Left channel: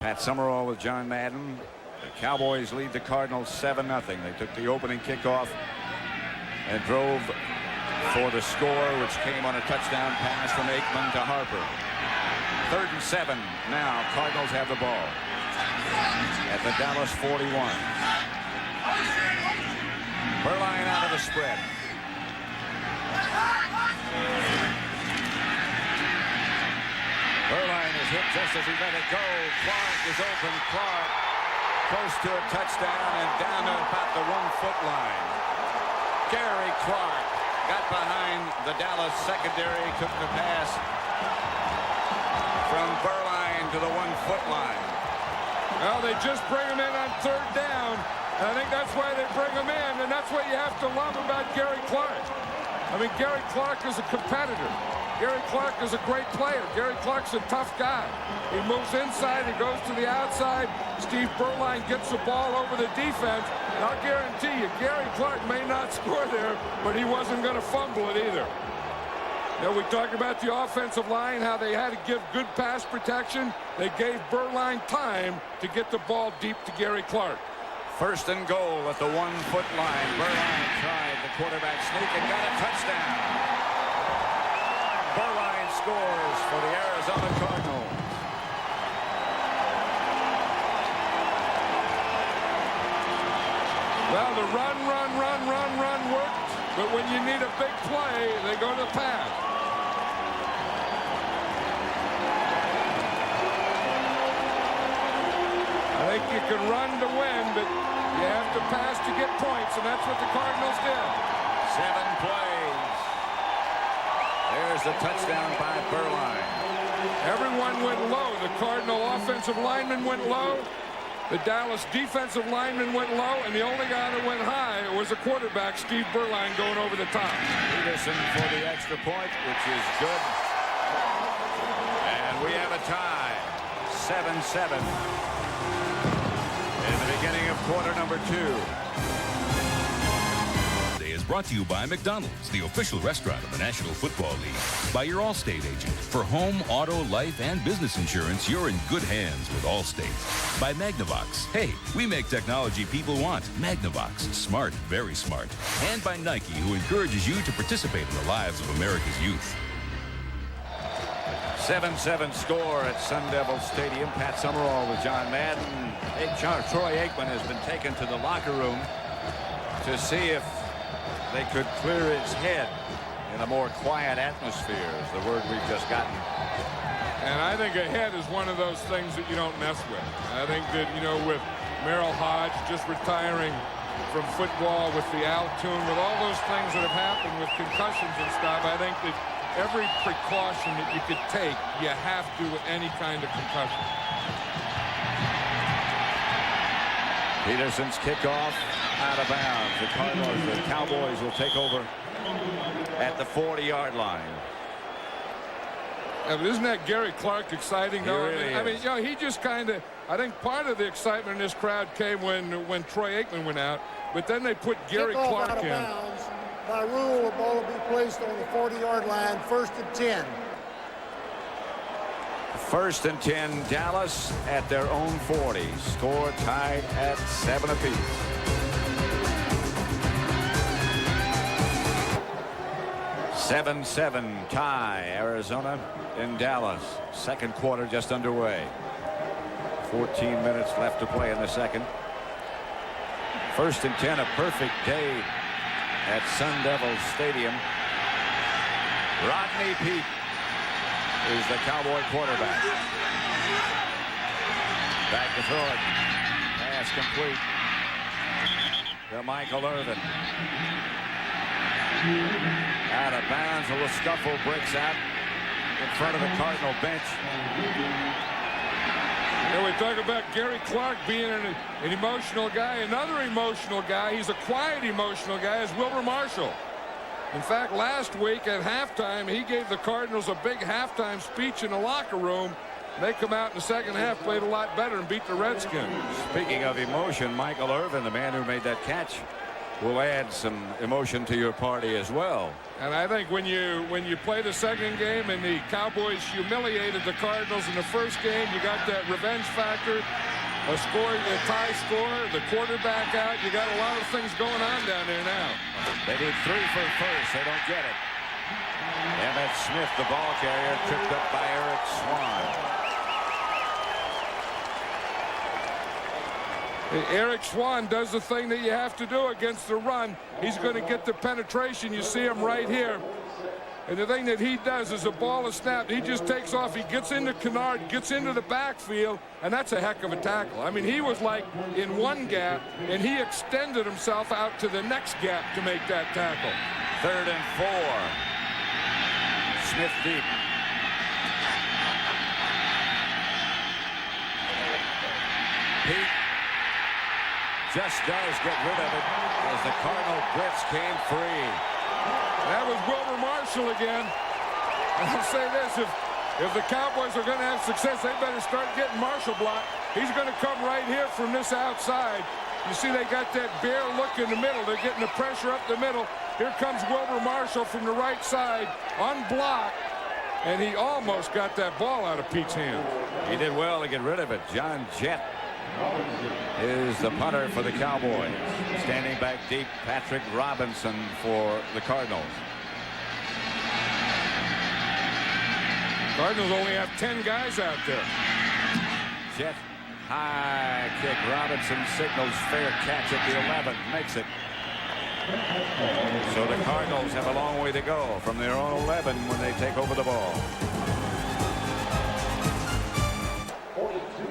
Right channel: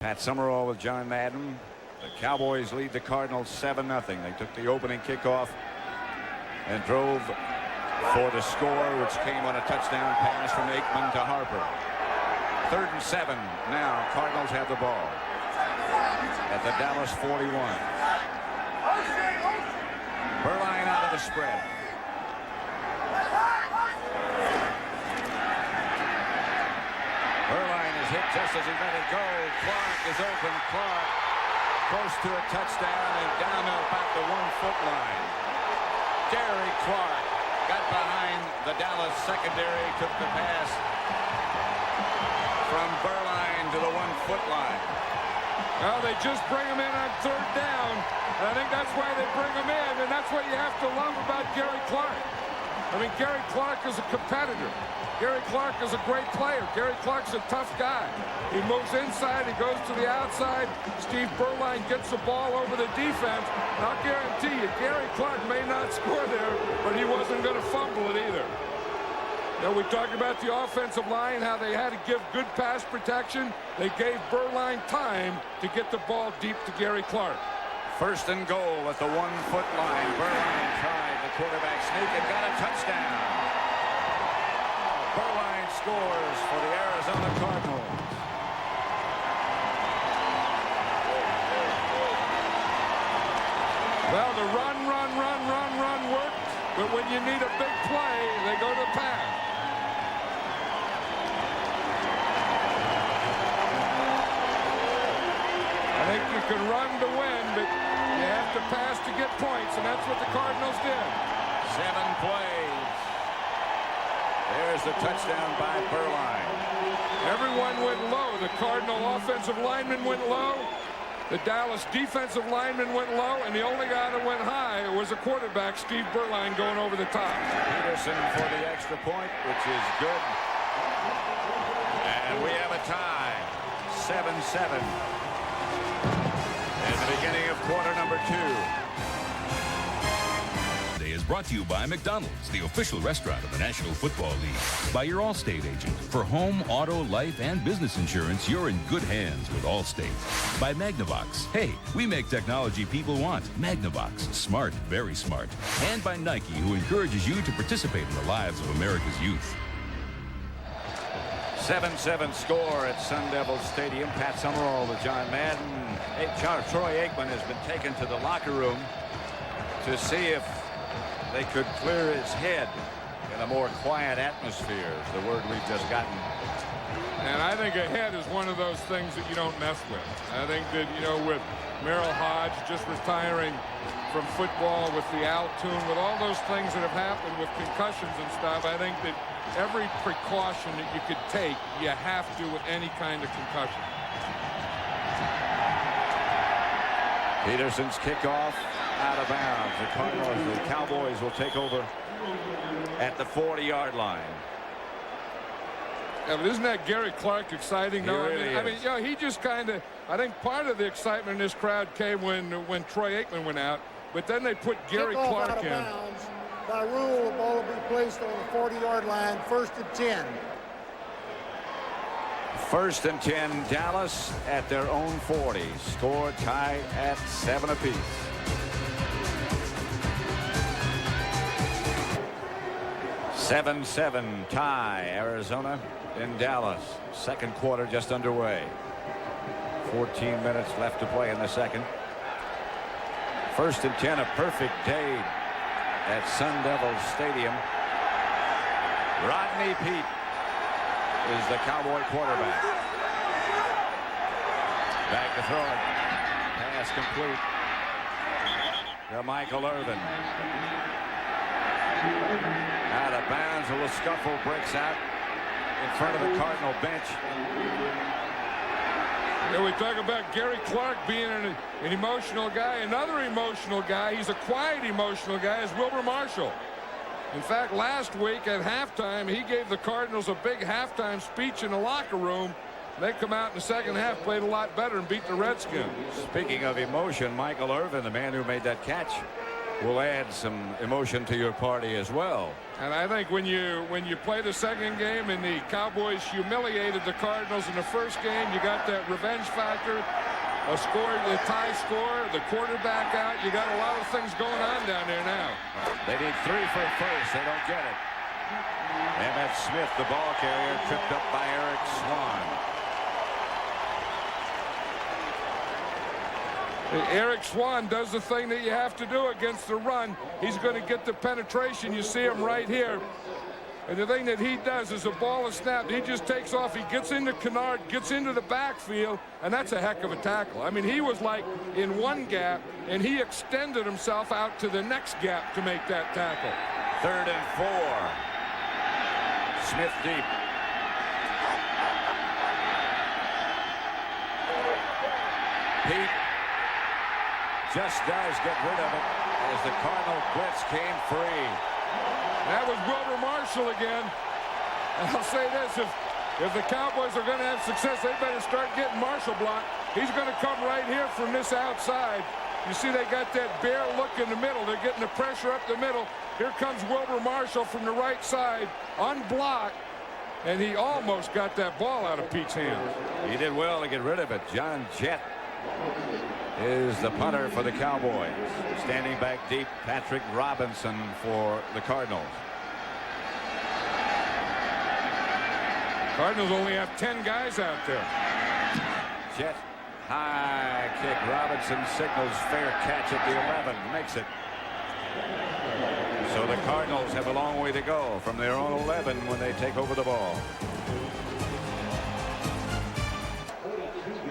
Pat Summerall with John Madden. The Cowboys lead the Cardinals 7-0. They took the opening kickoff and drove for the score, which came on a touchdown pass from Aikman to Harper. 3rd and 7 now. Cardinals have the ball at the Dallas 41. Berline out of the spread. Berline is hit just as he let it go. Clark is open. Clark close to a touchdown and down to about the 1-foot line. Gary Clark got behind the Dallas secondary, took the pass from Berline to the 1-foot line. Well, they just bring him in on 3rd down, and I think that's why they bring him in, and that's what you have to love about Gary Clark. I mean, Gary Clark is a competitor. Gary Clark is a great player. Gary Clark's a tough guy. He moves inside, he goes to the outside. Steve Berline gets the ball over the defense, and I'll guarantee you, Gary Clark may not score there, but he wasn't going to fumble it either. You know, we talked about the offensive line, how they had to give good pass protection. They gave Berline time to get the ball deep to Gary Clark. 1st and goal at the 1-foot line. Berline tried the quarterback sneak and got a touchdown. Berline scores for the Arizona Cardinals. Well, the run worked, but when you need a big play, they go to the pass. I think you can run to win, but you have to pass to get points, and that's what the Cardinals did. 7 plays. There's the touchdown by Berline. Everyone went low. The Cardinal offensive lineman went low. The Dallas defensive lineman went low, and the only guy that went high was the quarterback, Steve Berline, going over the top. Peterson for the extra point, which is good. And we have a tie. 7-7. In the beginning of quarter number 2. Today is brought to you by McDonald's, the official restaurant of the National Football League. By your Allstate agent. For home, auto, life, and business insurance, you're in good hands with Allstate. By Magnavox. Hey, we make technology people want. Magnavox. Smart, very smart. And by Nike, who encourages you to participate in the lives of America's youth. 7-7 score at Sun Devil Stadium. Pat Summerall with John Madden. Troy Aikman has been taken to the locker room to see if they could clear his head in a more quiet atmosphere, is the word we've just gotten. And I think a head is one of those things that you don't mess with. I think that, you know, with Merrill Hodge just retiring from football, with the Altoon, with all those things that have happened with concussions and stuff, I think that every precaution that you could take, you have to with any kind of concussion. Peterson's kickoff out of bounds. The Cowboys will take over at the 40-yard line. Yeah, but isn't that Gary Clark exciting, though? Really I mean, you know, he just kind of, I think part of the excitement in this crowd came when Troy Aikman went out, but then they put Gary Clark out of in. Bounds. By rule, the ball will be placed on the 40-yard line, 1st and 10. 1st and 10, Dallas at their own 40. Score tied at 7 apiece. Seven tie, Arizona in Dallas. 2nd quarter just underway. 14 minutes left to play in the 2nd. 1st and 10, a perfect day at Sun Devil Stadium. Rodney Peete is the Cowboy quarterback. Back to throw it. Pass complete to Michael Irvin. Out of bounds. A little scuffle breaks out in front of the Cardinal bench. Yeah, we talk about Gary Clark being an emotional guy. Another emotional guy, he's a quiet emotional guy, is Wilbur Marshall. In fact, last week at halftime, he gave the Cardinals a big halftime speech in the locker room. They come out in the 2nd half, played a lot better, and beat the Redskins. Speaking of emotion, Michael Irvin, the man who made that catch will add some emotion to your party as well. And I think when you play the second game and the Cowboys humiliated the Cardinals in the first game, you got that revenge factor, a tie score, the quarterback out. You got a lot of things going on down there now. They need 3 for first. They don't get it. Emmett Smith, the ball carrier, tripped up by Eric Swan. Eric Swan does the thing that you have to do against the run. He's going to get the penetration. You see him right here. And the thing that he does is the ball is snapped. He just takes off. He gets into Kennard, gets into the backfield, and that's a heck of a tackle. I mean, he was like in one gap, and he extended himself out to the next gap to make that tackle. 3rd and 4. Smith deep. Pete just does get rid of it as the Cardinal blitz came free. That was Wilbur Marshall again. And I'll say this, if the Cowboys are going to have success, they better start getting Marshall blocked. He's going to come right here from this outside. You see they got that bare look in the middle. They're getting the pressure up the middle. Here comes Wilbur Marshall from the right side, unblocked, and he almost got that ball out of Pete's hands. He did well to get rid of it. John Jett is the punter for the Cowboys. Standing back deep, Patrick Robinson for the Cardinals. Cardinals only have 10 guys out there. Jett, high kick. Robinson signals fair catch at the 11. Makes it. So the Cardinals have a long way to go from their own 11 when they take over the ball.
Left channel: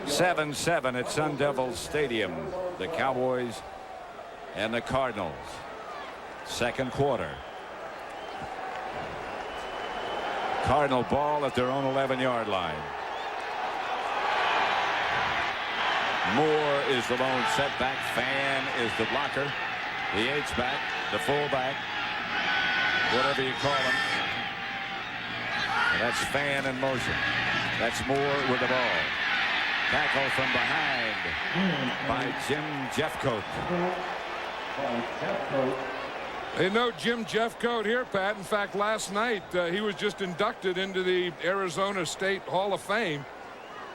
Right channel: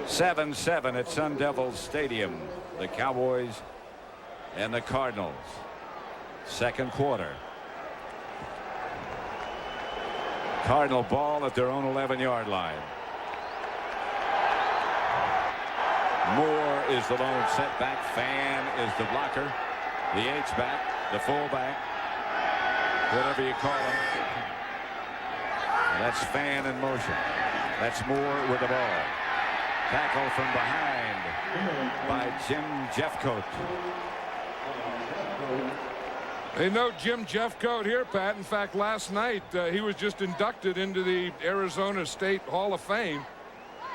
7-7 at Sun Devil Stadium. The Cowboys and the Cardinals. Second quarter. Cardinal ball at their own 11-yard line. Moore is the lone setback. Fan is the blocker. The H-back, the fullback, whatever you call him. And that's Fan in motion. That's Moore with the ball. Tackle from behind by Jim Jeffcoat. They know Jim Jeffcoat here, Pat. In fact, last night he was just inducted into the Arizona State Hall of Fame.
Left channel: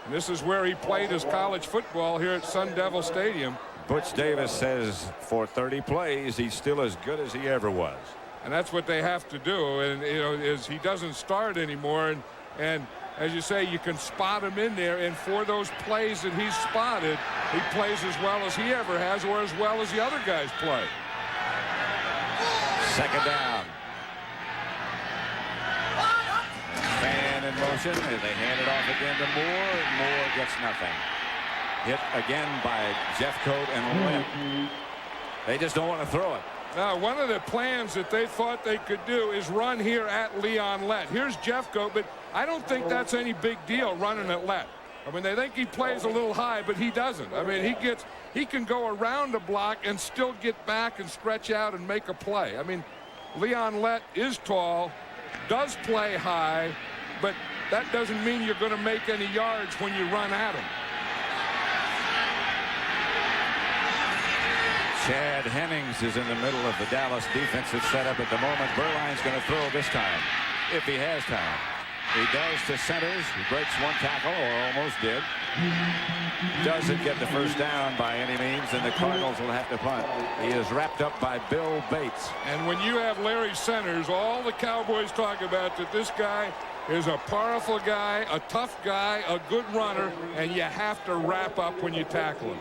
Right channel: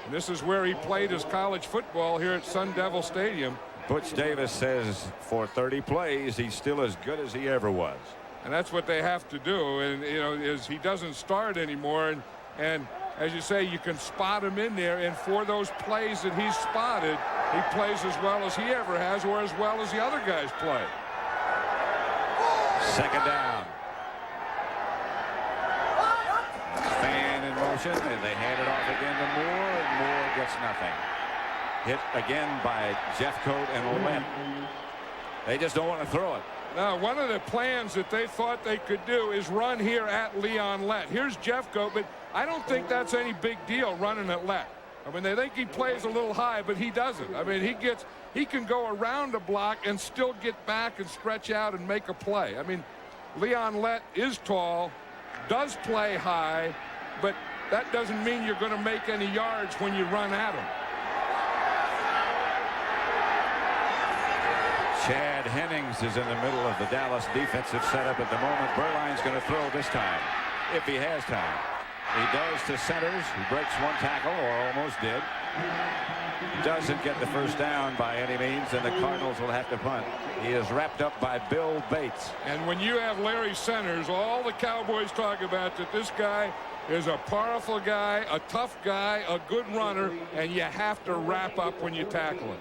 And this is where he played his college football here at Sun Devil Stadium. Butch Davis says for 30 plays, he's still as good as he ever was. And that's what they have to do. And, you know, is he doesn't start anymore. And as you say, you can spot him in there. And for those plays that he's spotted, he plays as well as he ever has or as well as the other guys play. Second down. Fan in motion, and they hand it off again to Moore, and Moore gets nothing. Hit again by Jeffcoat and Lent. They just don't want to throw it. Now, one of the plans that they thought they could do is run here at Leon Lett. Here's Jeffcoat, but I don't think that's any big deal running at Lett. I mean, they think he plays a little high, but he doesn't. I mean, he can go around a block and still get back and stretch out and make a play. I mean, Leon Lett is tall, does play high, but that doesn't mean you're going to make any yards when you run at him. Chad Hennings is in the middle of the Dallas defensive setup at the moment. Berline's going to throw this time, if he has time. He does to centers. He breaks one tackle, or almost did. Doesn't get the first down by any means, and the Cardinals will have to punt. He is wrapped up by Bill Bates. And when you have Larry Centers, all the Cowboys talk about that this guy is a powerful guy, a tough guy, a good runner, and you have to wrap up when you tackle him.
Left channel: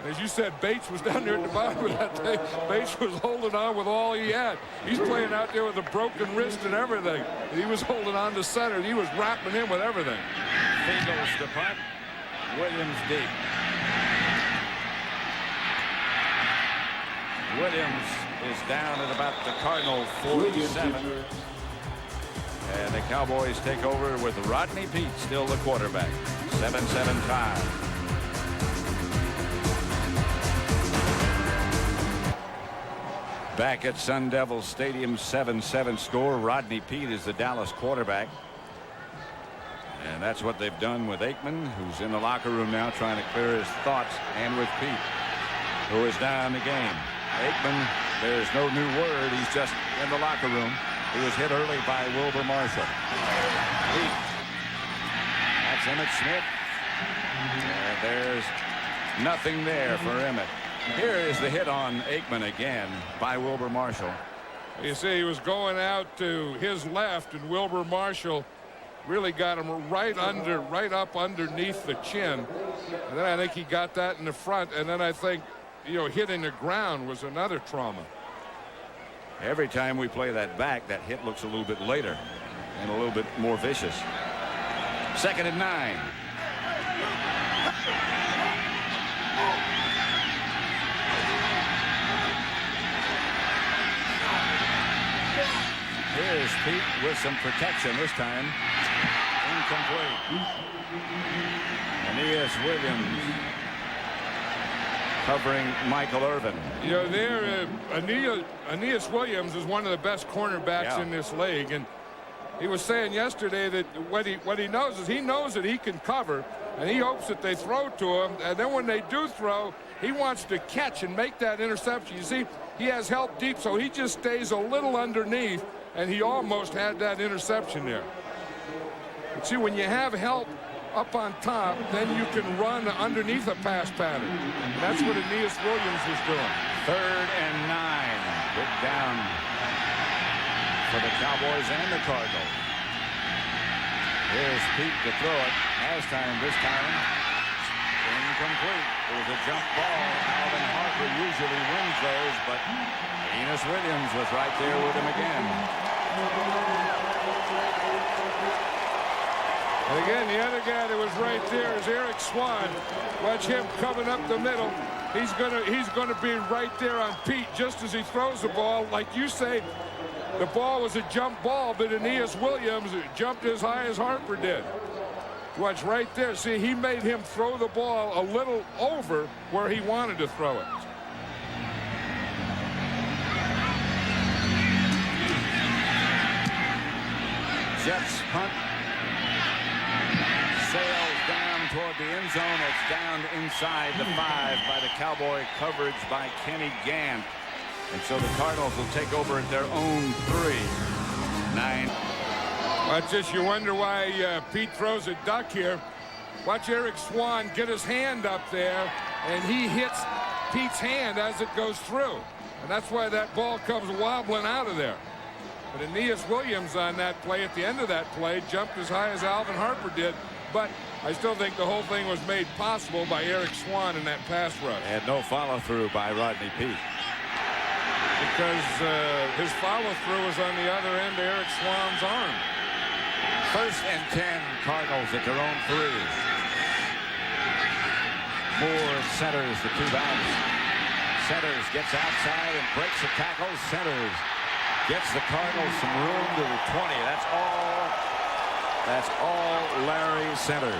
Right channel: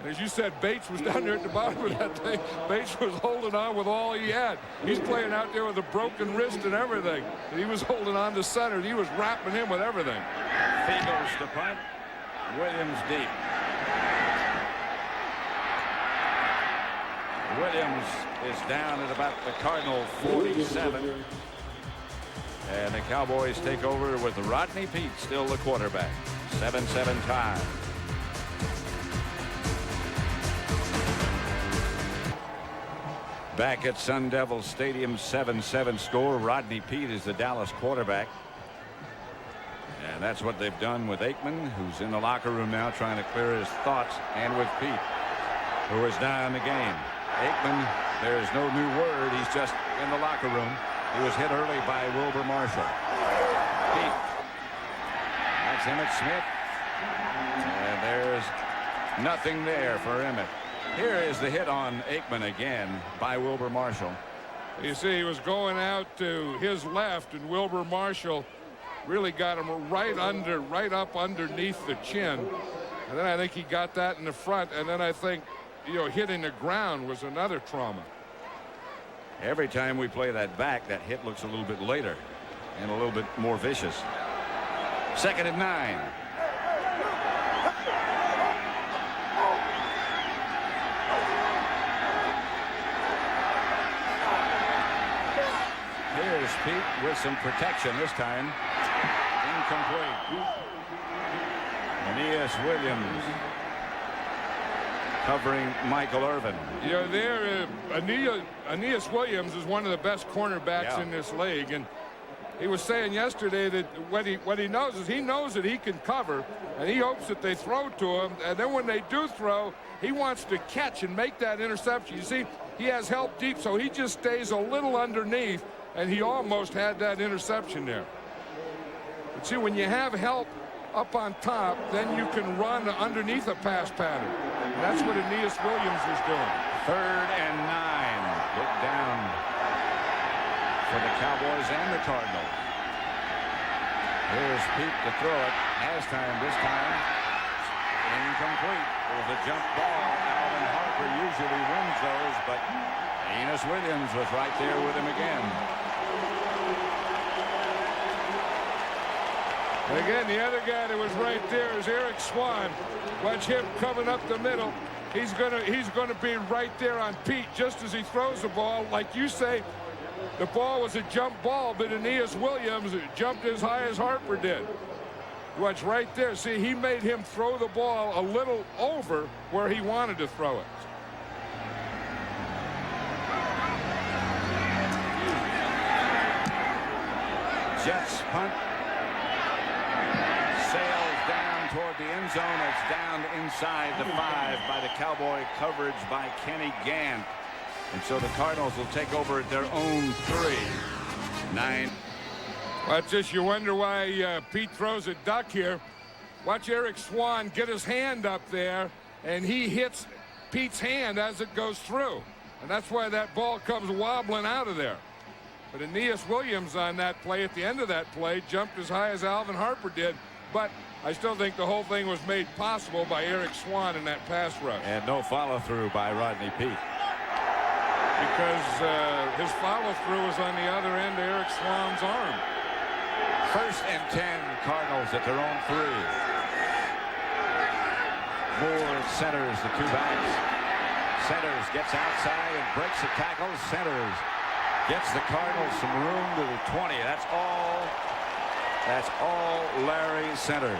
And as you said, Bates was down there at the bottom of that thing. Bates was holding on with all he had. He's playing out there with a broken wrist and everything. And he was holding on to center. He was wrapping him with everything. He goes to punt. Williams deep. Williams is down at about the Cardinal 47. And the Cowboys take over with Rodney Peete still the quarterback. 7-7 tie. Back at Sun Devil Stadium, 7-7 score. Rodney Peete is the Dallas quarterback. And that's what they've done with Aikman, who's in the locker room now trying to clear his thoughts, and with Peete, who is down the game. Aikman There's no new word. He's just in the locker room. He was hit early by Wilbur Marshall. Deep. That's Emmett Smith. And there's nothing there for Emmett. Here is the hit on Aikman again by Wilbur Marshall. You see, he was going out to his left, and Wilbur Marshall really got him right up underneath the chin. And then I think he got that in the front. And then I think, hitting the ground was another trauma. Every time we play that back, that hit looks a little bit later and a little bit more vicious. 2nd and 9. Here's Pete with some protection this time. Incomplete. Aeneas Williams covering Michael Irvin. Aeneas Williams is one of the best cornerbacks in this league, and he was saying yesterday that what he knows is he knows that he can cover, and he hopes that they throw to him, and then when they do throw, he wants to catch and make that interception. You see, he has help deep, so he just stays a little underneath, and he almost had that interception there. But see, when you have help up on top, then you can run underneath a pass pattern. And that's what Aeneas Williams was doing. 3rd and 9. Big down for the Cowboys and the Cardinals. Here's Pete to throw it. Has time this time. Incomplete. It was a jump ball. Alvin Harper usually wins those, but Aeneas Williams was right there with him again. And again, the other guy that was right there is Eric Swan. Watch him coming up the middle. He's gonna be right there on Pete just as he throws the ball. Like you say, the ball was a jump ball, but Aeneas Williams jumped as high as Harper did. Watch right there. See, he made him throw the ball a little over where he wanted to throw it. Jets punt. Sails down toward the end zone. It's down inside the 5 by the Cowboy coverage by Kenny Gant. And so the Cardinals will take over at their own 3. 9. Watch this. You wonder why Pete throws a duck here. Watch Eric Swan get his hand up there, and he hits Pete's hand as it goes through. And that's why that ball comes wobbling out of there. But Aeneas Williams on that play, at the end of that play, jumped as high as Alvin Harper did. But I still think the whole thing was made possible by Eric Swan in that pass rush. And no follow-through by Rodney Peete. Because his follow-through was on the other end of Eric Swan's arm. 1st and 10, Cardinals at their own 3. Moore centers the 2 backs. Centers, gets outside and breaks the tackle. Centers, gets the Cardinals some room to the 20. That's all Larry Centers.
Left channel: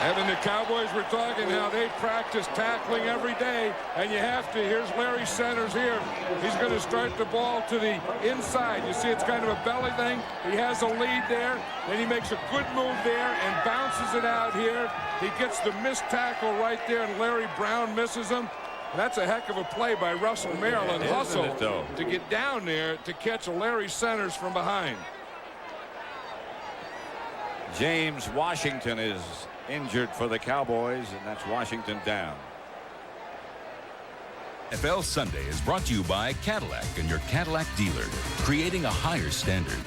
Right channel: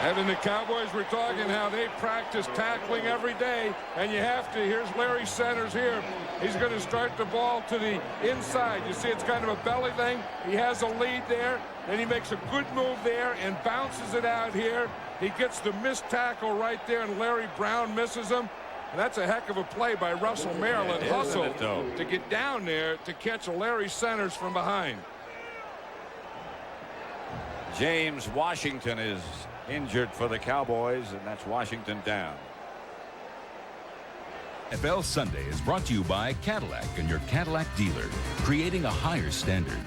And the Cowboys were talking how they practice tackling every day, and you have to. Here's Larry Centers here. He's going to start the ball to the inside. You see, it's kind of a belly thing. He has a lead there. Then he makes a good move there and bounces it out here. He gets the missed tackle right there, and Larry Brown misses him. And that's a heck of a play by Russell Maryland. Hustle to get down there to catch a Larry Centers from behind. James Washington is injured for the Cowboys, and that's Washington down. NFL Sunday is brought to you by Cadillac and your Cadillac dealer, creating a higher standard.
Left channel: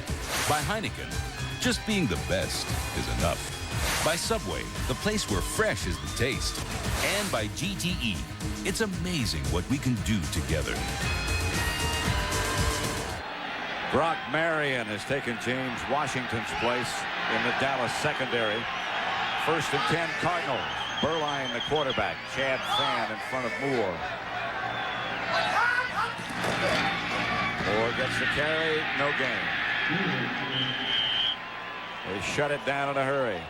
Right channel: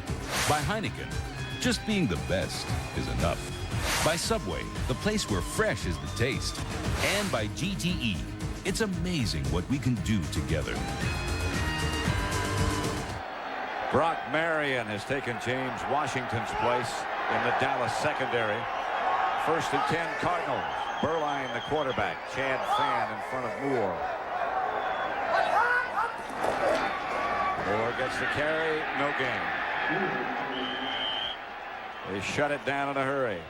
By Heineken, just being the best is enough. By Subway, the place where fresh is the taste. And by GTE, it's amazing what we can do together. Brock Marion has taken James Washington's place in the Dallas secondary. 1st and 10, Cardinals. Berline, the quarterback. Chad Fan in front of Moore. Moore gets the carry. No gain. They shut it down in a hurry.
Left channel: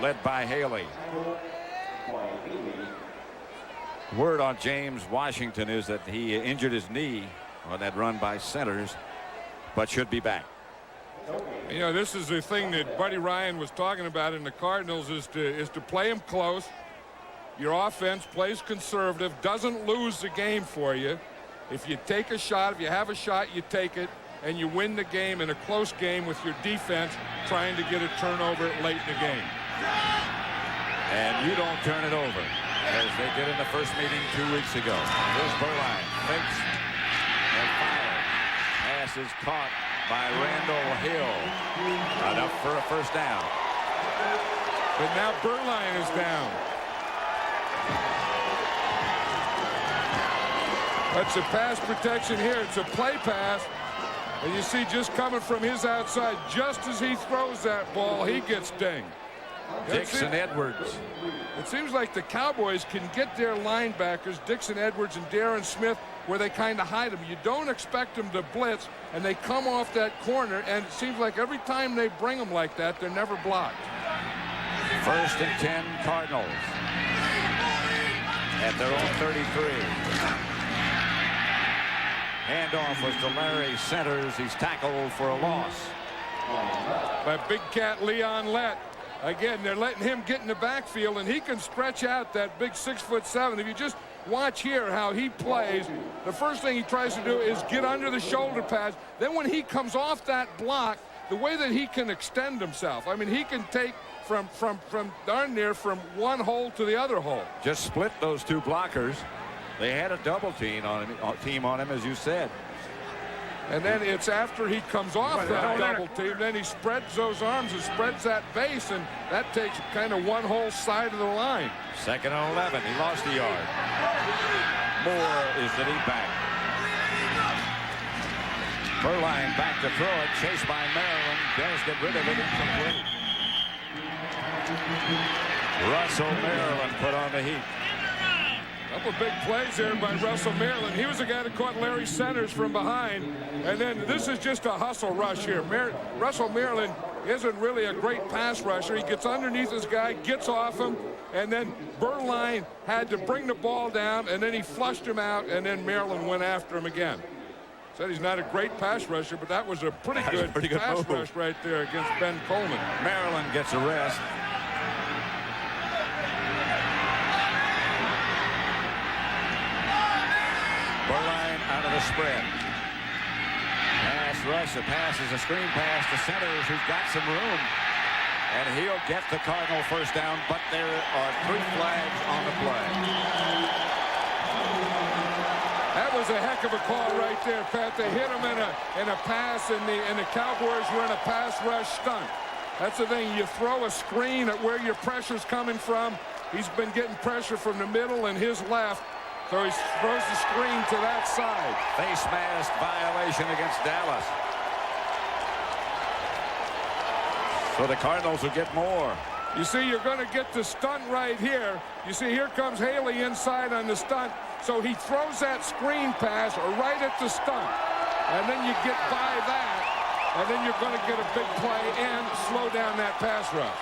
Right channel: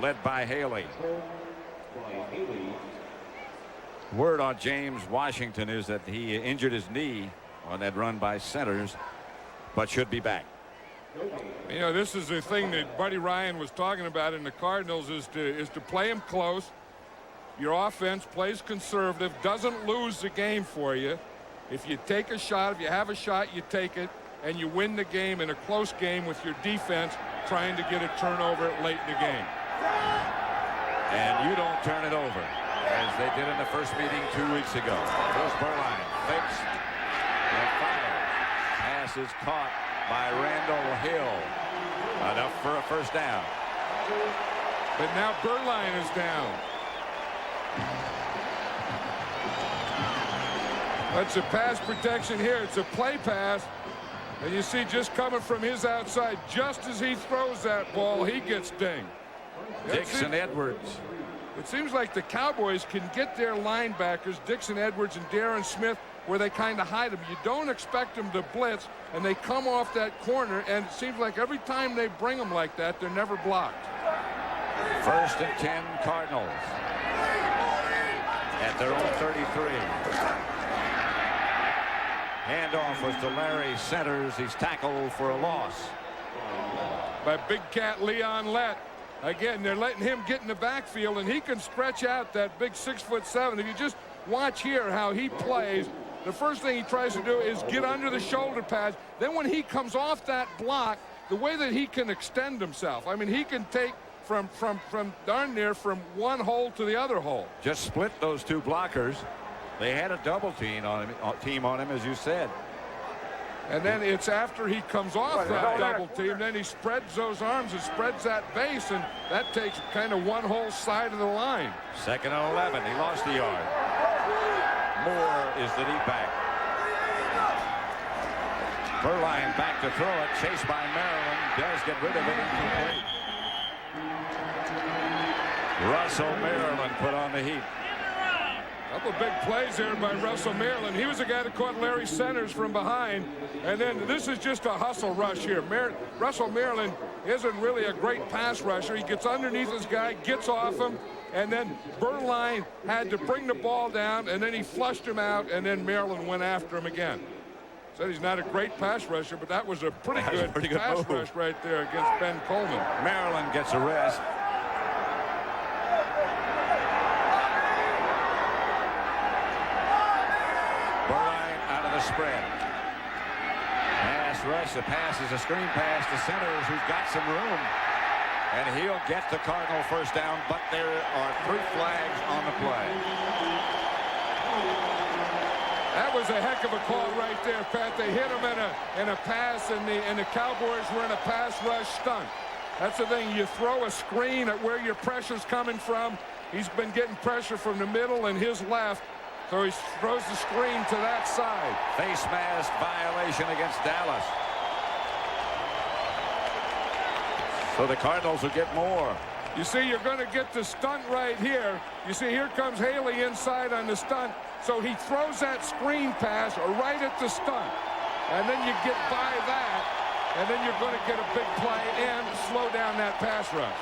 Led by Haley. Word on James Washington is that he injured his knee on that run by Centers, but should be back. You know, this is the thing that Buddy Ryan was talking about in the Cardinals, is to play him close, your offense plays conservative, doesn't lose the game for you. If you take a shot, if you have a shot, you take it, and you win the game in a close game with your defense trying to get a turnover late in the game. And you don't turn it over, as they did in the first meeting 2 weeks ago. Here's Berline, fakes and fires. Pass is caught by Randall Hill. Enough for a first down. But now Berline is down. That's a pass protection here. It's a play pass. And you see just coming from his outside, just as he throws that ball, he gets dinged. Dixon Edwards. It seems like the Cowboys can get their linebackers, Dixon Edwards and Darren Smith, where they kind of hide them. You don't expect them to blitz, and they come off that corner, and it seems like every time they bring them like that, they're never blocked. 1st and 10 Cardinals at their own 33. Handoff was to Larry Centers. He's tackled for a loss By big cat Leon Lett. Again, they're letting him get in the backfield, and he can stretch out that big 6'7". If you just watch here how he plays, the first thing he tries to do is get under the shoulder pads. Then when he comes off that block, the way that he can extend himself, I mean, he can take from darn near from one hole to the other hole. Just split those two blockers. They had a double team on him, as you said. And then it's after he comes off that double team, then he spreads those arms and spreads that base, and that takes kind of one whole side of the line. 2nd and 11. He lost a yard. Moore is the deep back. Berline back to throw it. Chased by Maryland. Does get rid of it. Incomplete. Russell Maryland put on the heat. Couple big plays there by Russell Maryland. He was the guy that caught Larry Centers from behind. And then this is just a hustle rush here. Russell Maryland isn't really a great pass rusher. He gets underneath his guy, gets off him, and then Berline had to bring the ball down, and then he flushed him out, and then Maryland went after him again. Said he's not a great pass rusher, but that was a pretty good pass rush right there against Ben Coleman. Maryland gets a rest. Berline out of the spread. Pass rush. The pass is a screen pass to Centers, who's got some room. And he'll get the Cardinal first down, but there are 3 flags on the play. That was a heck of a call right there, Pat. They hit him in a pass, and the Cowboys were in a pass rush stunt. That's the thing. You throw a screen at where your pressure's coming from. He's been getting pressure from the middle and his left. So he throws the screen to that side. Face mask violation against Dallas. So the Cardinals will get more. You see, you're going to get the stunt right here. You see, here comes Haley inside on the stunt. So he throws that screen pass right at the stunt. And then you get by that. And then you're going to get a big play and slow down that pass rush.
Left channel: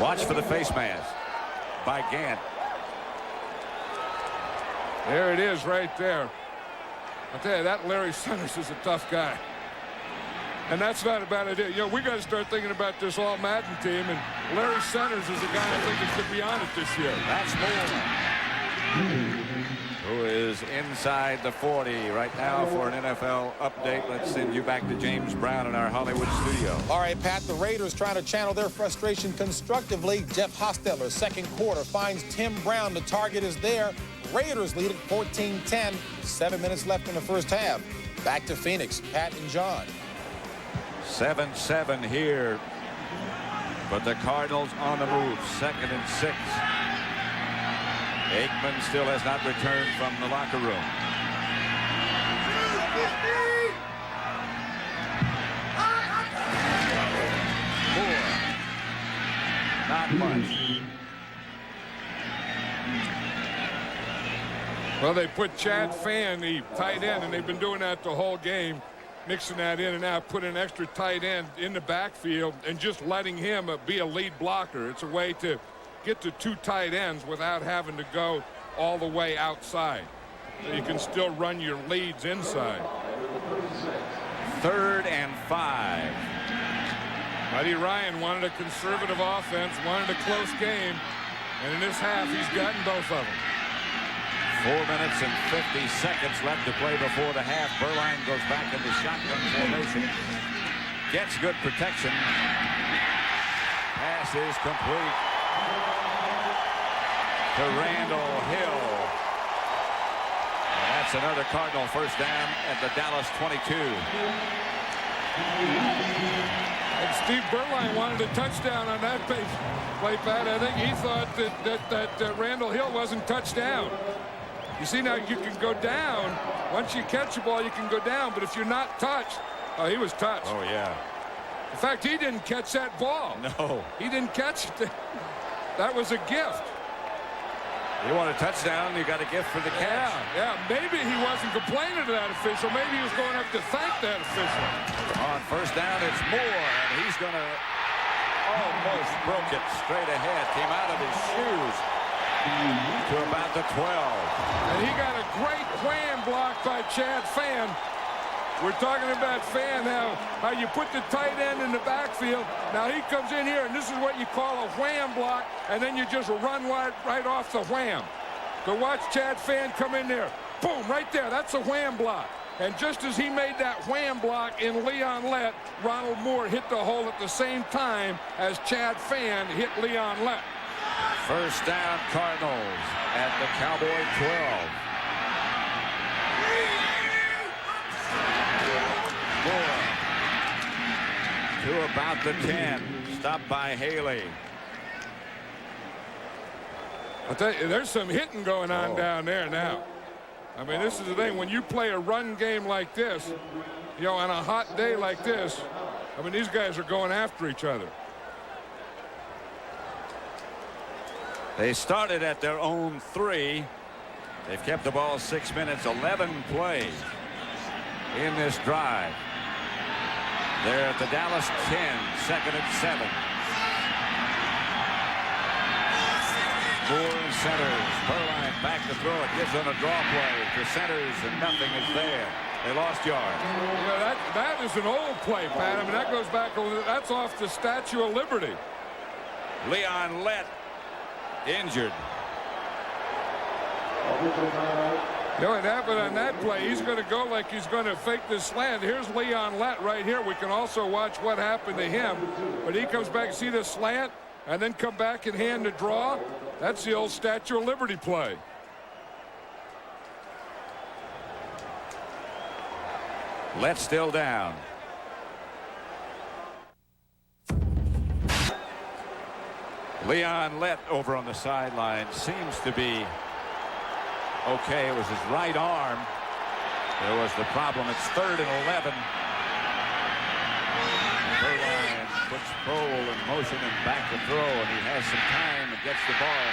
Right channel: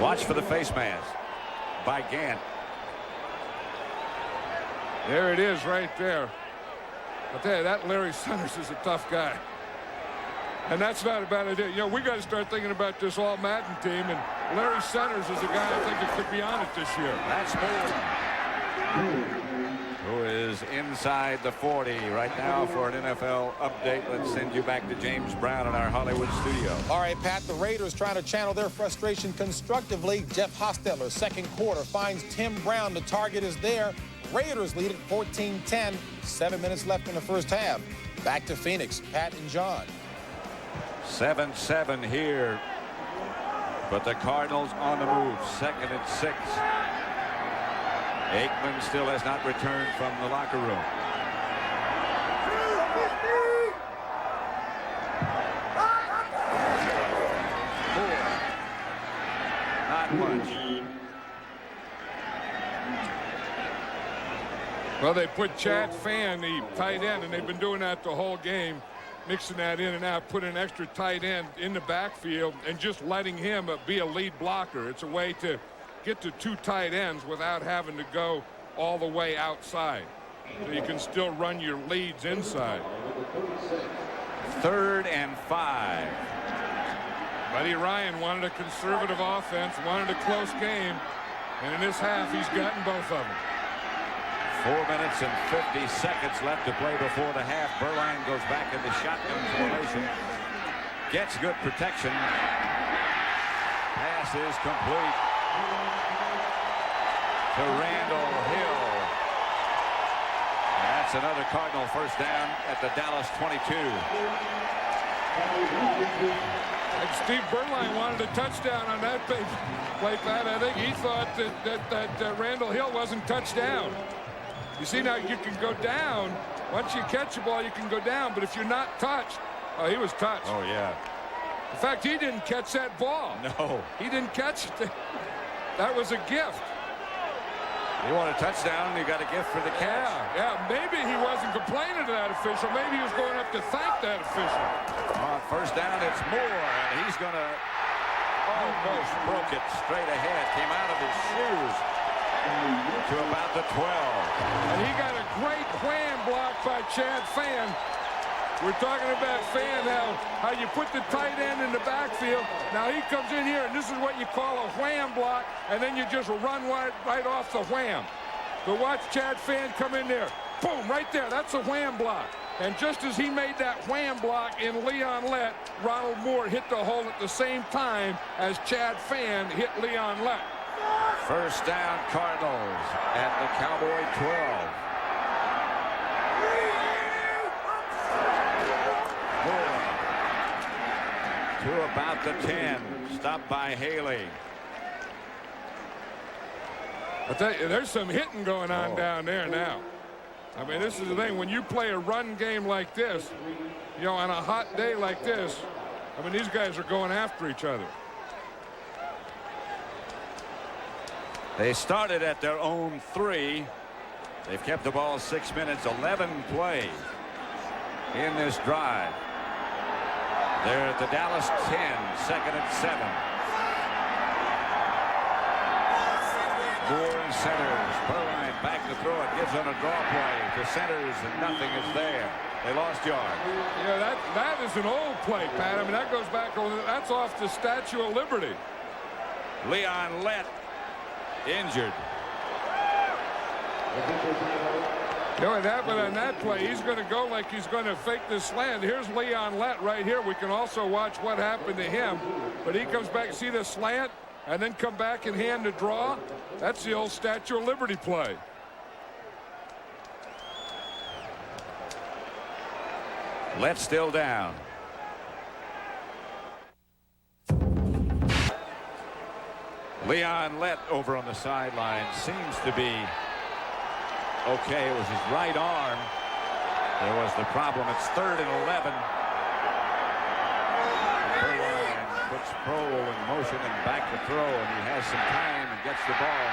Watch for the face mask by Gant. There it is right there. I'll tell you, that Larry Centers is a tough guy. And that's not a bad idea. You know, we got to start thinking about this all Madden team, and Larry Centers is a guy I think that could be on it this year. That's Moore, who is inside the 40 right now for an NFL update. Let's send you back to James Brown in our Hollywood studio. All right, Pat, the Raiders trying to channel their frustration constructively. Jeff Hostetler, second quarter, finds Tim Brown. The target is there. Raiders lead at 14-10. 7 minutes left in the first half. Back to Phoenix, Pat and John. 7-7 here. But the Cardinals on the move. 2nd and 6. Aikman still has not returned from the locker room. Moore. Not much. Well, they put Chad Fan, the tight end, and they've been doing that the whole game, mixing that in and out, put an extra tight end in the backfield and just letting him be a lead blocker. It's a way to get to 2 tight ends without having to go all the way outside. So you can still run your leads inside. 3rd and 5. Buddy Ryan wanted a conservative offense, wanted a close game, and in this half, he's gotten both of them. 4 minutes and 50 seconds left to play before the half. Berline goes back into shotgun formation. Gets good protection. Pass is complete to Randall Hill. And that's another Cardinal first down at the Dallas 22. And Steve Berline wanted a touchdown on that play, Pat. I think he thought that Randall Hill wasn't touchdown. You see, now you can go down. Once you catch the ball, you can go down. But if you're not touched, oh, he was touched. Oh, yeah. In fact, he didn't catch that ball. No. He didn't catch it. That was a gift. You want a touchdown, you got a gift for the catch. Yeah. Maybe he wasn't complaining to that official. Maybe he was going up to thank that official. On first down, it's Moore, and he's going to almost broke it straight ahead. Came out of his shoes to about the 12. And he got a great wham block by Chad Fan. We're talking about Fan, how you put the tight end in the backfield. Now he comes in here, and this is what you call a wham block, and then you just run right off the wham. So watch Chad Fan come in there. Boom, right there. That's a wham block. And just as he made that wham block in Leon Lett, Ronald Moore hit the hole at the same time as Chad Fan hit Leon Lett. First down, Cardinals at the Cowboy 12. Moore to about the 10. Stopped by Haley. I'll tell you, there's some hitting going on down there now. I mean, this is the thing. When you play a run game like this, you know, on a hot day like this, I mean, these guys are going after each other. They started at their own 3. They've kept the ball 6 minutes, 11 plays in this drive. They're at the Dallas 10, second and 7. Moore centers. Berline back to throw it. Gives on a draw play to centers, and nothing is there. They lost yard. Yeah, that is an old play, Pat. I mean, that goes back over. That's off the Statue of Liberty. Leon Lett injured. You know what happened on that play? He's going to go like he's going to fake this slant. Here's Leon Lett right here. We can also watch what happened to him. But he comes back, see the slant, and then come back and hand the draw. That's the old Statue of Liberty play. Lett still down. Leon Lett over on the sideline seems to be okay. It was his right arm. There was the problem. It's 3rd and 11. Berline puts Prohl in motion and back to throw, and he has some time and gets the ball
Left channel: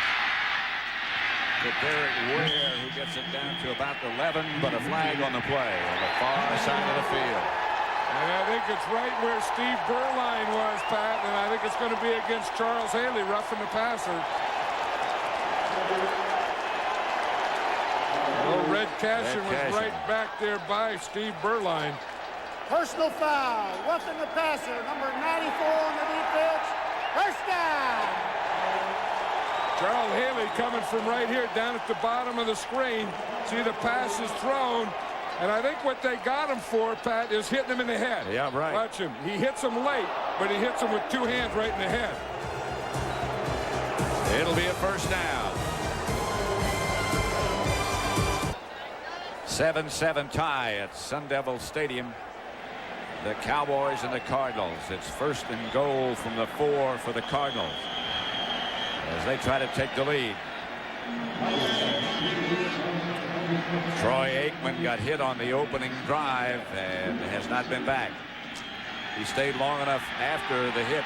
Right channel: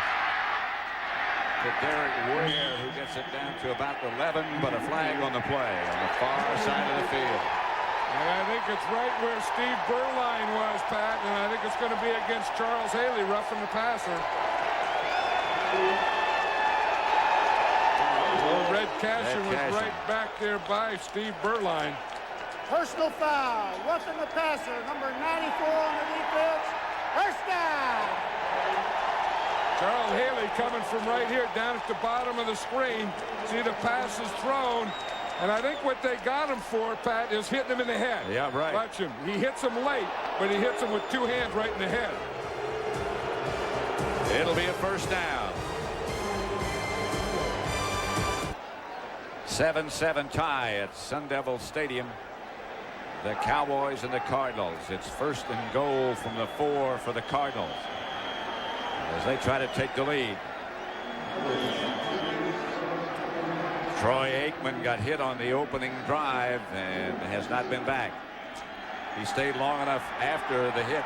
to Derek Ware, who gets it down to about the 11, but a flag on the play on the far side of the field. And I think it's right where Steve Berline was, Pat, and I think it's going to be against Charles Haley, roughing the passer. Well, Red Cashin was right back there by Steve Berline. Personal foul, roughing the passer, number 94 on the defense. First down. Charles Haley coming from right here down at the bottom of the screen. See the pass is thrown. And I think what they got him for, Pat, is hitting him in the head. Yeah, right. Watch him. He hits him late, but he hits him with 2 hands right in the head. It'll be a first down. 7-7 tie at Sun Devil Stadium. The Cowboys and the Cardinals. It's 1st and goal from the 4 for the Cardinals as they try to take the lead. Troy Aikman got hit on the opening drive and has not been back. He stayed long enough after the hit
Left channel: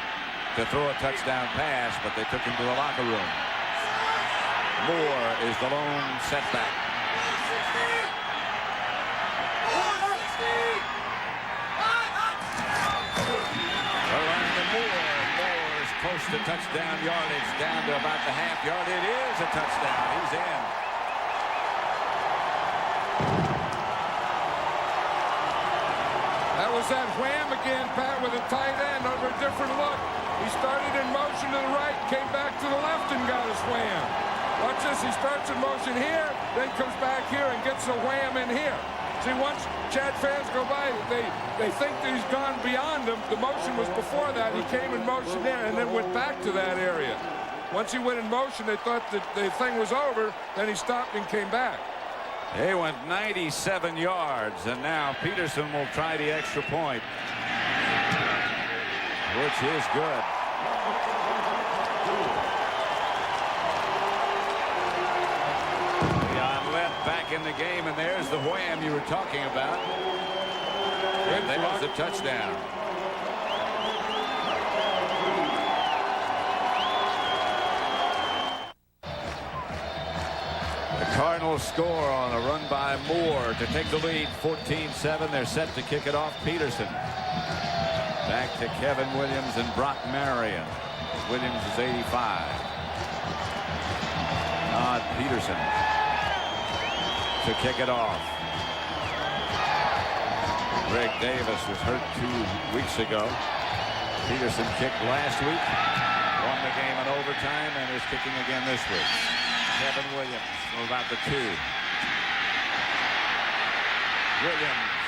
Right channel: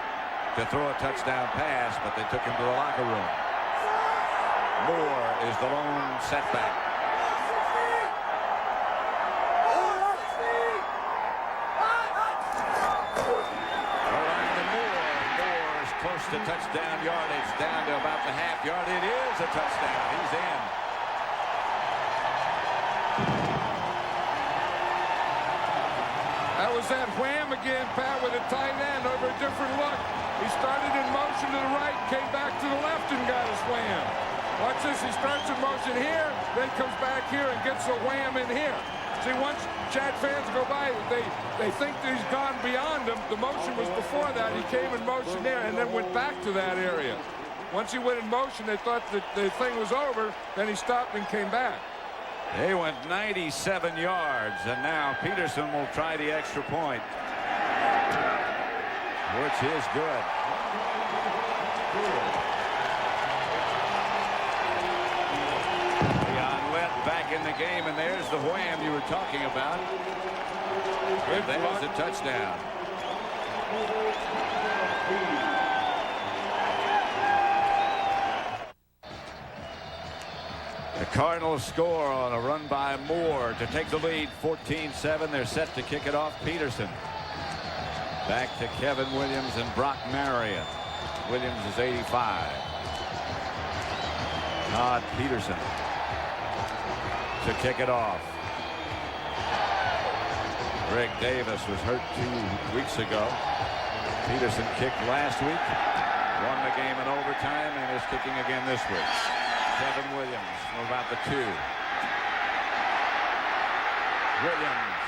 to throw a touchdown pass, but they took him to the locker room. Moore is the lone setback. Moore is close to touchdown yardage, down to about the half yard. It is a touchdown. He's in. was that wham again, Pat, with a tight end over a different look. He started in motion to the right, came back to the left and got his wham. Watch this. He starts in motion here, then comes back here and gets a wham in here. See, once Chad fans go by, they think that he's gone beyond them. The motion was before that. He came in motion there and then went back to that area. Once he went in motion, they thought that the thing was over. Then he stopped and came back. He went 97 yards, and now Peterson will try the extra point, which is good. Back in the game, and there's the wham you were talking about. And there's the touchdown. The Cardinals score on a run by Moore to take the lead, 14-7. They're set to kick it off. Peterson back to Kevin Williams and Brock Marion. Williams is 85. Todd Peterson to kick it off. Greg Davis was hurt 2 weeks ago. Peterson kicked last week, won the game in overtime, and is kicking again this week. Kevin Williams from about the 2. Williams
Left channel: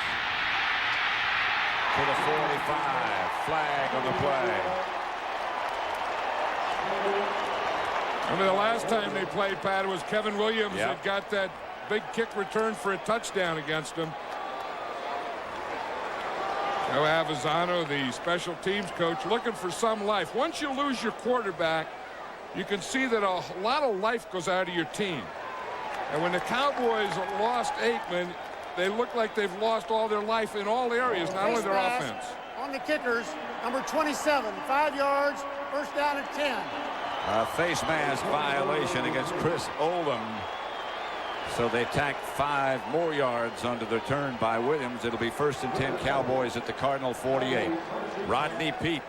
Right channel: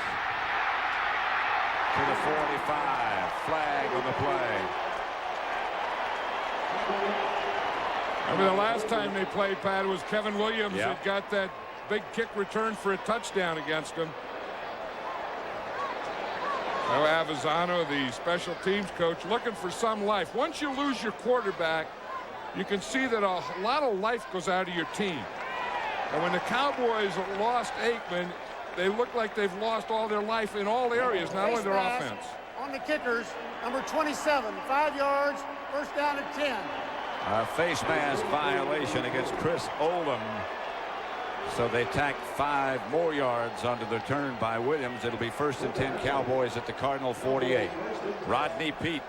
to the 45. Flag on the play. I mean, the last time they played, Pat, was Kevin Williams that got that big kick return for a touchdown against him. Joe Avizano, the special teams coach, looking for some life. Once you lose your quarterback, you can see that a lot of life goes out of your team. And when the Cowboys lost Aikman, they look like they've lost all their life in all areas, not only their offense. On the kickers, number 27, 5 yards, first down at 10. A face mask violation against Chris Oldham. So they tack 5 more yards onto the turn by Williams. It'll be 1st and 10 Cowboys at the Cardinal 48. Rodney Peete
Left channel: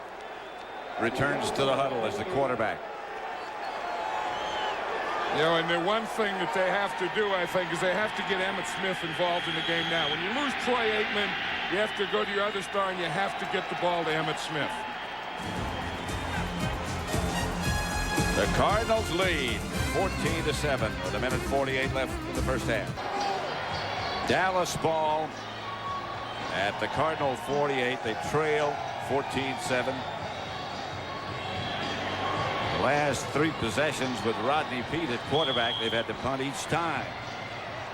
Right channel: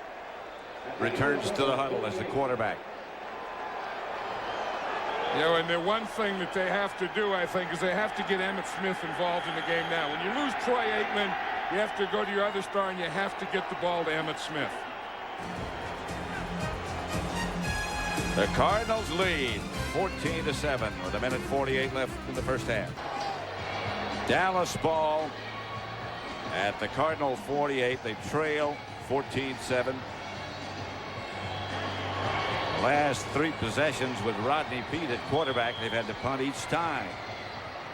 returns to the huddle as the quarterback. You know, and the one thing that they have to do, I think, is they have to get Emmitt Smith involved in the game now. When you lose Troy Aikman, you have to go to your other star and you have to get the ball to Emmitt Smith. The Cardinals lead 14-7 with 1:48 left in the first half. Dallas ball at the Cardinal 48. They trail 14-7. The last 3 possessions with Rodney Peete at quarterback, they've had to punt each time.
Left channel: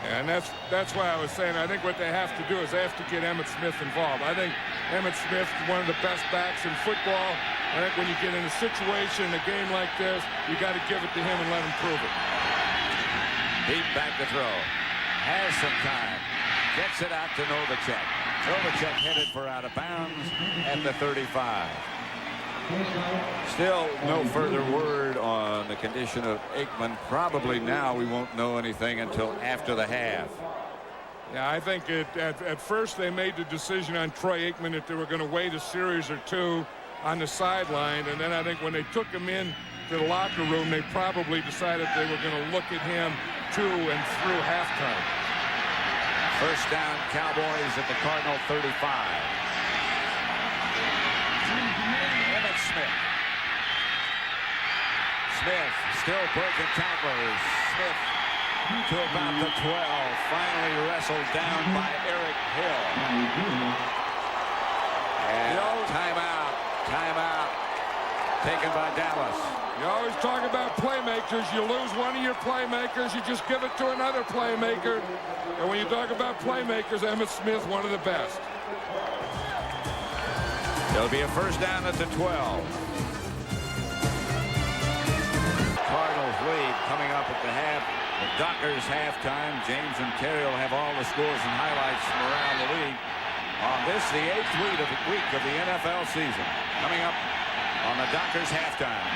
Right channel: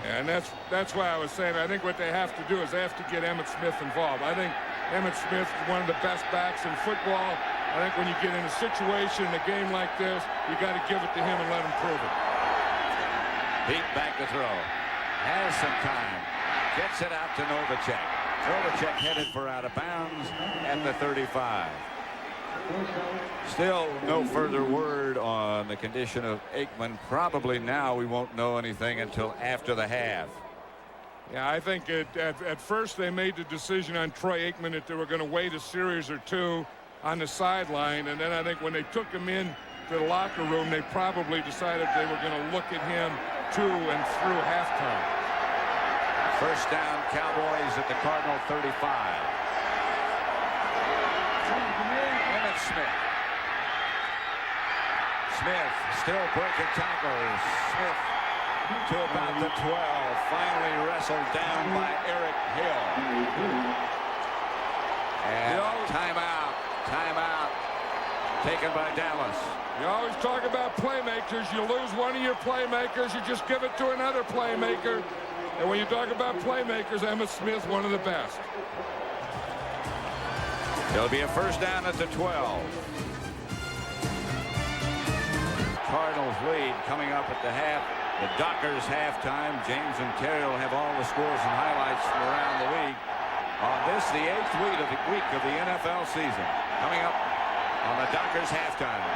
And that's why I was saying I think what they have to do is they have to get Emmitt Smith involved. I think Emmitt Smith is one of the best backs in football. I think when you get in a situation in a game like this, you got to give it to him and let him prove it. Peete back to throw. Has some time. Gets it out to Novacek. Novacek headed for out of bounds at the 35. Still no further word on the condition of Aikman. Probably now we won't know anything until after the half. Yeah, I think at first they made the decision on Troy Aikman that they were going to wait a series or 2 on the sideline, and then I think when they took him in to the locker room, they probably decided they were going to look at him to and through halftime. First down, Cowboys at the Cardinal 35. Emmitt Smith. Smith still breaking tacklers. Smith to about the 12. Finally wrestled down by Eric Hill. And timeout. Timeout taken by Dallas. You always talk about playmakers. You lose one of your playmakers, you just give it to another playmaker. And when you talk about playmakers, Emmitt Smith, one of the best. There'll be a first down at the 12. Cardinals lead coming up at the half. The Dockers halftime. James and Terry will have all the scores and highlights from around the league on this, the 8th week of the NFL season. Coming up on the Dockers halftime.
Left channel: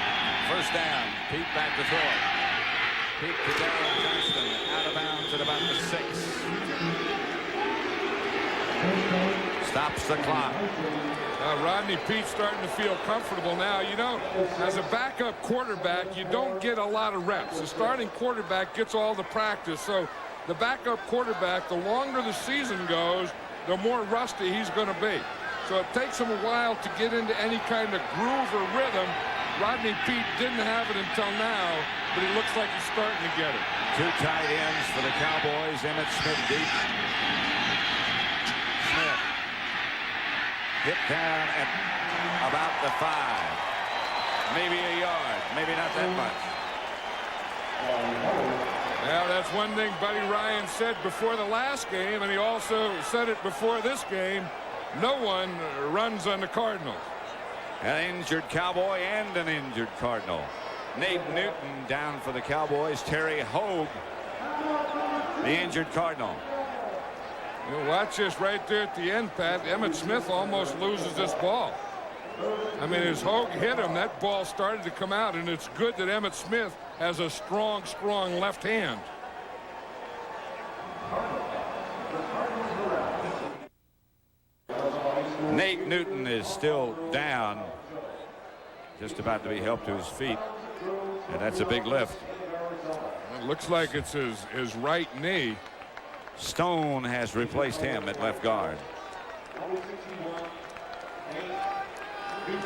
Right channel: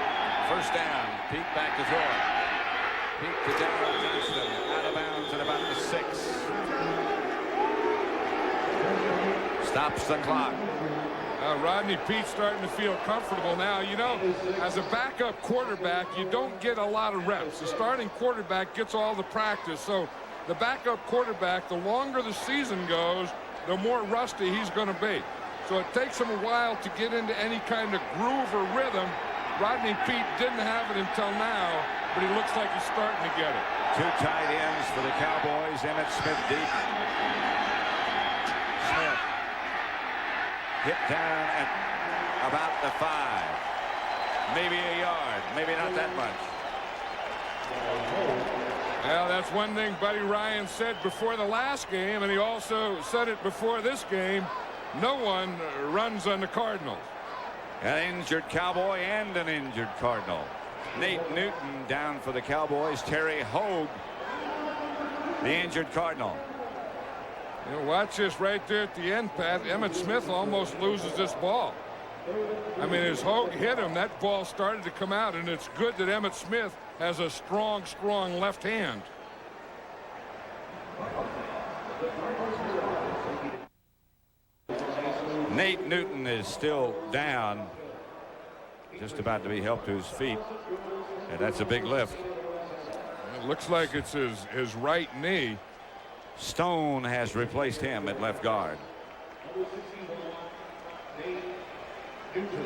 First down. Peete back to throw it. Peete to Darryl Johnston. Out of bounds at about the 6. Stops the clock. Rodney Peete starting to feel comfortable now. You know, as a backup quarterback, you don't get a lot of reps. The starting quarterback gets all the practice. So the backup quarterback, the longer the season goes, the more rusty he's going to be. so it takes him a while to get into any kind of groove or rhythm. Rodney Peete didn't have it until now, but he looks like he's starting to get it. 2 tight ends for the Cowboys. Emmitt Smith deep. Smith hit down at about the 5. Maybe a yard, maybe not that much. Well, that's one thing Buddy Ryan said before the last game, and he also said it before this game. No one runs on the Cardinals. An injured Cowboy and an injured Cardinal. Nate Newton down for the Cowboys. Terry Hogue, the injured Cardinal. You know, watch this right there at the end, Pat. Emmitt Smith almost loses this ball. I mean, as Hogue hit him, that ball started to come out, and it's good that Emmitt Smith has a strong left hand. Nate Newton is still down, just about to be helped to his feet, and that's a big lift. It looks like it's his right knee. Stone has replaced him at left guard.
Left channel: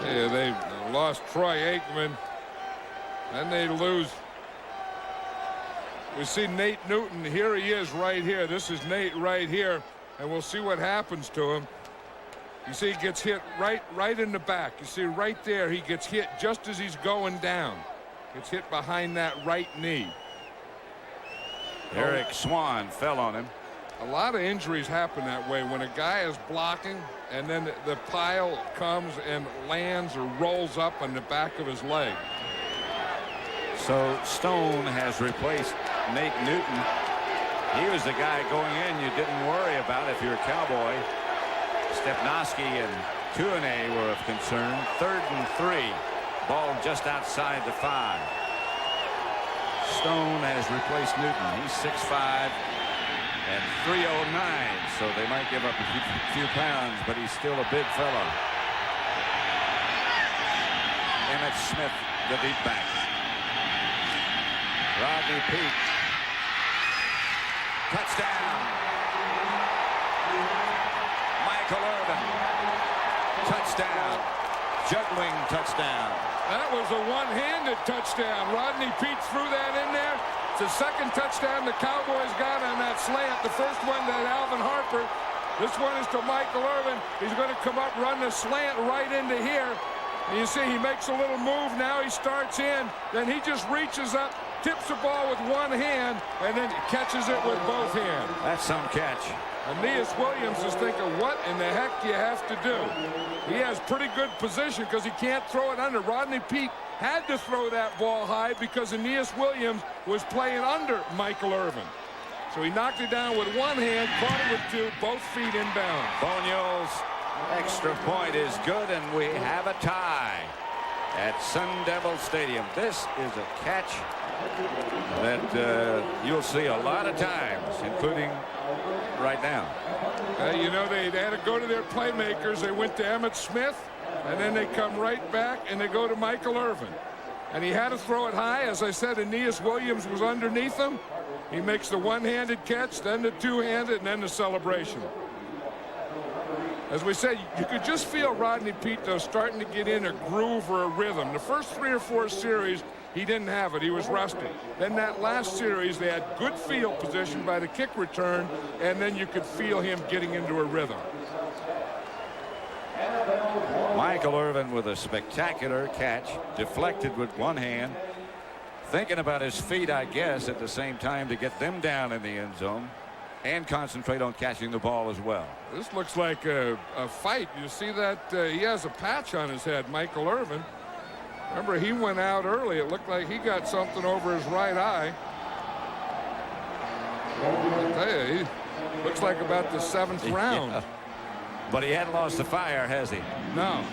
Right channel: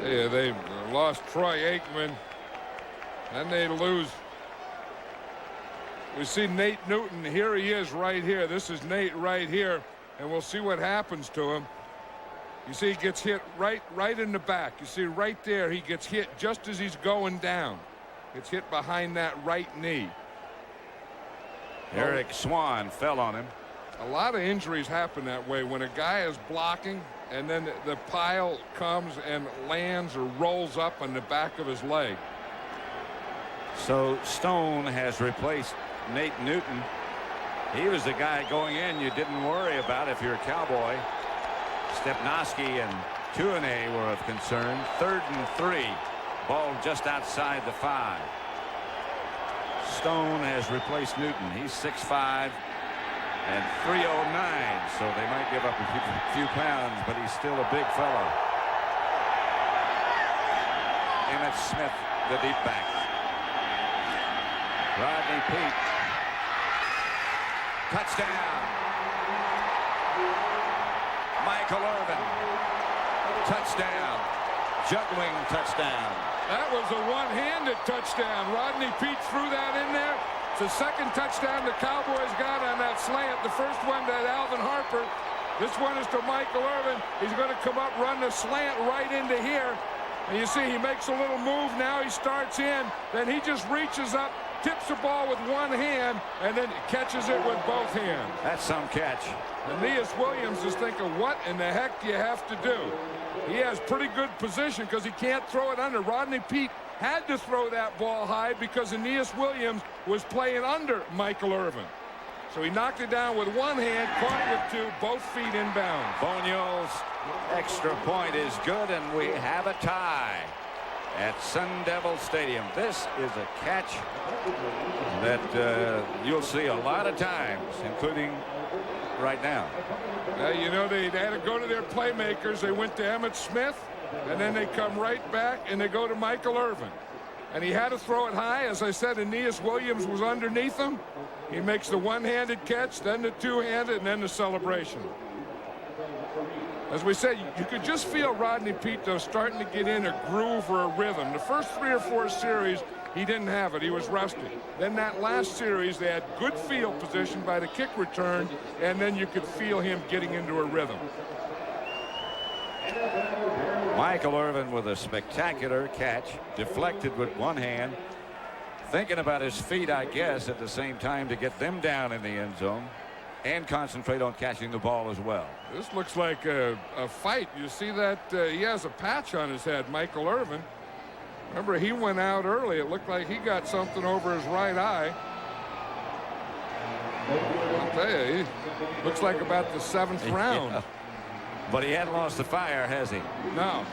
Yeah, they lost Troy Aikman. Then they lose. We see Nate Newton. Here he is right here. This is Nate right here, and we'll see what happens to him. You see he gets hit right in the back. You see right there he gets hit just as he's going down. Gets hit behind that right knee. Eric Swan fell on him. A lot of injuries happen that way when a guy is blocking and then the pile comes and lands or rolls up on the back of his leg. So Stone has replaced Nate Newton. He was the guy going in you didn't worry about if you're a Cowboy. Stepnoski and Tuanay were of concern. 3rd and 3. Ball just outside the 5. Stone has replaced Newton. He's 6'5" and 309, so they might give up a few pounds, but he's still a big fellow. Emmitt Smith, the deep back. Rodney Peete. Touchdown. Michael Irvin. Touchdown. Juggling touchdown. That was a one-handed touchdown. Rodney Peete threw that in there. It's the second touchdown the Cowboys got on that slant. The first one to Alvin Harper. This one is to Michael Irvin. He's going to come up, run the slant right into here. And you see he makes a little move. Now he starts in. Then he just reaches up, tips the ball with one hand, and then catches it with both hands. That's some catch. Aeneas Williams is thinking, what in the heck do you have to do? He has pretty good position because he can't throw it under. Rodney Peete had to throw that ball high because Aeneas Williams was playing under Michael Irvin. So he knocked it down with one hand, caught it with two, both feet inbound. Boniol's extra point is good, and we have a tie at Sun Devil Stadium. This is a catch that you'll see a lot of times, including right now. You know, they had to go to their playmakers. They went to Emmitt Smith, and then they come right back, and they go to Michael Irvin. And he had to throw it high. As I said, Aeneas Williams was underneath him. He makes the one-handed catch, then the two-handed, and then the celebration. As we said, you could just feel Rodney Peete, though, starting to get in a groove or a rhythm. The first 3 or 4 series, he didn't have it. He was rusty. Then that last series, they had good field position by the kick return, and then you could feel him getting into a rhythm. Michael Irvin with a spectacular catch, deflected with one hand, thinking about his feet, I guess, at the same time to get them down in the end zone and concentrate on catching the ball as well. This looks like a fight. You see that he has a patch on his head, Michael Irvin. Remember, he went out early. It looked like he got something over his right eye. I'll tell you, he looks like about the 7th round. Yeah. But he hadn't lost the fire, has he? No.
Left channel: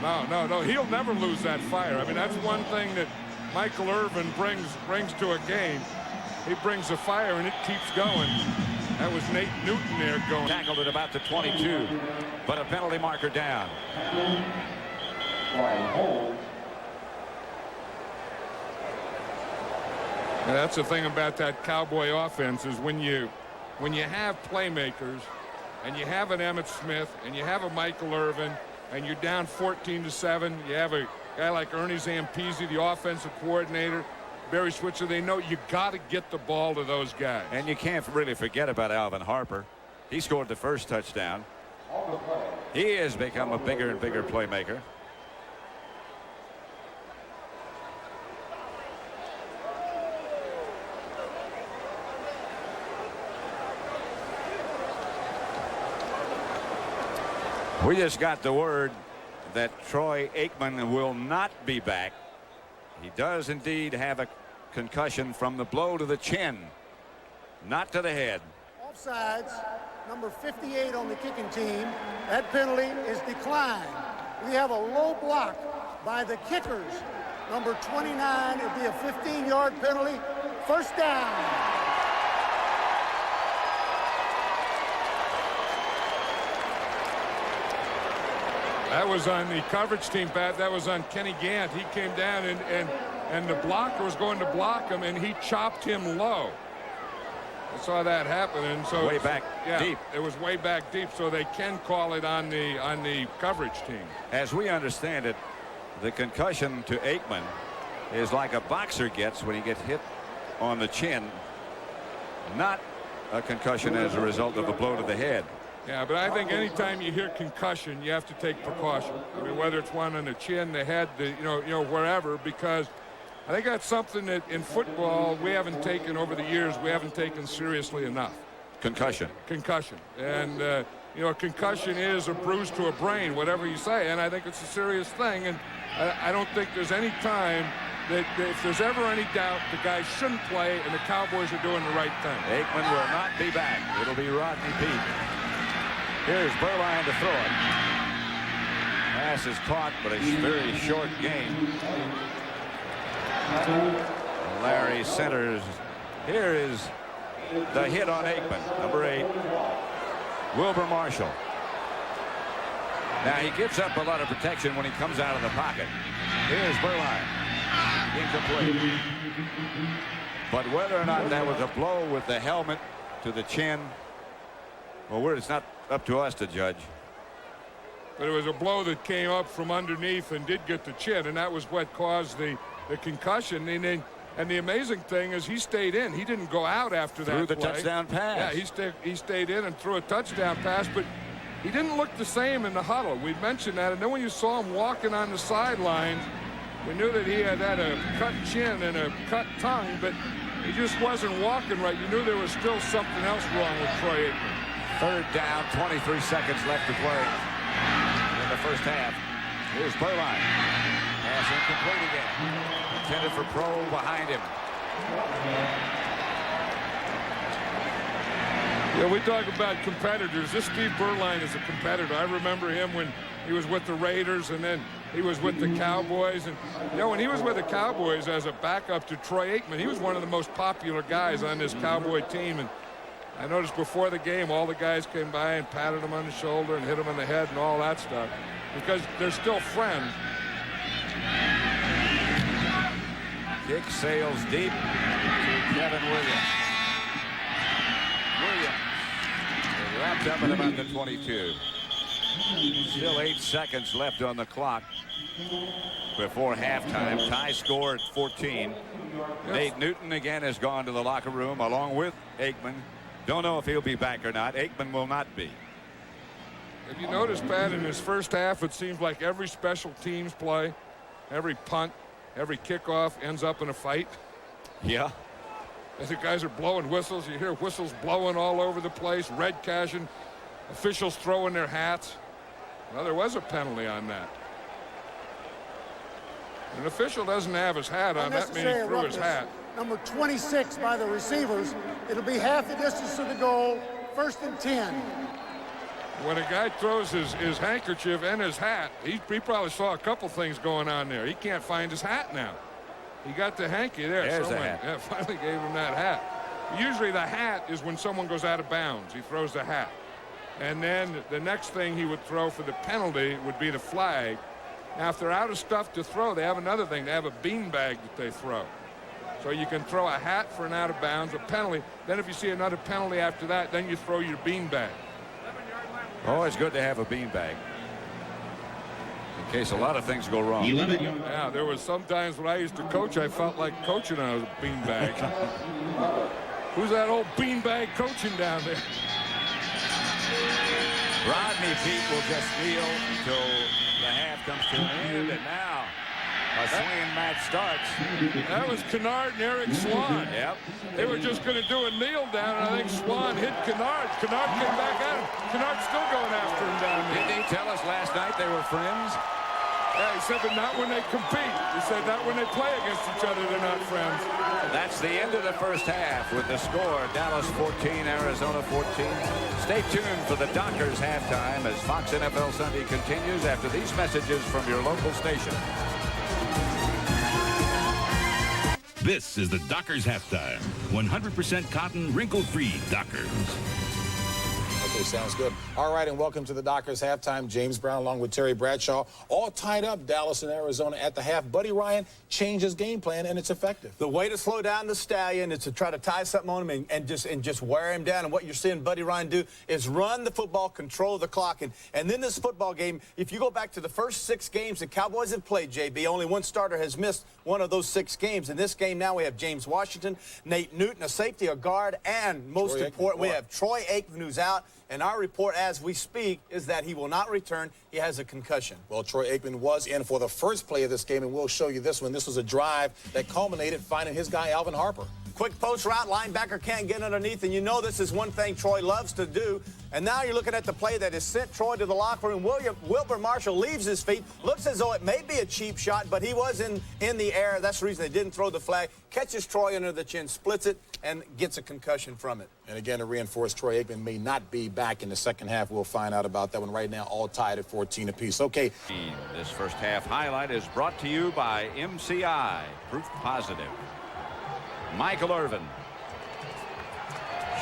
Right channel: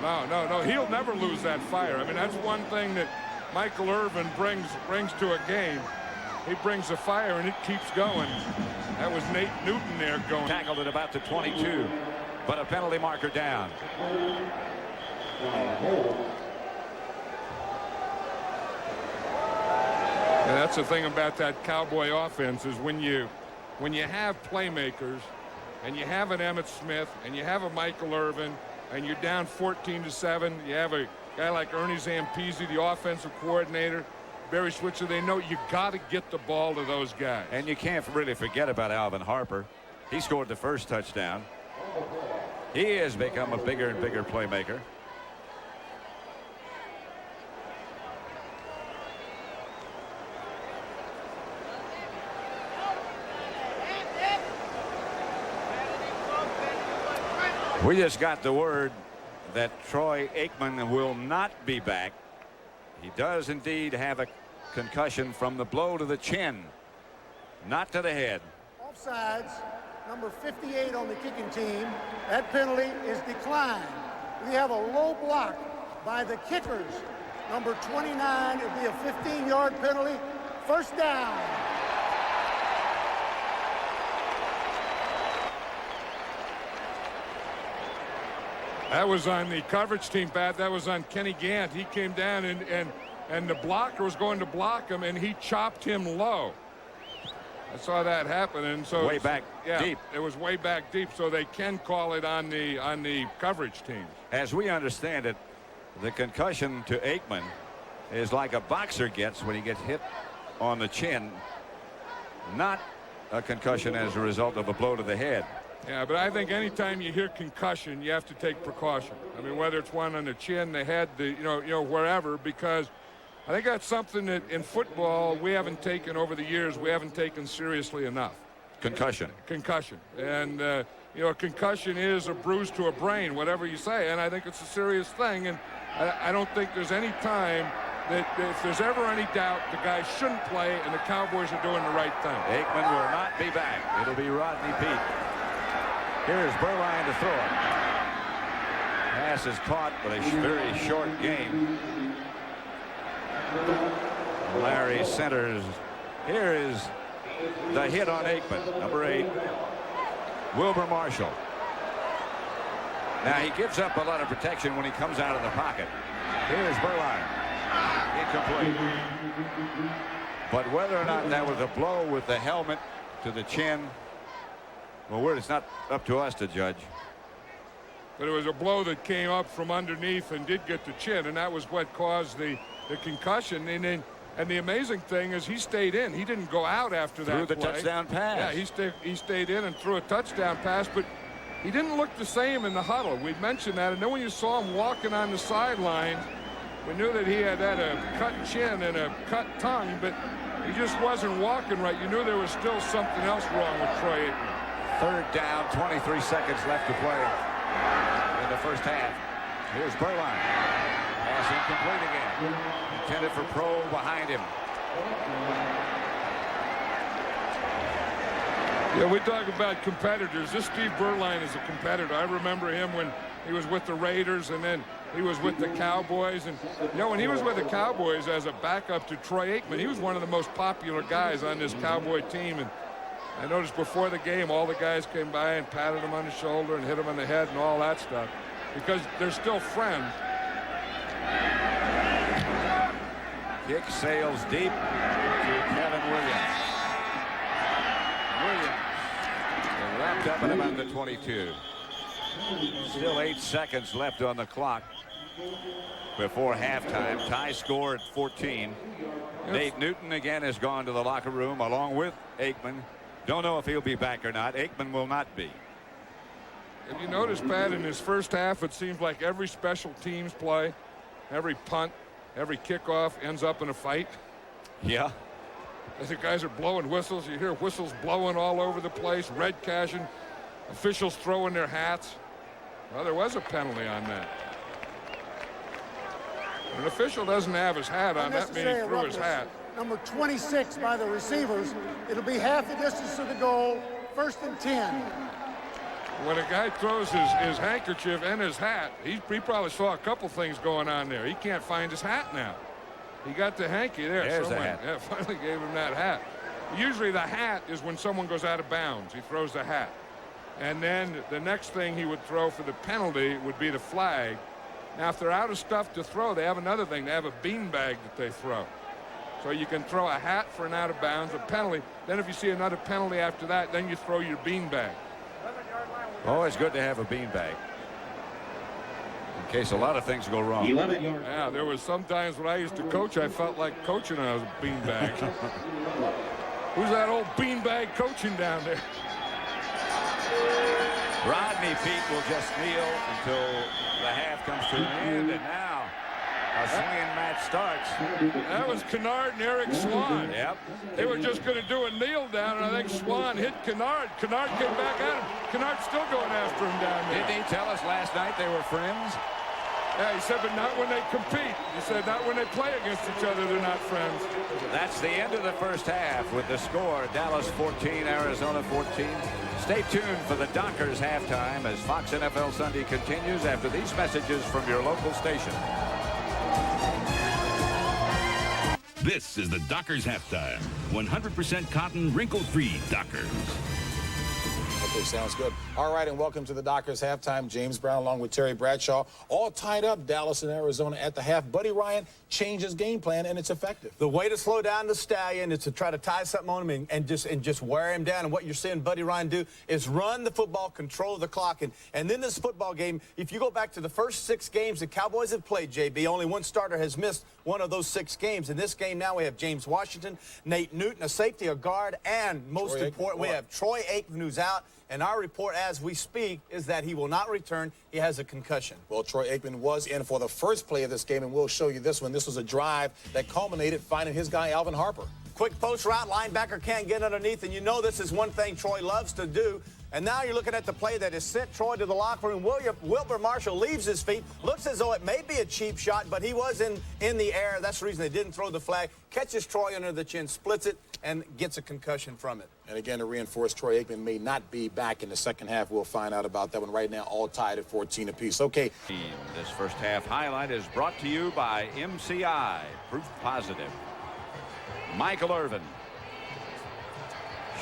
He'll never lose that fire. I mean, that's one thing that Michael Irvin brings to a game. He brings the fire, and it keeps going. That was Nate Newton there going. Tackled at about the 22, but a penalty marker down. Yeah, that's the thing about that Cowboy offense is when you have playmakers and you have an Emmitt Smith and you have a Michael Irvin and you're down 14-7. You have a guy like Ernie Zampese, the offensive coordinator, Barry Switzer. They know you got to get the ball to those guys. And you can't really forget about Alvin Harper. He scored the first touchdown. He has become a bigger and bigger playmaker. We just got the word that Troy Aikman will not be back. He does indeed have a concussion from the blow to the chin, not to the head. Offsides, number 58 on the kicking team. That penalty is declined. We have a low block by the kickers. Number 29, it'll be a 15-yard penalty. First down. That was on the coverage team, Pat. That was on Kenny Gant. He came down and the blocker was going to block him, and he chopped him low. I saw that happen, and so way back deep. It was way back deep, so they can call it on the coverage team. As we understand it, the concussion to Aikman is like a boxer gets when he gets hit on the chin, not a concussion as a result of a blow to the head. Yeah, but I think anytime you hear concussion, you have to take precaution. I mean, whether it's one on the chin, the head, wherever, because I think that's something that in football we haven't taken over the years. We haven't taken seriously enough. Concussion. And a concussion is a bruise to a brain, whatever you say, and I think it's a serious thing. And I don't think there's any time that if there's ever any doubt, the guy shouldn't play, and the Cowboys are doing the right thing. Aikman will not be back. It'll be Rodney Peete. Here's Berline to throw it. Pass is caught, but a very short game. Larry centers. Here is the hit on Aikman, number 8, Wilbur Marshall. Now he gives up a lot of protection when he comes out of the pocket. Here's Berline. Incomplete. But whether or not that was a blow with the helmet to the chin, well, it's not up to us to judge. But it was a blow that came up from underneath and did get the chin, and that was what caused the concussion. And the amazing thing is he stayed in. He didn't go out after that Threw the play. touchdown pass. Yeah, he stayed in and threw a touchdown pass, but he didn't look the same in the huddle. We'd mentioned that, and then when you saw him walking on the sidelines, we knew that he had a cut chin and a cut tongue, but he just wasn't walking right. You knew there was still something else wrong with Troy Aikman. Third down, 23 seconds left to play in the first half. Here's Berline. Pass incomplete again. Intended for Pro behind him. Yeah, we talk about competitors. This Steve Berline is a competitor. I remember him when he was with the Raiders, and then he was with the Cowboys. And, when he was with the Cowboys as a backup to Troy Aikman, he was one of the most popular guys on this Cowboy team. And I noticed before the game, all the guys came by and patted him on the shoulder and hit him on the head and all that stuff because they're still friends. Kick sails deep to Kevin Williams. Wrapped up at about the 22. Still 8 seconds left on the clock before halftime. Tie score at 14. Yes. Nate Newton again has gone to the locker room along with Aikman. Don't know if he'll be back or not. Aikman will not be. If you notice, Pat, in his first half, it seems like every special teams play, every punt, every kickoff ends up in a fight. Yeah. As the guys are blowing whistles, you hear whistles blowing all over the place, red cashing, officials throwing their hats. Well, there was a penalty on that. An official doesn't have his hat on, that means he threw his hat. Number 26 by the receivers. It'll be half the distance to the goal, 1st and 10. When a guy throws his handkerchief and his hat, he probably saw a couple things going on there. He can't find his hat now. He got the hanky there. There's the hat. Yeah, finally gave him that hat. Usually the hat is when someone goes out of bounds. He throws the hat. And then the next thing he would throw for the penalty would be the flag. Now, if they're out of stuff to throw, they have another thing. They have a beanbag that they throw. So you can throw a hat for an out of bounds, a penalty. Then if you see another penalty after that, then you throw your beanbag. Always good to have a beanbag. in case a lot of things go wrong. Yeah, there was sometimes when I used to coach, I felt like coaching on a beanbag. Who's that old beanbag coaching down there? Rodney Peete will just kneel until the half comes to an end, and now a swinging match starts. That was Kennard and Eric Swan. Yep. They were just going to do a kneel down, and I think Swan hit Kennard. Kennard came back at him. Kennard's still going after him down there. Didn't he tell us last night they were friends? Yeah, he said, but not when they compete. He said, not when they play against each other, they're not friends. That's the end of the first half with the score, Dallas 14, Arizona 14. Stay tuned for the Dockers halftime as Fox NFL Sunday continues after these messages from your local station. This is the Dockers halftime. 100% cotton, wrinkle-free Dockers. Okay, sounds good. All right, and welcome to the Dockers halftime. James Brown along with Terry Bradshaw. All tied up, Dallas and Arizona at the half. Buddy Ryan changed his game plan, and it's effective. The way to slow down the Stallion is to try to tie something on him and just wear him down. And what you're seeing Buddy Ryan do is run the football, control the clock. And then this football game, if you go back to the first 6 games the Cowboys have played, JB, only one starter has missed one of those 6 games. In this game now we have James Washington, Nate Newton, a safety, a guard, and most important, we have Troy Aikman, who's out. And our report as we speak is that he will not return. He has a concussion. Well, Troy Aikman was in for the first play of this game, and we'll show you this one. This was a drive that culminated finding his guy, Alvin Harper. Quick post route, linebacker can't get underneath, and you know this is one thing Troy loves to do. And now you're looking at the play that has sent Troy to the locker room. Wilbur Marshall leaves his feet. Looks as though it may be a cheap shot, but he was in the air. That's the reason they didn't throw the flag. Catches Troy under the chin, splits it, and gets a concussion from it. And again, to reinforce, Troy Aikman may not be back in the second half. We'll find out about that one right now, all tied at 14 apiece. Okay. This first half highlight is brought to you by MCI, proof positive. Michael Irvin.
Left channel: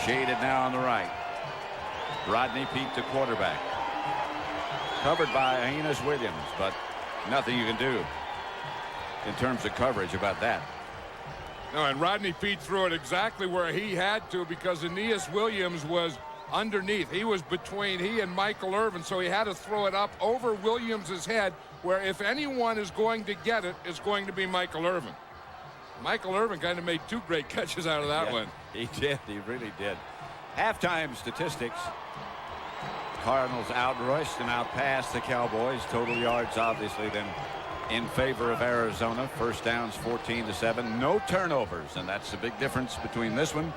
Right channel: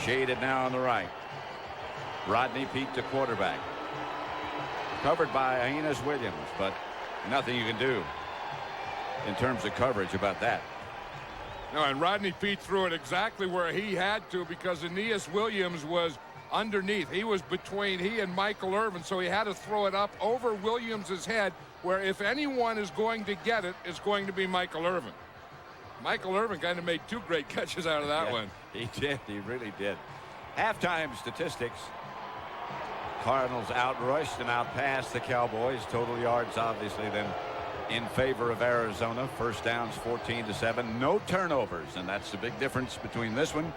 Shaded now on the right. Rodney Peete, the quarterback. Covered by Aeneas Williams, but nothing you can do in terms of coverage about that. No, and Rodney Peete threw it exactly where he had to because Aeneas Williams was underneath. He was between he and Michael Irvin, so he had to throw it up over Williams's head, where if anyone is going to get it, it's going to be Michael Irvin. Michael Irvin kind of made 2 great catches out of that one. He did. He really did. Halftime statistics. Cardinals outrushed and outpassed the Cowboys. Total yards, obviously, then in favor of Arizona. First downs 14-7. No turnovers, and that's the big difference between this one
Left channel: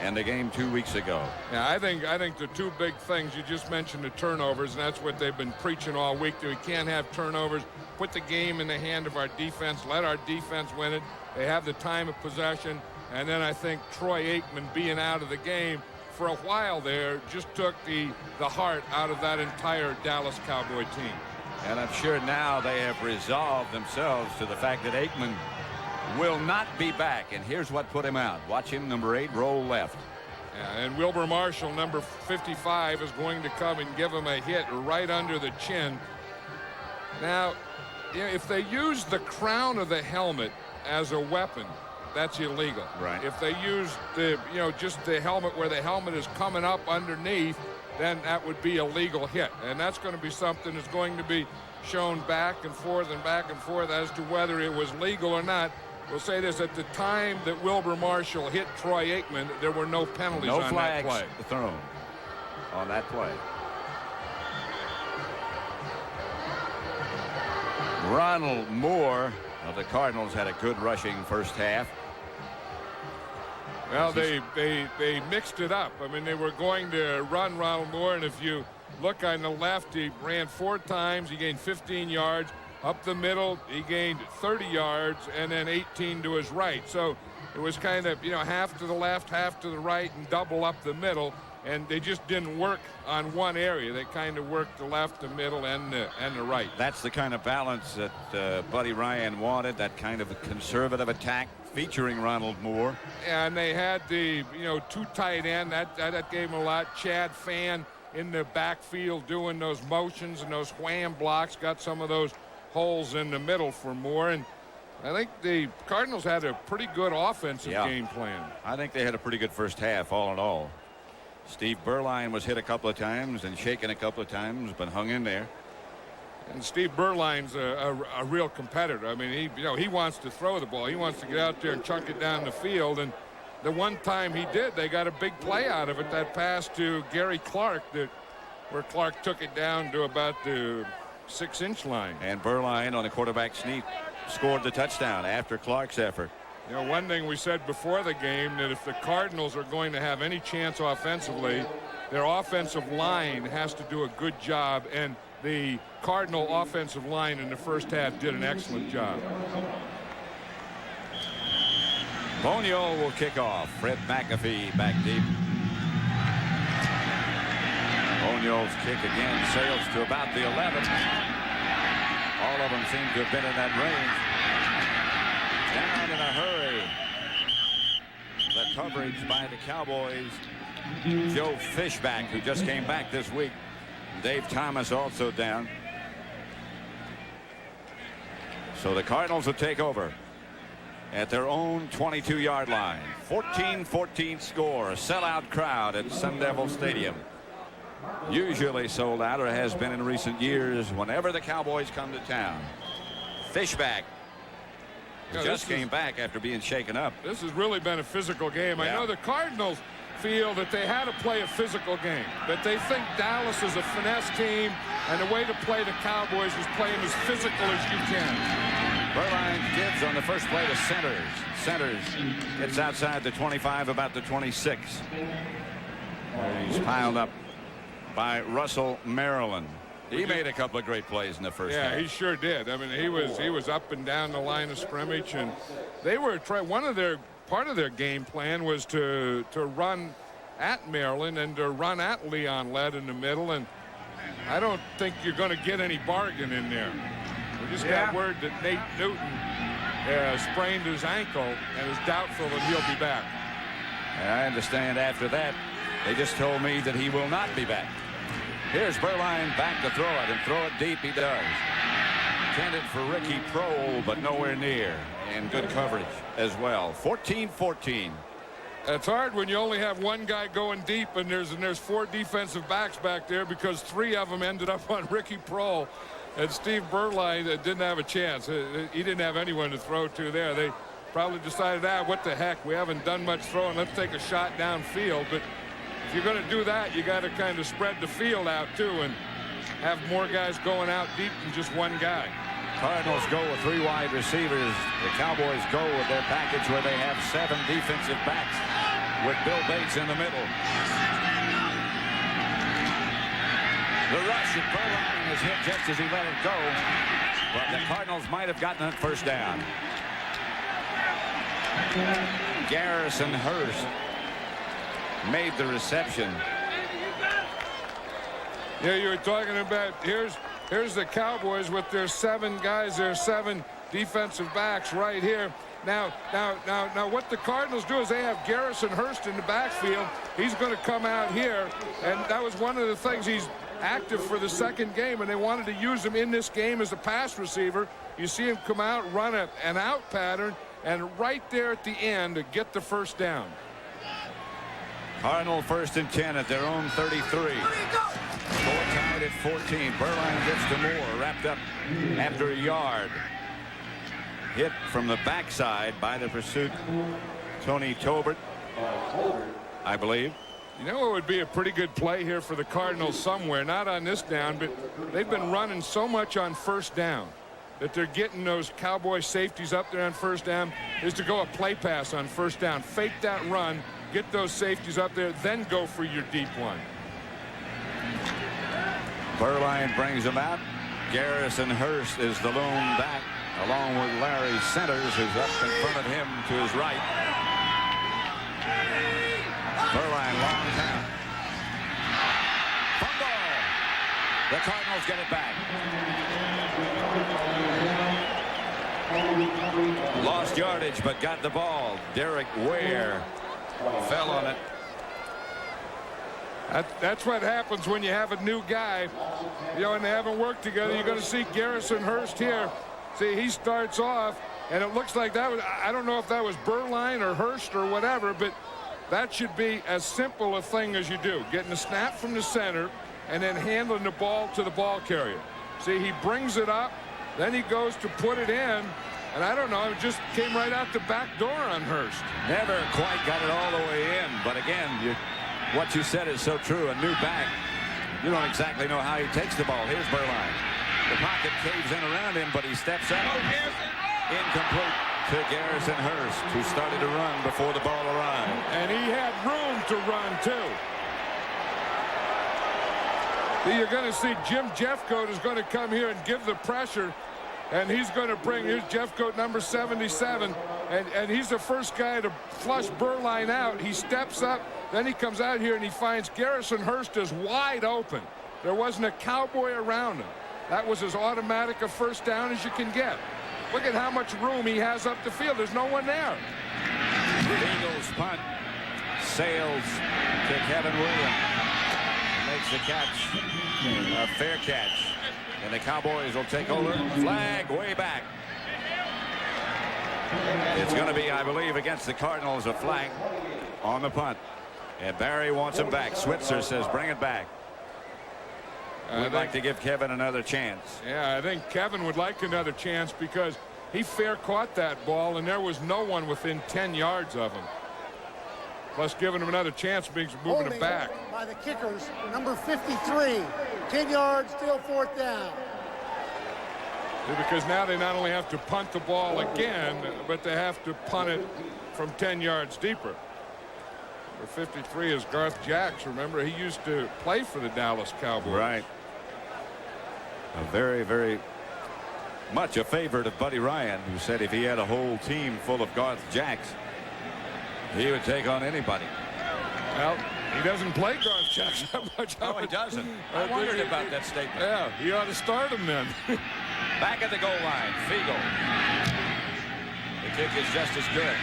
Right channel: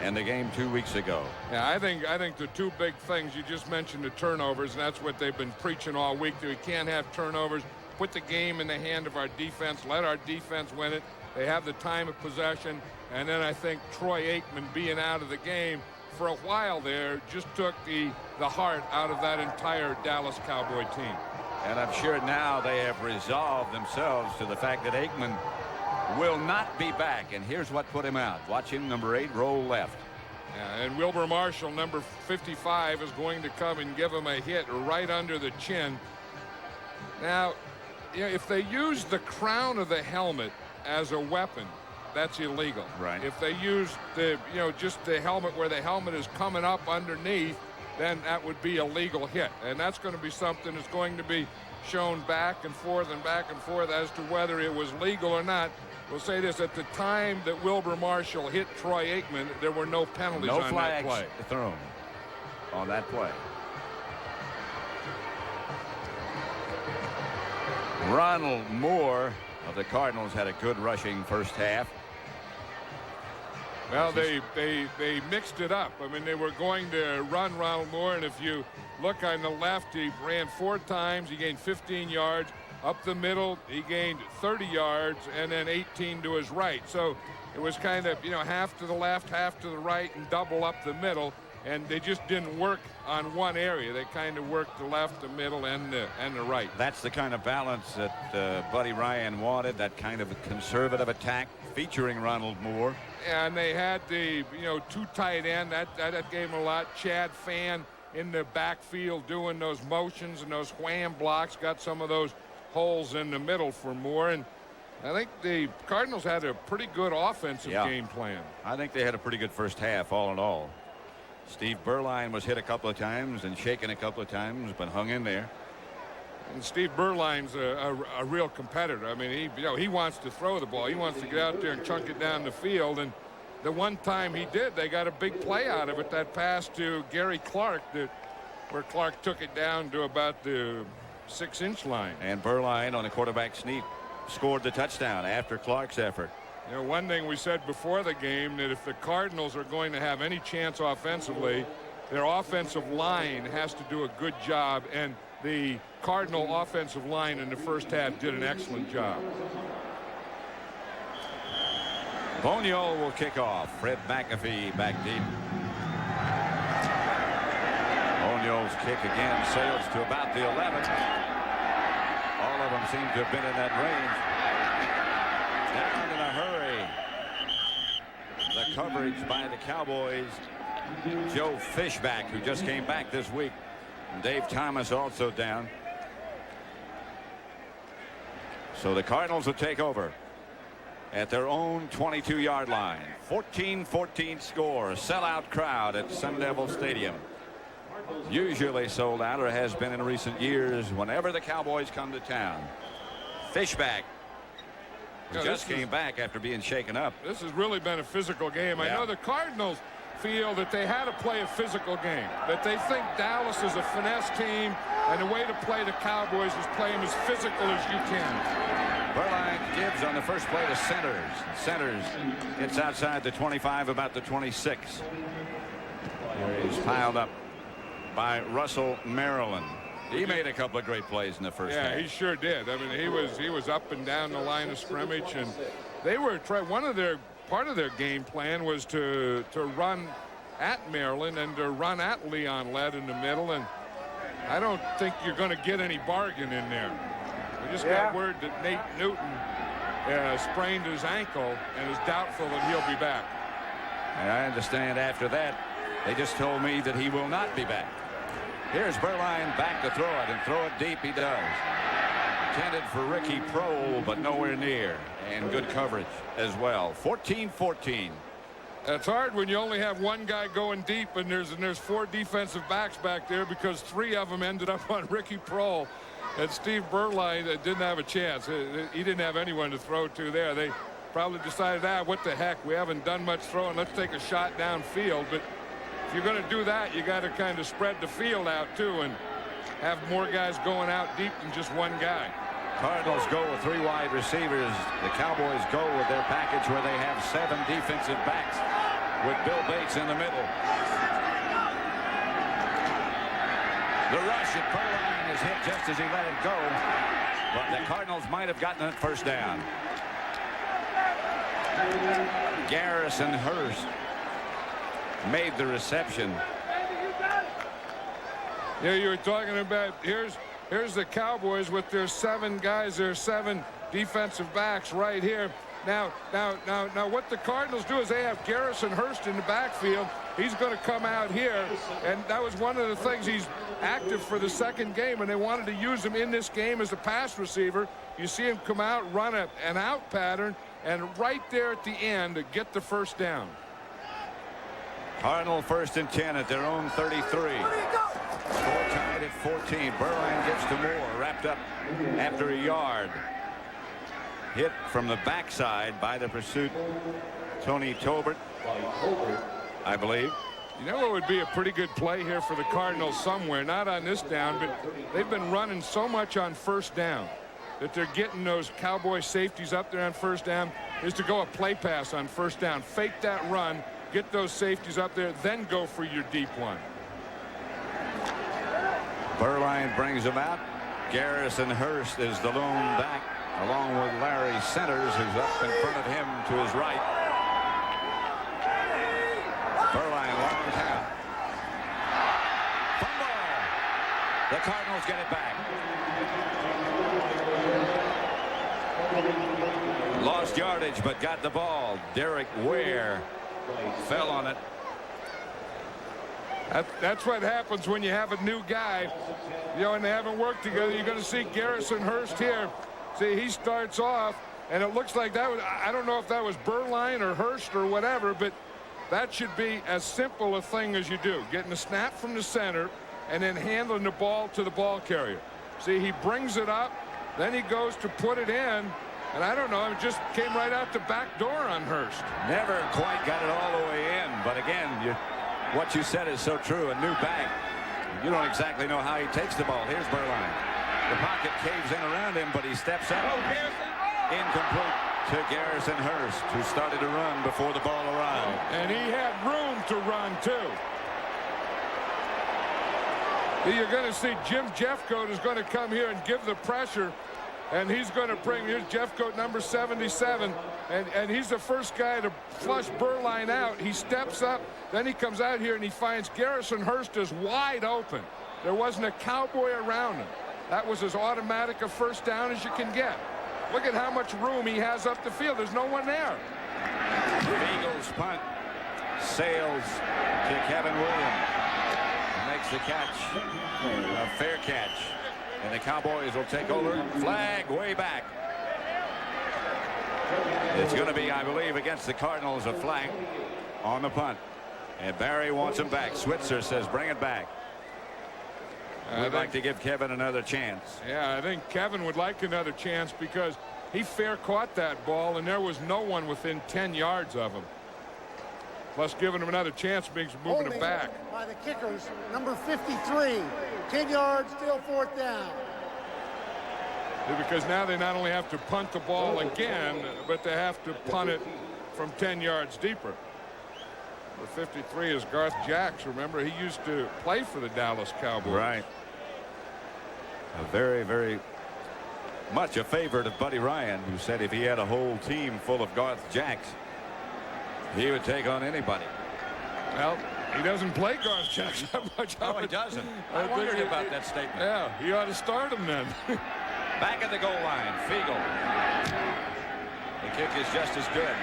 and the game 2 weeks ago. Yeah, I think the 2 big things you just mentioned, the turnovers, and that's what they've been preaching all week. We can't have turnovers. Put the game in the hand of our defense. Let our defense win it. They have the time of possession, and then I think Troy Aikman being out of the game for a while there just took the heart out of that entire Dallas Cowboy team. And I'm sure now they have resolved themselves to the fact that Aikman will not be back. And here's what put him out. Watch him, number 8, roll left. Yeah, and Wilbur Marshall, number 55, is going to come and give him a hit right under the chin. Now, you know, if they use the crown of the helmet as a weapon, that's illegal. Right. If they use the, just the helmet where the helmet is coming up underneath, then that would be a legal hit. And that's going to be something that's going to be shown back and forth as to whether it was legal or not. We'll say this, at the time that Wilbur Marshall hit Troy Aikman, there were no penalties on that play. No flags thrown on that play. Ronald Moore of the Cardinals had a good rushing first half. Well, they mixed it up. I mean, they were going to run Ronald Moore, and if you look on the left, he ran 4 times. He gained 15 yards. Up the middle, he gained 30 yards, and then 18 to his right. So it was kind of, half to the left, half to the right, and double up the middle. And they just didn't work on one area. They kind of worked the left, the middle, and the right. That's the kind of balance that Buddy Ryan wanted, that kind of a conservative attack featuring Ronald Moore. And they had the, 2 tight end. That gave him a lot. Chad Fan in the backfield doing those motions and those wham blocks. Got some of those holes in the middle for Moore. And I think the Cardinals had a pretty good offensive game plan. I think they had a pretty good first half, all in all. Steve Berline was hit a couple of times and shaken a couple of times, but hung in there. And Steve Berline's a real competitor. I mean, he wants to throw the ball. He wants to get out there and chunk it down the field. And the one time he did, they got a big play out of it. That pass to Gary Clark, where Clark took it down to about the 6-inch line. And Berline on the quarterback sneak scored the touchdown after Clark's effort. You know, one thing we said before the game, that if the Cardinals are going to have any chance offensively, their offensive line has to do a good job, and the Cardinal offensive line in the first half did an excellent job. Bonio will kick off. Fred McAfee back deep. Bonio's kick again sails to about the 11. All of them seem to have been in that range. Down in a hurry. The coverage by the Cowboys. Joe Fishback, who just came back this week. Dave Thomas also down. So the Cardinals will take over at their own 22-yard line. 14-14 score. A sellout crowd at Sun Devil Stadium. Usually sold out, or has been in recent years whenever the Cowboys come to town. Fishback just came back after being shaken up. This has really been a physical game. Yeah. I know the Cardinals feel that they had to play a physical game, that they think Dallas is a finesse team, and the way to play the Cowboys is play them as physical as you can. Berline gives on the first play to Centers. Centers gets outside the 25, about the 26. Where he's piled up by Russell Maryland. He made a couple of great plays in the first half. Yeah, he sure did. I mean, he was up and down the line of scrimmage, and they were part of their game plan was to run at Maryland and to run at Leon Lett in the middle, and I don't think you're going to get any bargain in there. We just got word that Nate Newton sprained his ankle and is doubtful that he'll be back. And I understand after that, they just told me that he will not be back. Here's Berline back to throw it, and throw it deep he does. Intended for Ricky Prohl, but nowhere near. And good coverage as well. 14-14. It's hard when you only have one guy going deep, and there's 4 defensive backs back there, because 3 of them ended up on Ricky Prohl. And Steve Berline didn't have a chance. He didn't have anyone to throw to there. They probably decided, what the heck, we haven't done much throwing. Let's take a shot downfield. But if you're going to do that, you got to kind of spread the field out too and have more guys going out deep than just one guy. Cardinals go with 3 wide receivers. The Cowboys go with their package where they have 7 defensive backs with Bill Bates in the middle. The rush at Berline is hit just as he let it go, but the Cardinals might have gotten it first down. Garrison Hurst made the reception. Yeah, you were talking about here's the Cowboys with their 7 guys, their 7 defensive backs right here. Now what the Cardinals do is they have Garrison Hurst in the backfield. He's going to come out here, and that was one of the things. He's active for the second game, and they wanted to use him in this game as a pass receiver. You see him come out, run an out pattern, and right there at the end to get the first down. Cardinal 1st and 10 at their own 33. Score tied at 14. Berline gets to Moore, wrapped up after a yard. Hit from the backside by the pursuit, Tony Tolbert, I believe. You know what would be a pretty good play here for the Cardinals somewhere, not on this down, but they've been running so much on first down that they're getting those Cowboy safeties up there on first down, is to go a play pass on first down. Fake that run, get those safeties up there, then go for your deep one. Berline brings him out. Garrison Hurst is the lone back, along with Larry Centers, who's up in front of him to his right. Berline long count. Fumble. The Cardinals get it back. Lost yardage, but got the ball. Derek Ware fell on it. That's what happens when you have a new guy, and they haven't worked together. You're going to see Garrison Hurst here. See, he starts off, and it looks like that was, I don't know if that was Berline or Hurst or whatever, but that should be as simple a thing as you do. Getting a snap from the center and then handling the ball to the ball carrier. See, he brings it up, then he goes to put it in, and I don't know, it just came right out the back door on Hurst. Never quite got it all the way in, but again, what you said is so true. A new back, you don't exactly know how he takes the ball. Here's Berline. The pocket caves in around him, but he steps up. Incomplete to Garrison Hurst, who started to run before the ball arrived. And he had room to run, too. You're going to see Jim Jeffcoat is going to come here and give the pressure, and he's going to bring, here's Jeffcoat, number 77, and he's the first guy to flush Berline out. He steps up, then he comes out here and he finds Garrison Hurst is wide open. There wasn't a Cowboy around him. That was as automatic a first down as you can get. Look at how much room he has up the field. There's no one there. Eagles punt sails to Kevin Williams. Makes the catch, a fair catch, and the Cowboys will take over. Flag way back. It's going to be, I believe, against the Cardinals, a flag on the punt, and Barry wants him back. Switzer says bring it back. We'd like to give Kevin another chance. Yeah, I think Kevin would like another chance because he fair caught that ball and there was no one within 10 yards of him. Plus giving him another chance means moving it back. By the kickers, number 53. 10 yards, still fourth down. Because now they not only have to punt the ball again, but they have to punt it from 10 yards deeper. Number 53 is Garth Jacks. Remember, he used to play for the Dallas Cowboys. Right. A very, very much a favorite of Buddy Ryan, who said if he had a whole team full of Garth Jacks, he would take on anybody. Well, he doesn't play Garth Jacks that much. No, he doesn't. I wondered about that statement. Yeah, he ought to start him then. Back at the goal line, Fiegel. The kick is just as good.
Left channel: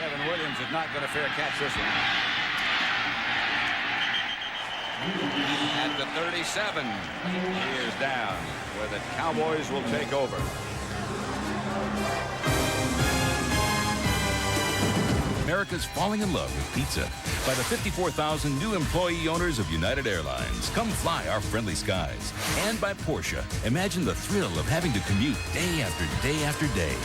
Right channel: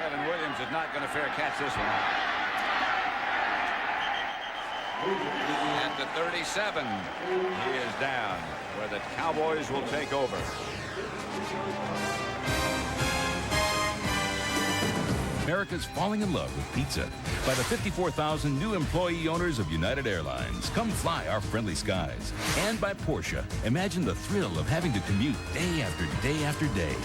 Kevin Williams is not going to fair catch this one. At the 37, he is down, where the Cowboys will take over. America's falling in love with pizza. By the 54,000 new employee owners of United Airlines, come fly our friendly skies. And by Porsche, imagine the thrill of having to commute day after day after day.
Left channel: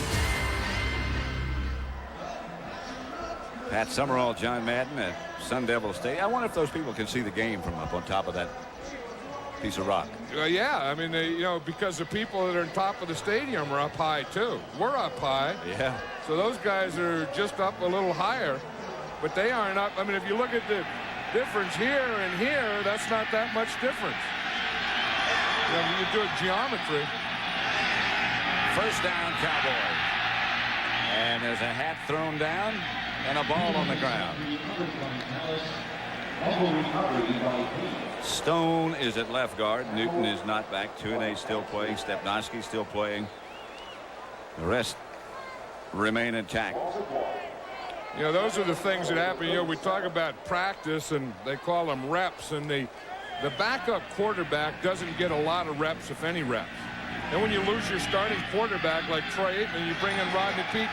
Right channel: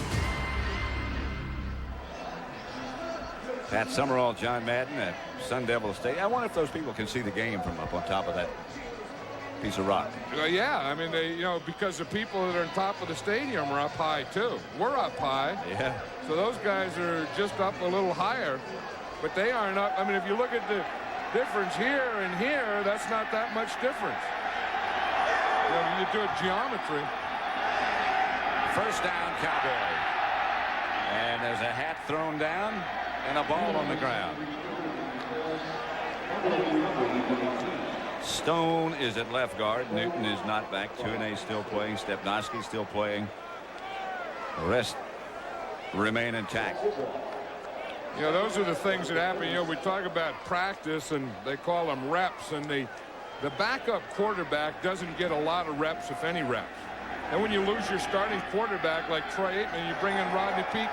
Pat Summerall, John Madden at Sun Devil Stadium. I wonder if those people can see the game from up on top of that piece of rock. Yeah, I mean, because the people that are on top of the stadium are up high, too. We're up high. Yeah. So those guys are just up a little higher, but they aren't up. I mean, if you look at the difference here and here, that's not that much difference. You do a geometry. First down, Cowboys. And there's a hat thrown down and a ball on the ground. Stone is at left guard. Newton is not back. Tuinei still playing. Stepnoski still playing. The rest remain intact. Those are the things that happen. We talk about practice, and they call them reps, and the backup quarterback doesn't get a lot of reps, if any reps. And when you lose your starting quarterback like Troy Aikman, you bring in Rodney Peete.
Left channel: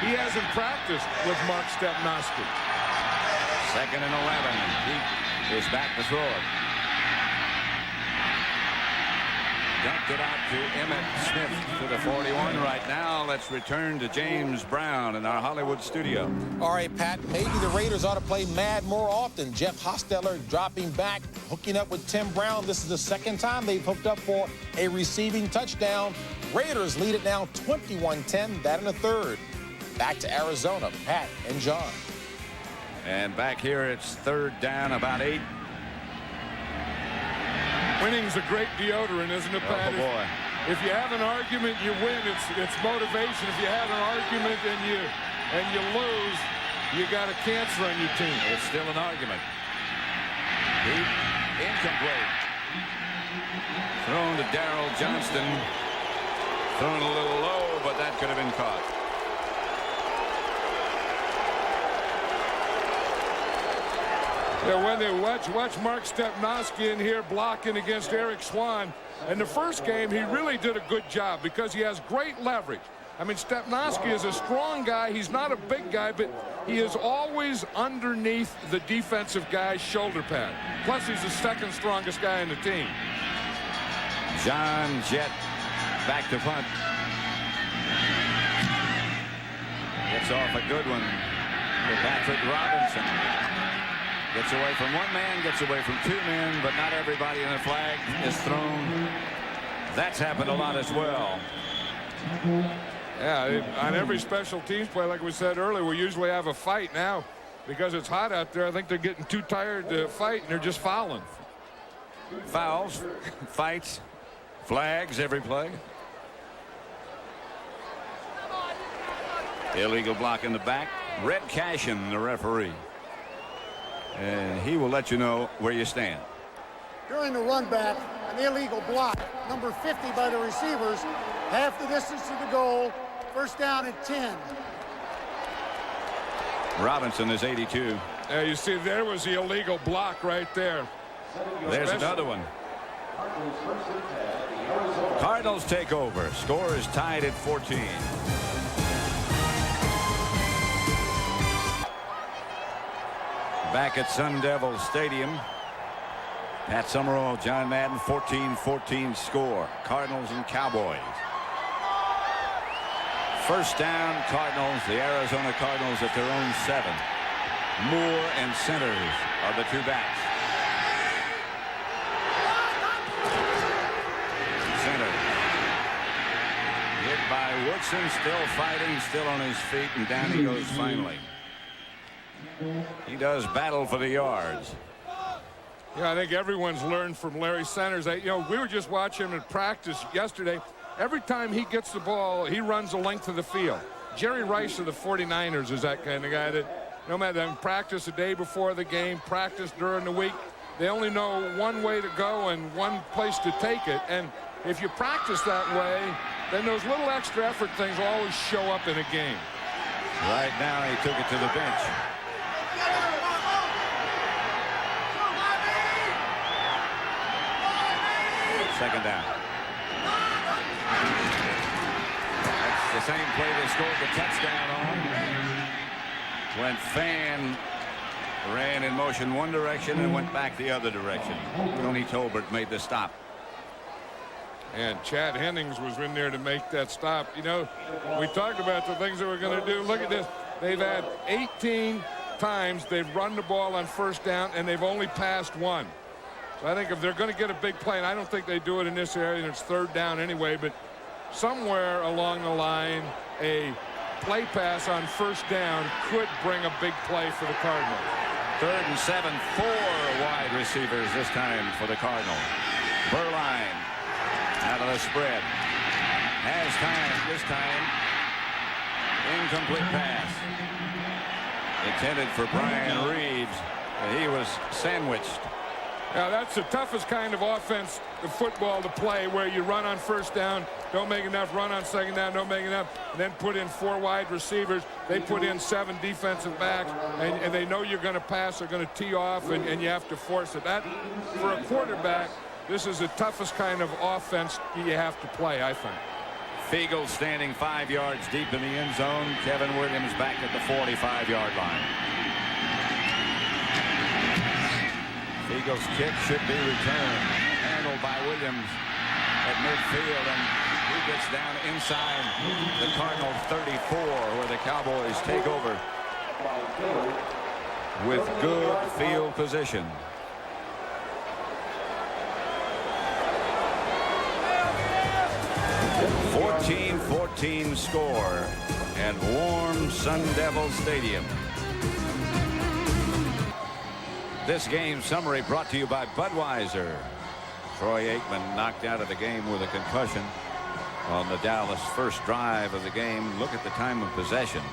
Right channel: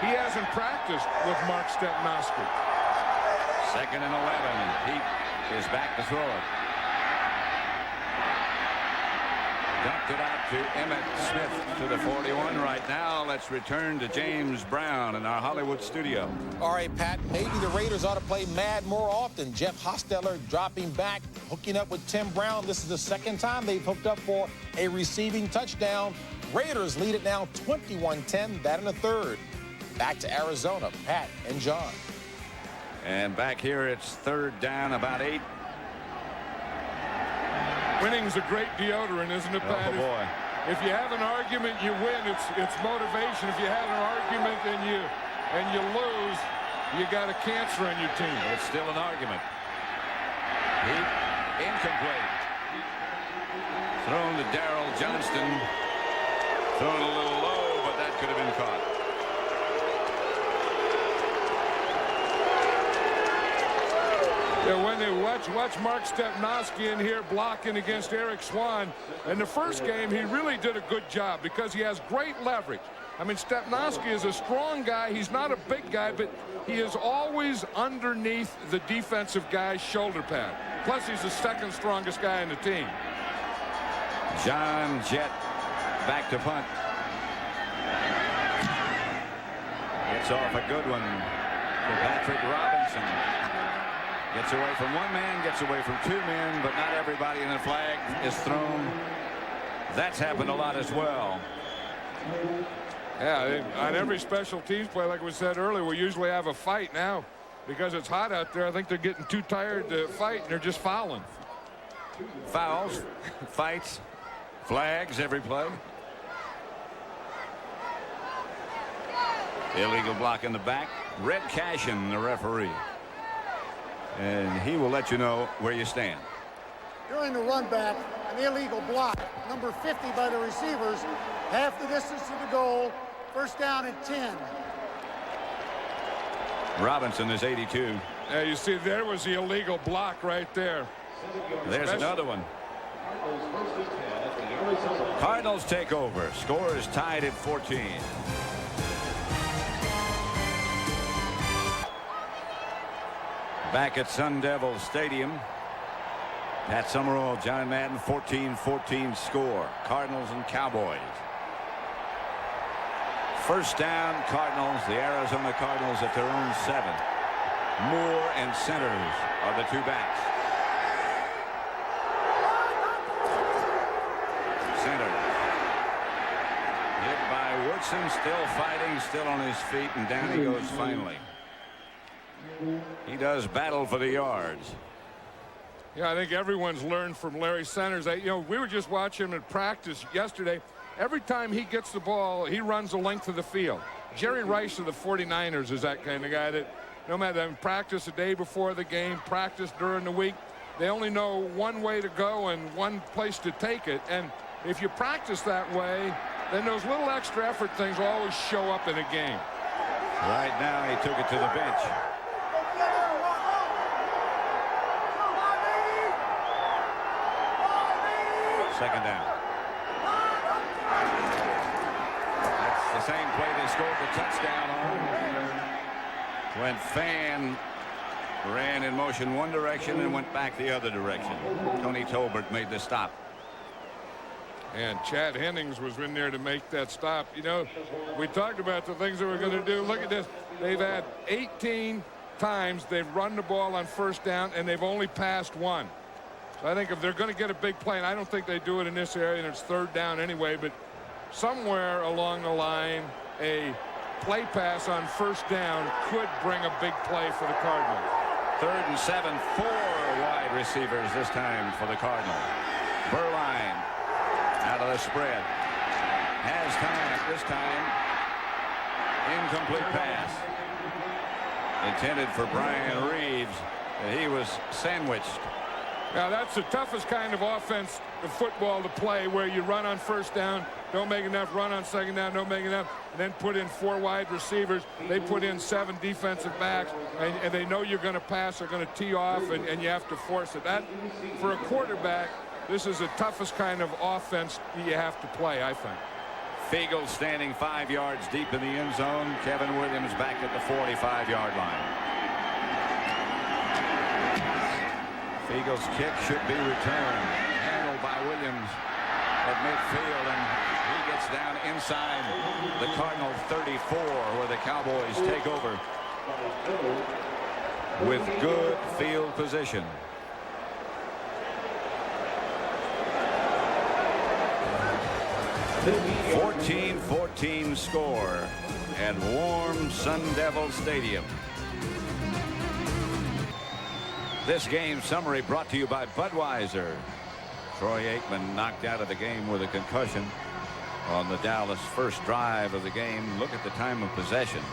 He hasn't practiced with Mark Stepnoski. 2nd and 11, and Peete is back to throw it. Dumped it out to Emmett Smith to the 41 right now. Let's return to James Brown in our Hollywood studio. All right, Pat, maybe the Raiders ought to play mad more often. Jeff Hostetler dropping back, hooking up with Tim Brown. This is the second time they've hooked up for a receiving touchdown. Raiders lead it now 21-10, that in the third. Back to Arizona, Pat and John. And back here, it's 3rd down, about 8. Winning's a great deodorant, isn't it, Pat? Oh, boy. If you have an argument, you win. It's motivation. If you have an argument and you lose, you got a cancer on your team. It's still an argument. Peete, incomplete. Thrown to Darrell Johnston. Thrown a little low, but that could have been caught. Yeah, when they watch Mark Stepnoski in here blocking against Eric Swan. In the first game, he really did a good job because he has great leverage. I mean, Stepnoski is a strong guy. He's not a big guy, but he is always underneath the defensive guy's shoulder pad. Plus, he's the 2nd strongest guy in the team. John Jett back to punt. Gets off a good one to Patrick Robinson. Gets away from one man, gets away from two men, but not everybody, and the flag is thrown. That's happened a lot as well. Yeah, on every special teams play, like we said earlier, we usually have a fight. Now, because it's hot out there, I think they're getting too tired to fight, and they're just fouling. Fouls, fights, flags every play. Illegal block in the back. Red Cashin, the referee. And he will let you know where you stand. During the run back, an illegal block, number 50 by the receivers, half the distance to the goal, first down and 10. Robinson is 82. Yeah, you see, there was the illegal block right there. There's another one. Cardinals take over. Score is tied at 14. Back at Sun Devil Stadium. Pat Summerall, John Madden, 14-14 score. Cardinals and Cowboys. First down, Cardinals. The Arizona Cardinals at their own 7. Moore and Centers are the two backs. Centers. Hit by Woodson, still fighting, still on his feet, and down he goes finally. He does battle for the yards. Yeah, I think everyone's learned from Larry Centers. We were just watching him in practice yesterday. Every time he gets the ball, he runs the length of the field. Jerry Rice of the 49ers is that kind of guy that no matter practice the day before the game, practice during the week, they only know one way to go and one place to take it. And if you practice that way, then those little extra effort things will always show up in a game. Right now he took it to the bench. Second down. That's the same play they scored the touchdown on. When Fan ran in motion one direction and went back the other direction. Tony Tolbert made the stop. And Chad Hennings was in there to make that stop. We talked about the things that we're going to do. Look at this. They've had 18 times they've run the ball on first down, and they've only passed one. So I think if they're going to get a big play, and I don't think they do it in this area, and it's third down anyway, but somewhere along the line, a play pass on first down could bring a big play for the Cardinals. 3rd and 7, 4 wide receivers this time for the Cardinals. Berline out of the spread. Has time this time. Incomplete pass. Intended for Brian Reeves. He was sandwiched. Now, that's the toughest kind of offense of football to play, where you run on first down, don't make enough, run on second down, don't make enough, and then put in 4 wide receivers. They put in 7 defensive backs, and they know you're going to pass, they're going to tee off, and you have to force it. That, for a quarterback, this is the toughest kind of offense you have to play, I think. Fiegel standing 5 yards deep in the end zone. Kevin Williams back at the 45-yard line. Eagles kick should be returned. Handled by Williams at midfield, and he gets down inside the Cardinal 34, where the Cowboys take over with good field position. (14-14) score at warm Sun Devil Stadium. This game summary brought to you by Budweiser. Troy Aikman knocked out of the game with a concussion on the Dallas first drive of the game. Look at the time of possession.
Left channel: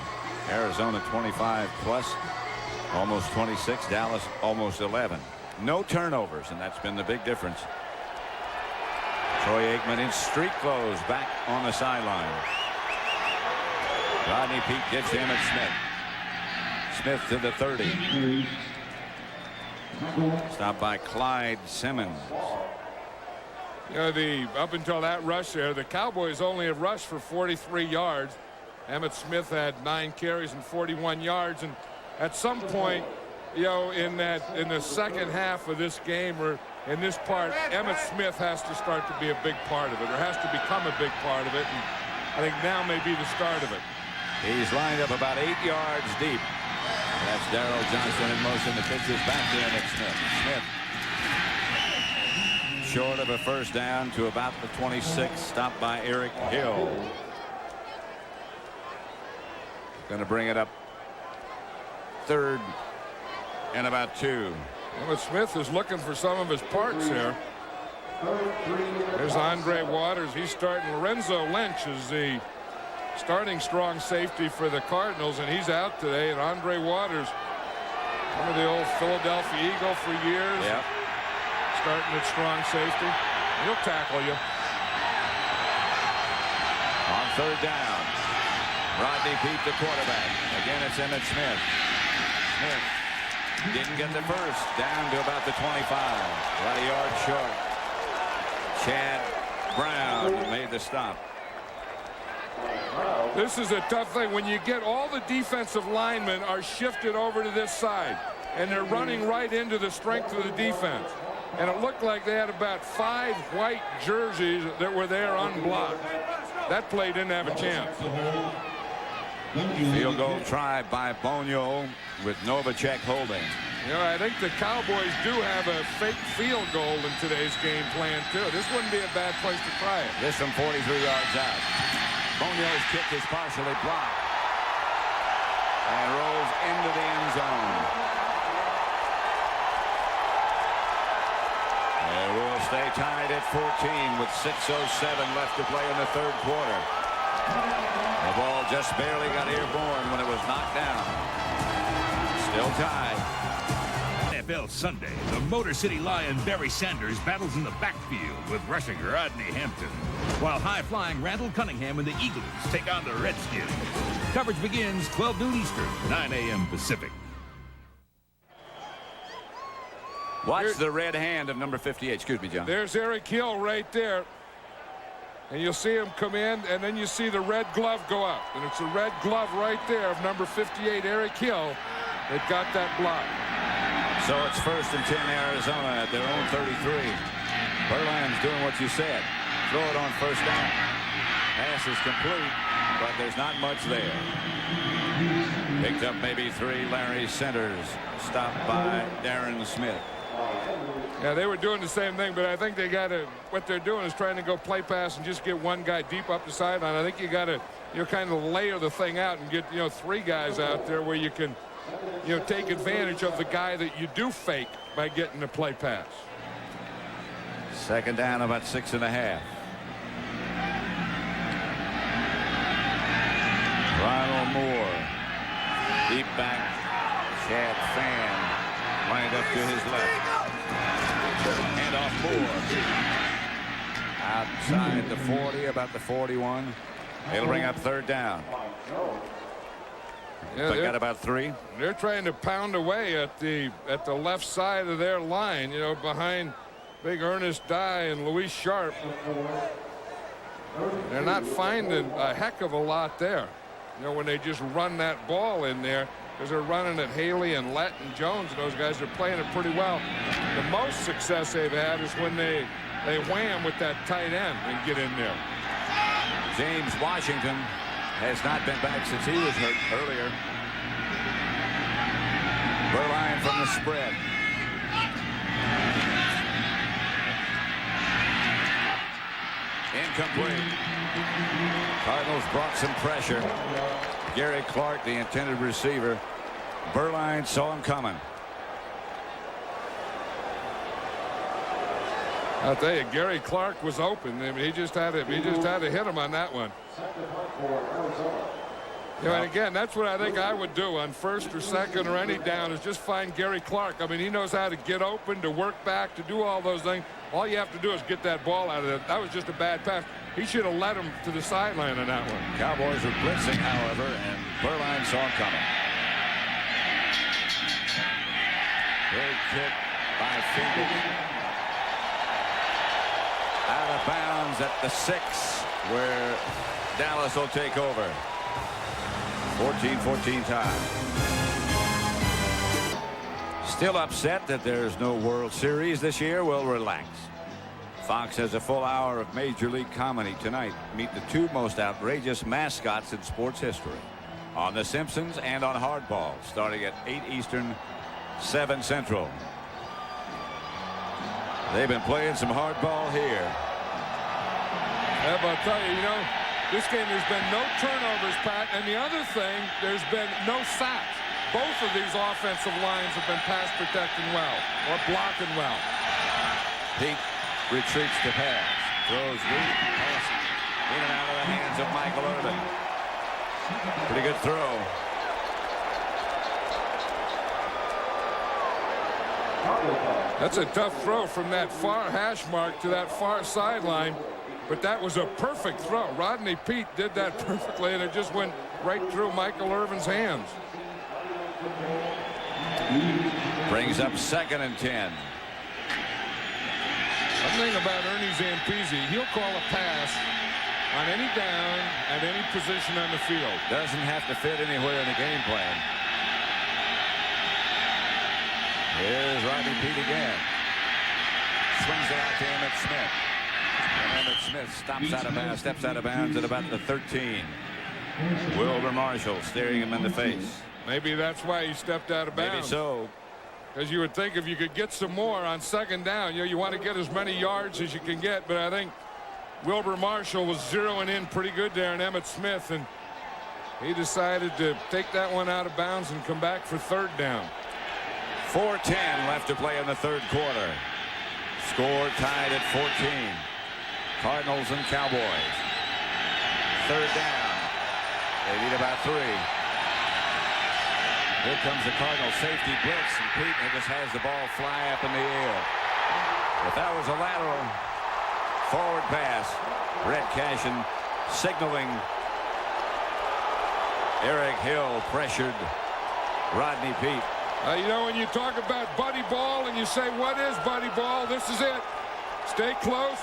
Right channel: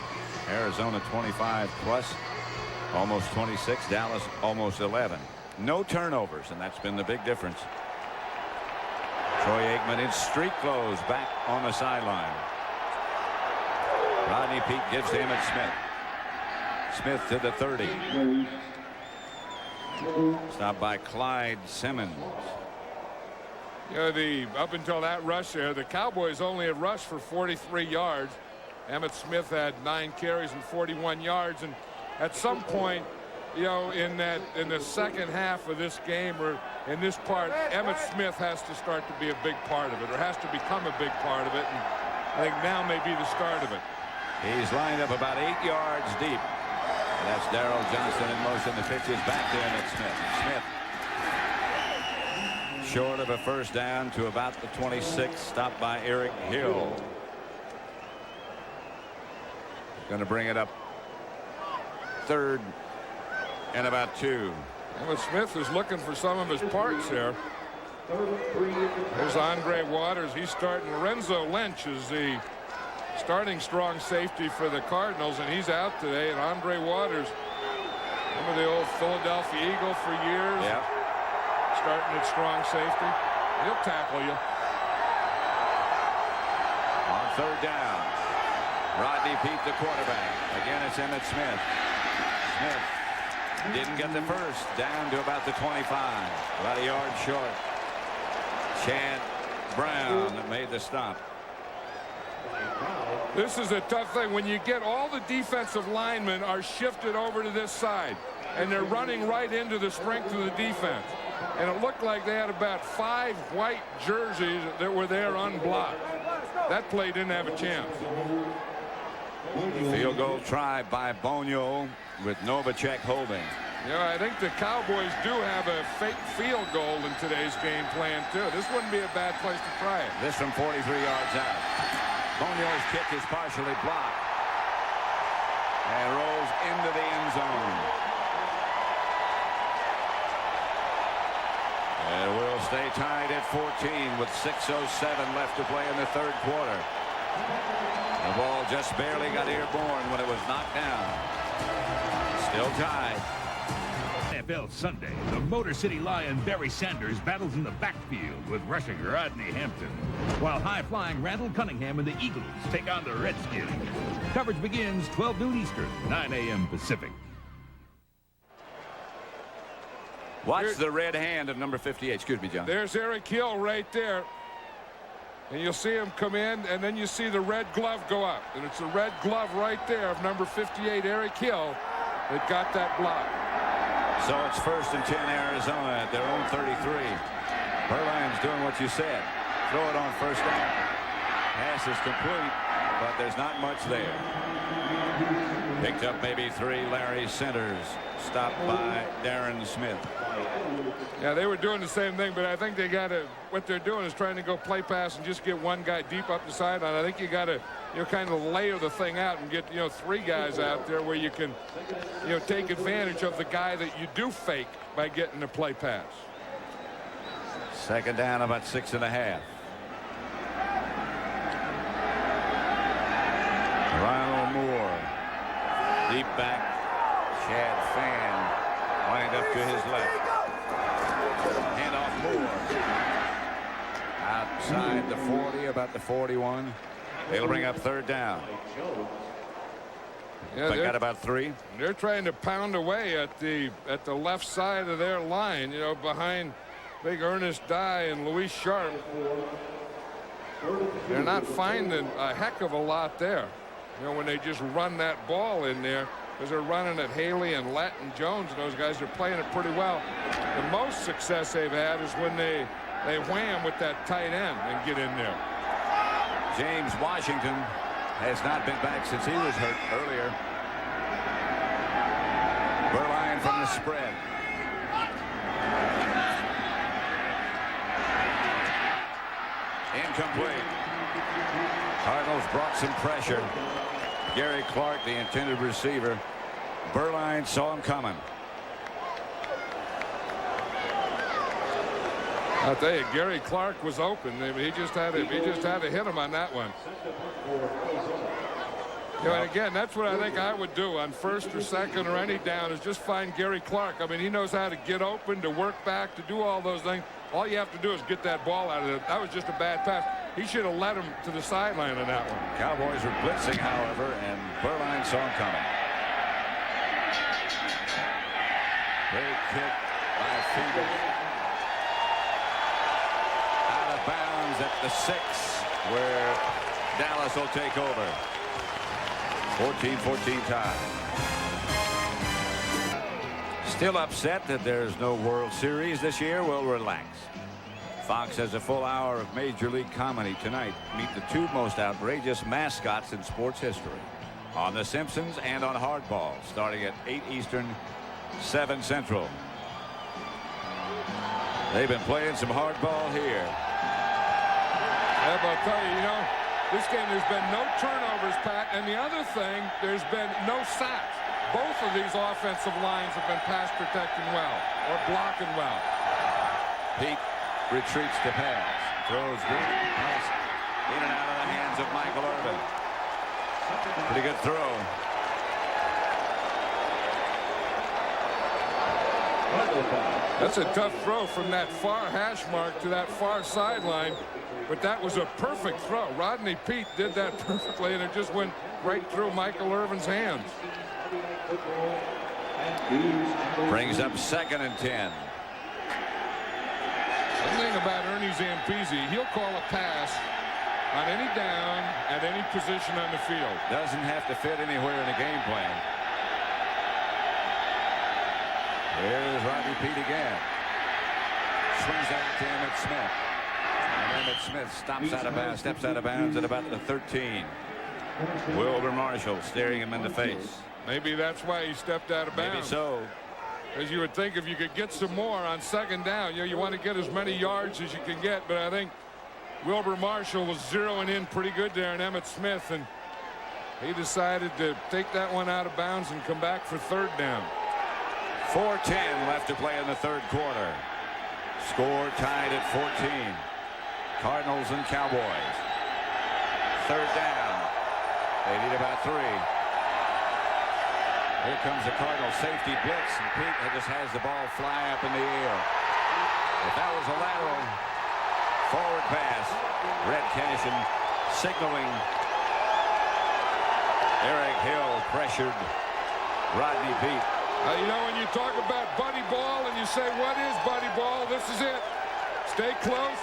Arizona 25 plus, almost 26. Dallas almost 11. No turnovers, and that's been the big difference. Troy Aikman in street clothes back on the sideline. Rodney Peete gives to Emmitt Smith. Smith to the 30. Stopped by Clyde Simmons. Up until that rush there, the Cowboys only have rushed for 43 yards. Emmitt Smith had 9 carries and 41 yards. And at some point, in the second half of this game, or in this part, Emmitt Smith has to start to be a big part of it, or has to become a big part of it, and I think now may be the start of it. He's lined up about 8 yards deep. That's Darrell Johnson in motion. The pitch is back to Emmitt Smith. Smith short of a first down to about the 26, stopped by Eric Hill. Going to bring it up 3rd and about 2. Emmitt Smith is looking for some of his parts here. There's Andre Waters. He's starting. Lorenzo Lynch is the starting strong safety for the Cardinals, and he's out today. And Andre Waters, some of the old Philadelphia Eagle for years. Yep. Starting at strong safety. He'll tackle you. On 3rd down, Rodney Peete, the quarterback. Again, it's Emmitt Smith. Smith didn't get the first. Down to about the 25. About a yard short. Chad Brown made the stop. This is a tough thing. When you get all the defensive linemen are shifted over to this side, and they're running right into the strength of the defense. And it looked like they had about 5 white jerseys that were there unblocked. That play didn't have a chance. Field goal try by Bonio with Novacek holding. You know, I think the Cowboys do have a fake field goal in today's game plan, too. This wouldn't be a bad place to try it. This from 43 yards out. Bonio's kick is partially blocked and rolls into the end zone. And we'll stay tied at 14 with 6:07 left to play in the 3rd quarter. The ball just barely got airborne when it was knocked down. Still tied. NFL Sunday, the Motor City Lion Barry Sanders battles in the backfield with rushing Rodney Hampton, while high-flying Randall Cunningham and the Eagles take on the Redskins. Coverage begins 12 noon Eastern, 9 a.m. Pacific. Watch the red hand of number 58. Excuse me, John. There's Eric Hill right there. And you'll see him come in, and then you see the red glove go up. And it's the red glove right there of number 58, Eric Hill, that got that block. So it's 1st and 10 Arizona at their own 33. Berline's doing what you said. Throw it on 1st down. Pass is complete, but there's not much there. Picked up maybe 3. Larry Centers, stopped by Darren Smith. Yeah, they were doing the same thing, but I think they got to, what they're doing is trying to go play pass and just get one guy deep up the sideline. I think you got to, kind of layer the thing out and get, 3 guys out there where you can, take advantage of the guy that you do fake by getting the play pass. 2nd down, about 6.5. Ronald Moore, deep back. Chad Fan lined up to his left. Hand off Moore. Outside the 40, about the 41. They'll bring up 3rd down. Yeah, they got about 3. They're trying to pound away at the left side of their line, behind big Ernest Dye and Luis Sharp. They're not finding a heck of a lot there, when they just run that ball in there, because they're running at Haley and Lett and Jones, and those guys are playing it pretty well. The most success they've had is when they wham with that tight end and get in there. James Washington has not been back since he was hurt earlier. Berline from the spread. Incomplete. Cardinals brought some pressure. Gary Clark, the intended receiver. Berline saw him coming. I'll tell you, Gary Clark was open. I mean, he just had to hit him on that one. And again, that's what I think I would do on 1st or 2nd or any down, is just find Gary Clark. I mean, he knows how to get open, to work back, to do all those things. All you have to do is get that ball out of it. That was just a bad pass. He should have led him to the sideline on that one. Cowboys were blitzing, however, and Berline saw him coming. Great kick by Fiedel. Out of bounds at the 6, where Dallas will take over. 14-14 tie. Still upset that there's no World Series this year? Well, relax. Fox has a full hour of Major League comedy tonight. Meet the two most outrageous mascots in sports history on The Simpsons and on Hardball, starting at 8 Eastern, 7 Central. They've been playing some hardball here. I'll tell you, this game there's been no turnovers, Pat, and the other thing, there's been no sacks. Both of these offensive lines have been pass protecting well or blocking well. Pete retreats to pass, throws deep, pass in and out of the hands of Michael Irvin. Pretty good throw. That's a tough throw from that far hash mark to that far sideline, but that was a perfect throw. Rodney Peete did that perfectly, and it just went right through Michael Irvin's hands. Brings up 2nd and 10. One thing about Ernie Zampese, he'll call a pass on any down at any position on the field. Doesn't have to fit anywhere in the game plan. Here's Rodney Peete again. Swings it out to Emmitt Smith. And Emmitt Smith steps out of bounds at about the 13. Wilbur Marshall staring him in the face. Maybe that's why he stepped out of bounds. Maybe so. Because you would think if you could get some more on 2nd down, you want to get as many yards as you can get. But I think Wilbur Marshall was zeroing in pretty good there on Emmitt Smith, and he decided to take that one out of bounds and come back for 3rd down. 4:10 left to play in the 3rd quarter. Score tied at 14. Cardinals and Cowboys. 3rd down. They need about 3. Here comes the Cardinals safety blitz, and Pete just has the ball fly up in the air. If that was a lateral forward pass, Red Cashin signaling. Eric Hill pressured Rodney Peete. When you talk about buddy ball and you say, what is buddy ball? This is it. Stay close,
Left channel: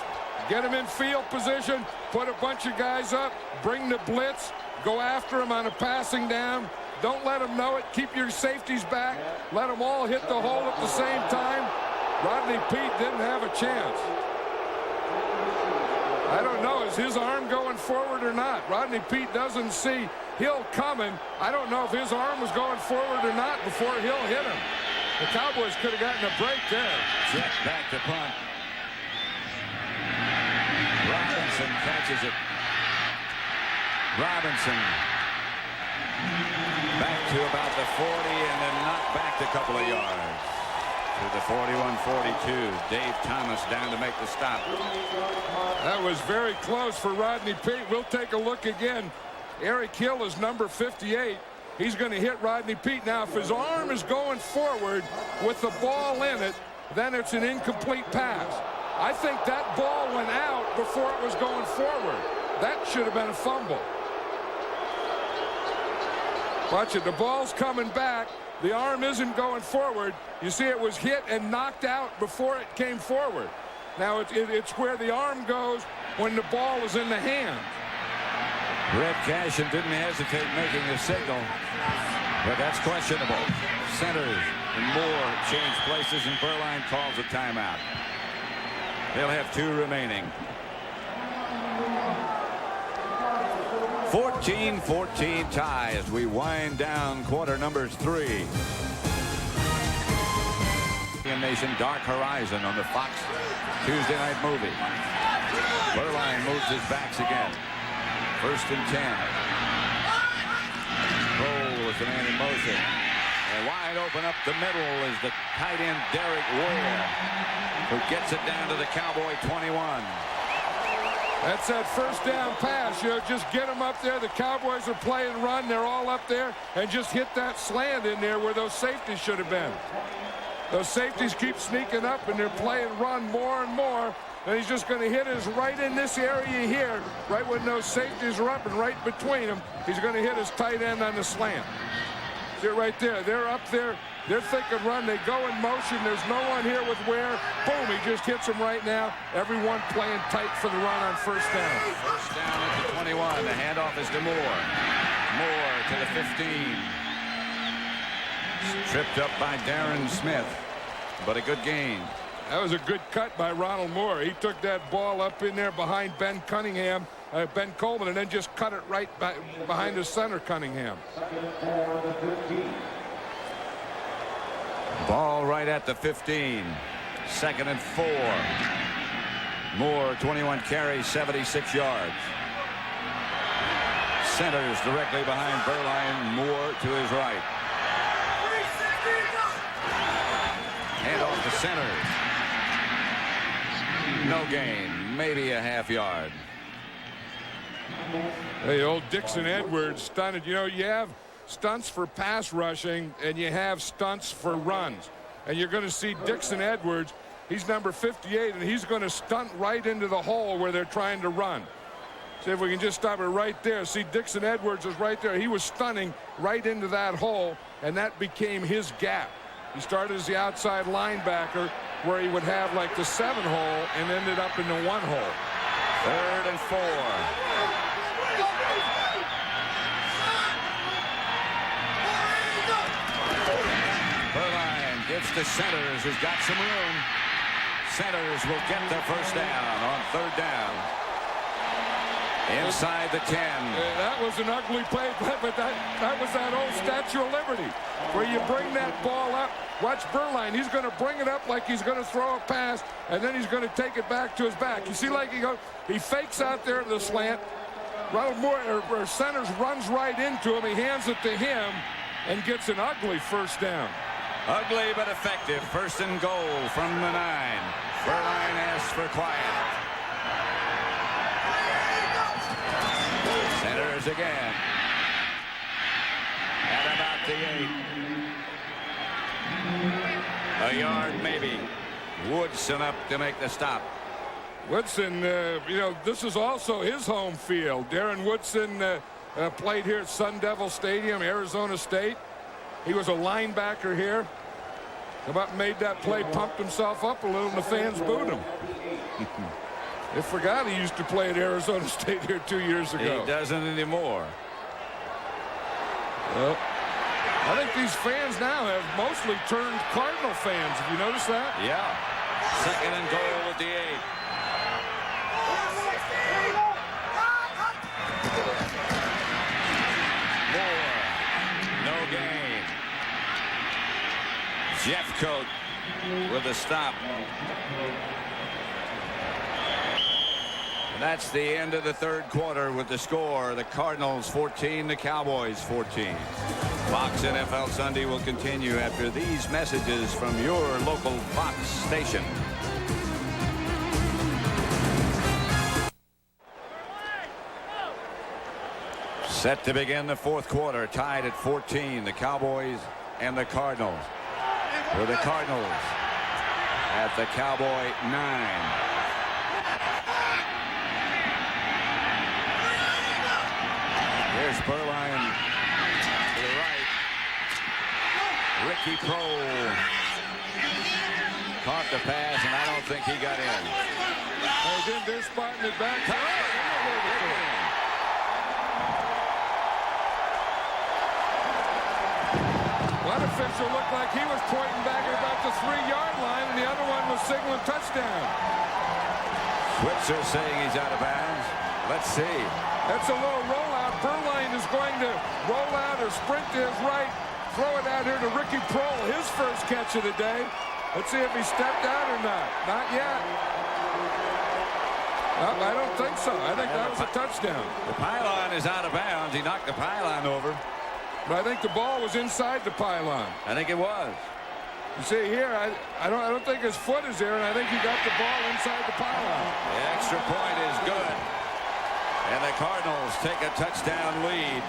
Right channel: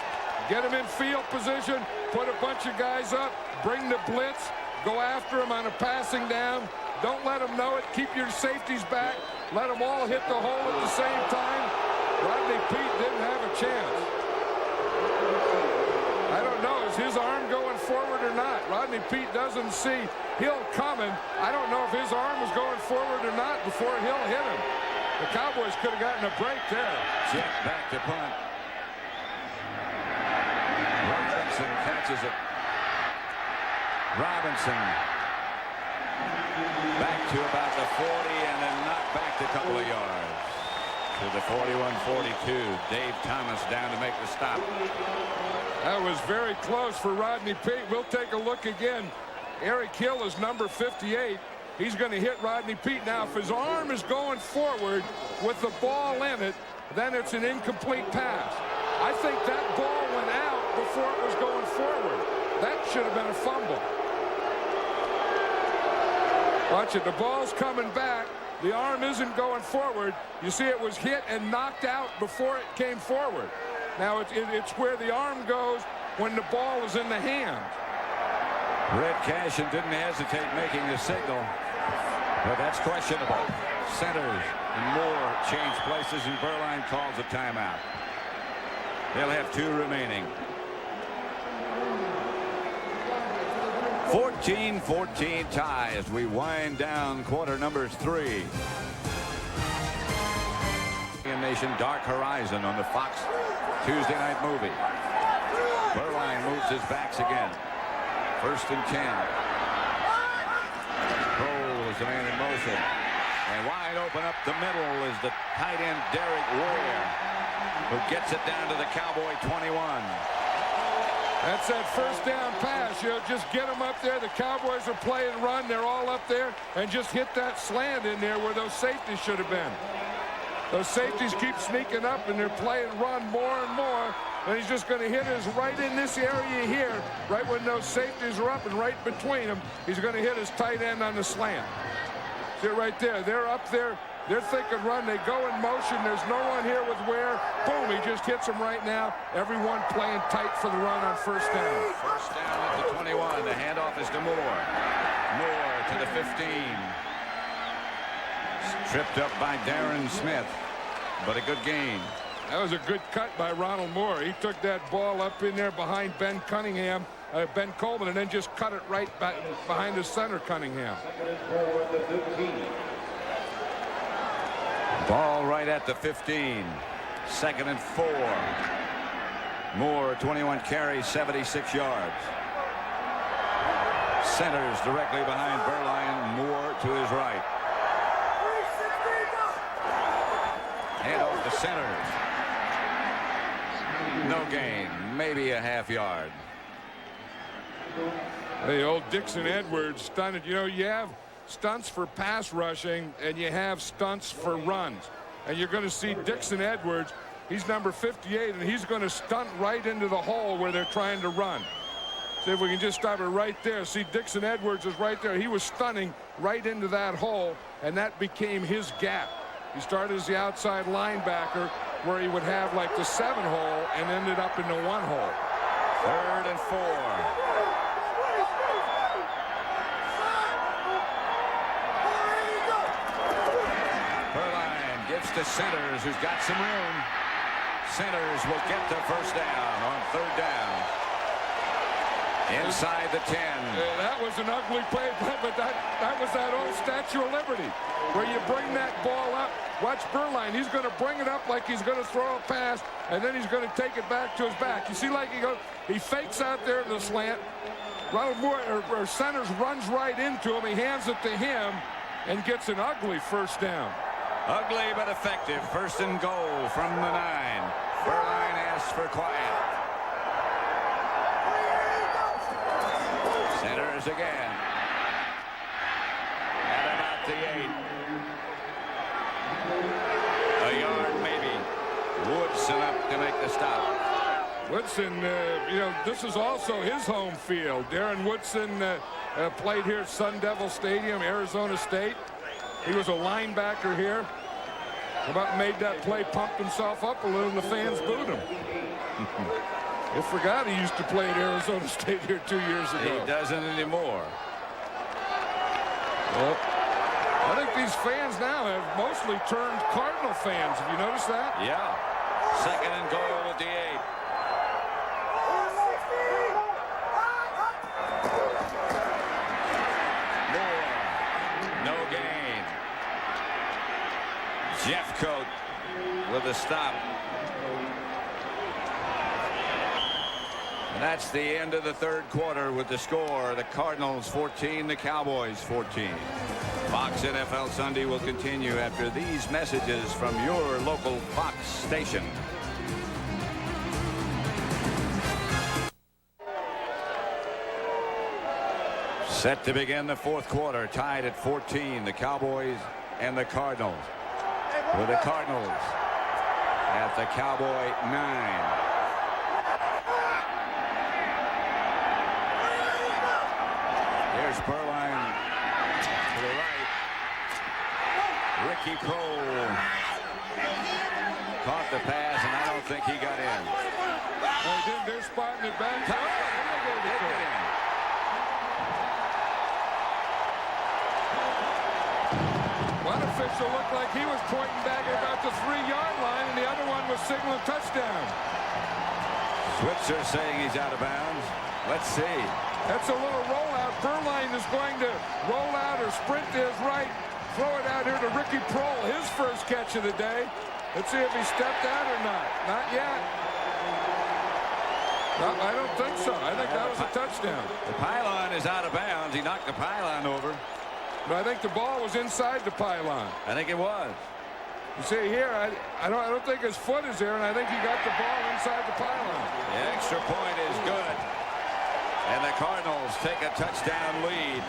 get him in field position, put a bunch of guys up, bring the blitz, go after him on a passing down. Don't let them know it. Keep your safeties back. Let them all hit the hole at the same time. Rodney Peete didn't have a chance. I don't know. Is his arm going forward or not? Rodney Peete doesn't see Hill coming. I don't know if his arm was going forward or not before Hill hit him. The Cowboys could have gotten a break there. Jet back to punt. Robinson catches it. Robinson back to about the 40 and then knocked back a couple of yards to the 41-42. Dave Thomas down to make the stop. That was very close for Rodney Peete. We'll take a look again. Eric Hill is number 58. He's going to hit Rodney Peete. Now, if his arm is going forward with the ball in it, then it's an incomplete pass. I think that ball went out before it was going forward. That should have been a fumble. Watch it. The ball's coming back. The arm isn't going forward. You see it was hit and knocked out before it came forward. Now, it's where the arm goes when the ball is in the hand. Red Cashin didn't hesitate making the signal, but that's questionable. Centers and Moore change places, and Berline calls a timeout. They'll have 2 remaining. 14-14 tie as we wind down quarter number 3. Nation Dark Horizon on the Fox Tuesday night movie. Berline moves his backs again. 1st and 10. Cole is the man in motion. And wide open up the middle is the tight end Derek Ware, who gets it down to the Cowboy 21. That's that 1st down pass. Just get them up there. The Cowboys are playing run. They're all up there. And just hit that slant in there where those safeties should have been. Those safeties keep sneaking up, and they're playing run more and more. And he's just going to hit us right in this area here, right when those safeties are up and right between them. He's going to hit his tight end on the slant. See it right there. They're up there. They're thinking run. They go in motion. There's no one here with Ware. Boom, he just hits him right now. Everyone playing tight for the run on 1st down. 1st down at the 21. The handoff is to Moore. Moore to the 15. Tripped up by Darren Smith, but a good gain. That was a good cut by Ronald Moore. He took that ball up in there behind Ben Coleman, and then just cut it right behind his center, Cunningham. Ball right at the 15. 2nd and 4. Moore, 21 carries, 76 yards. Centers directly behind Berline. Moore to his right. Hand off to Centers. No gain. Maybe a half yard. Hey, old Dixon Edwards stunted. You know, you have stunts for pass rushing and you have stunts for runs. And you're going to see Dixon Edwards. He's number 58, and he's going to stunt right into the hole where they're trying to run. See if we can just stop it right there. See, Dixon Edwards is right there. He was stunning right into that hole, and that became his gap. He started as the outside linebacker where he would have like the 7 hole and ended up in the 1 hole. 3rd and 4. Berline gives to Centers, who's got some room. Centers will get the first down on 3rd down. Inside the 10. That was an ugly play, but that was that old Statue of Liberty where you bring that ball up. Watch Berline. He's going to bring it up like he's going to throw a pass, and then he's going to take it back to his back. You see, like he fakes out there to the slant. Ronald Moore, or Centers, runs right into him. He hands it to him and gets an ugly first down. Ugly but effective. 1st and goal from the 9. Berline asks for quiet. Centers again. At about the 8. A yard maybe. Woodson up to make the stop. Woodson, you know, this is also his home field. Darren Woodson played here at Sun Devil Stadium, Arizona State. He was a linebacker here. About made that play, pumped himself up a little, and the fans booed him. They forgot he used to play at Arizona State here 2 years ago. He doesn't anymore. Well, I think these fans now have mostly turned Cardinal fans. Have you noticed that? Yeah. 2nd and goal at the 8. Moore. No gain. Jeffcoat with a stop. And that's the end of the 3rd quarter with the score. The Cardinals 14, the Cowboys 14. Fox NFL Sunday will continue after these messages from your local Fox station. Set to begin the 4th quarter, tied at 14, the Cowboys and the Cardinals. With the Cardinals at the Cowboy 9. Here's Berline to the right. Ricky Prohl caught the pass, and I don't think he got in. They did. They're spotting it back. One official looked like he was pointing back at about the 3-yard line, and the other one was signaling touchdown. Switzer saying he's out of bounds. Let's see. That's a little rollout. Berline is going to roll out or sprint to his right, throw it out here to Ricky Prohl, his first catch of the day. Let's see if he stepped out or not. Not yet. No, I don't think so. I think that was a touchdown. The pylon is out of bounds. He knocked the pylon over. But I think the ball was inside the pylon. I think it was. You see here, I don't think his foot is there, and I think he got the ball inside the pylon. The extra point is good. And the Cardinals take a touchdown lead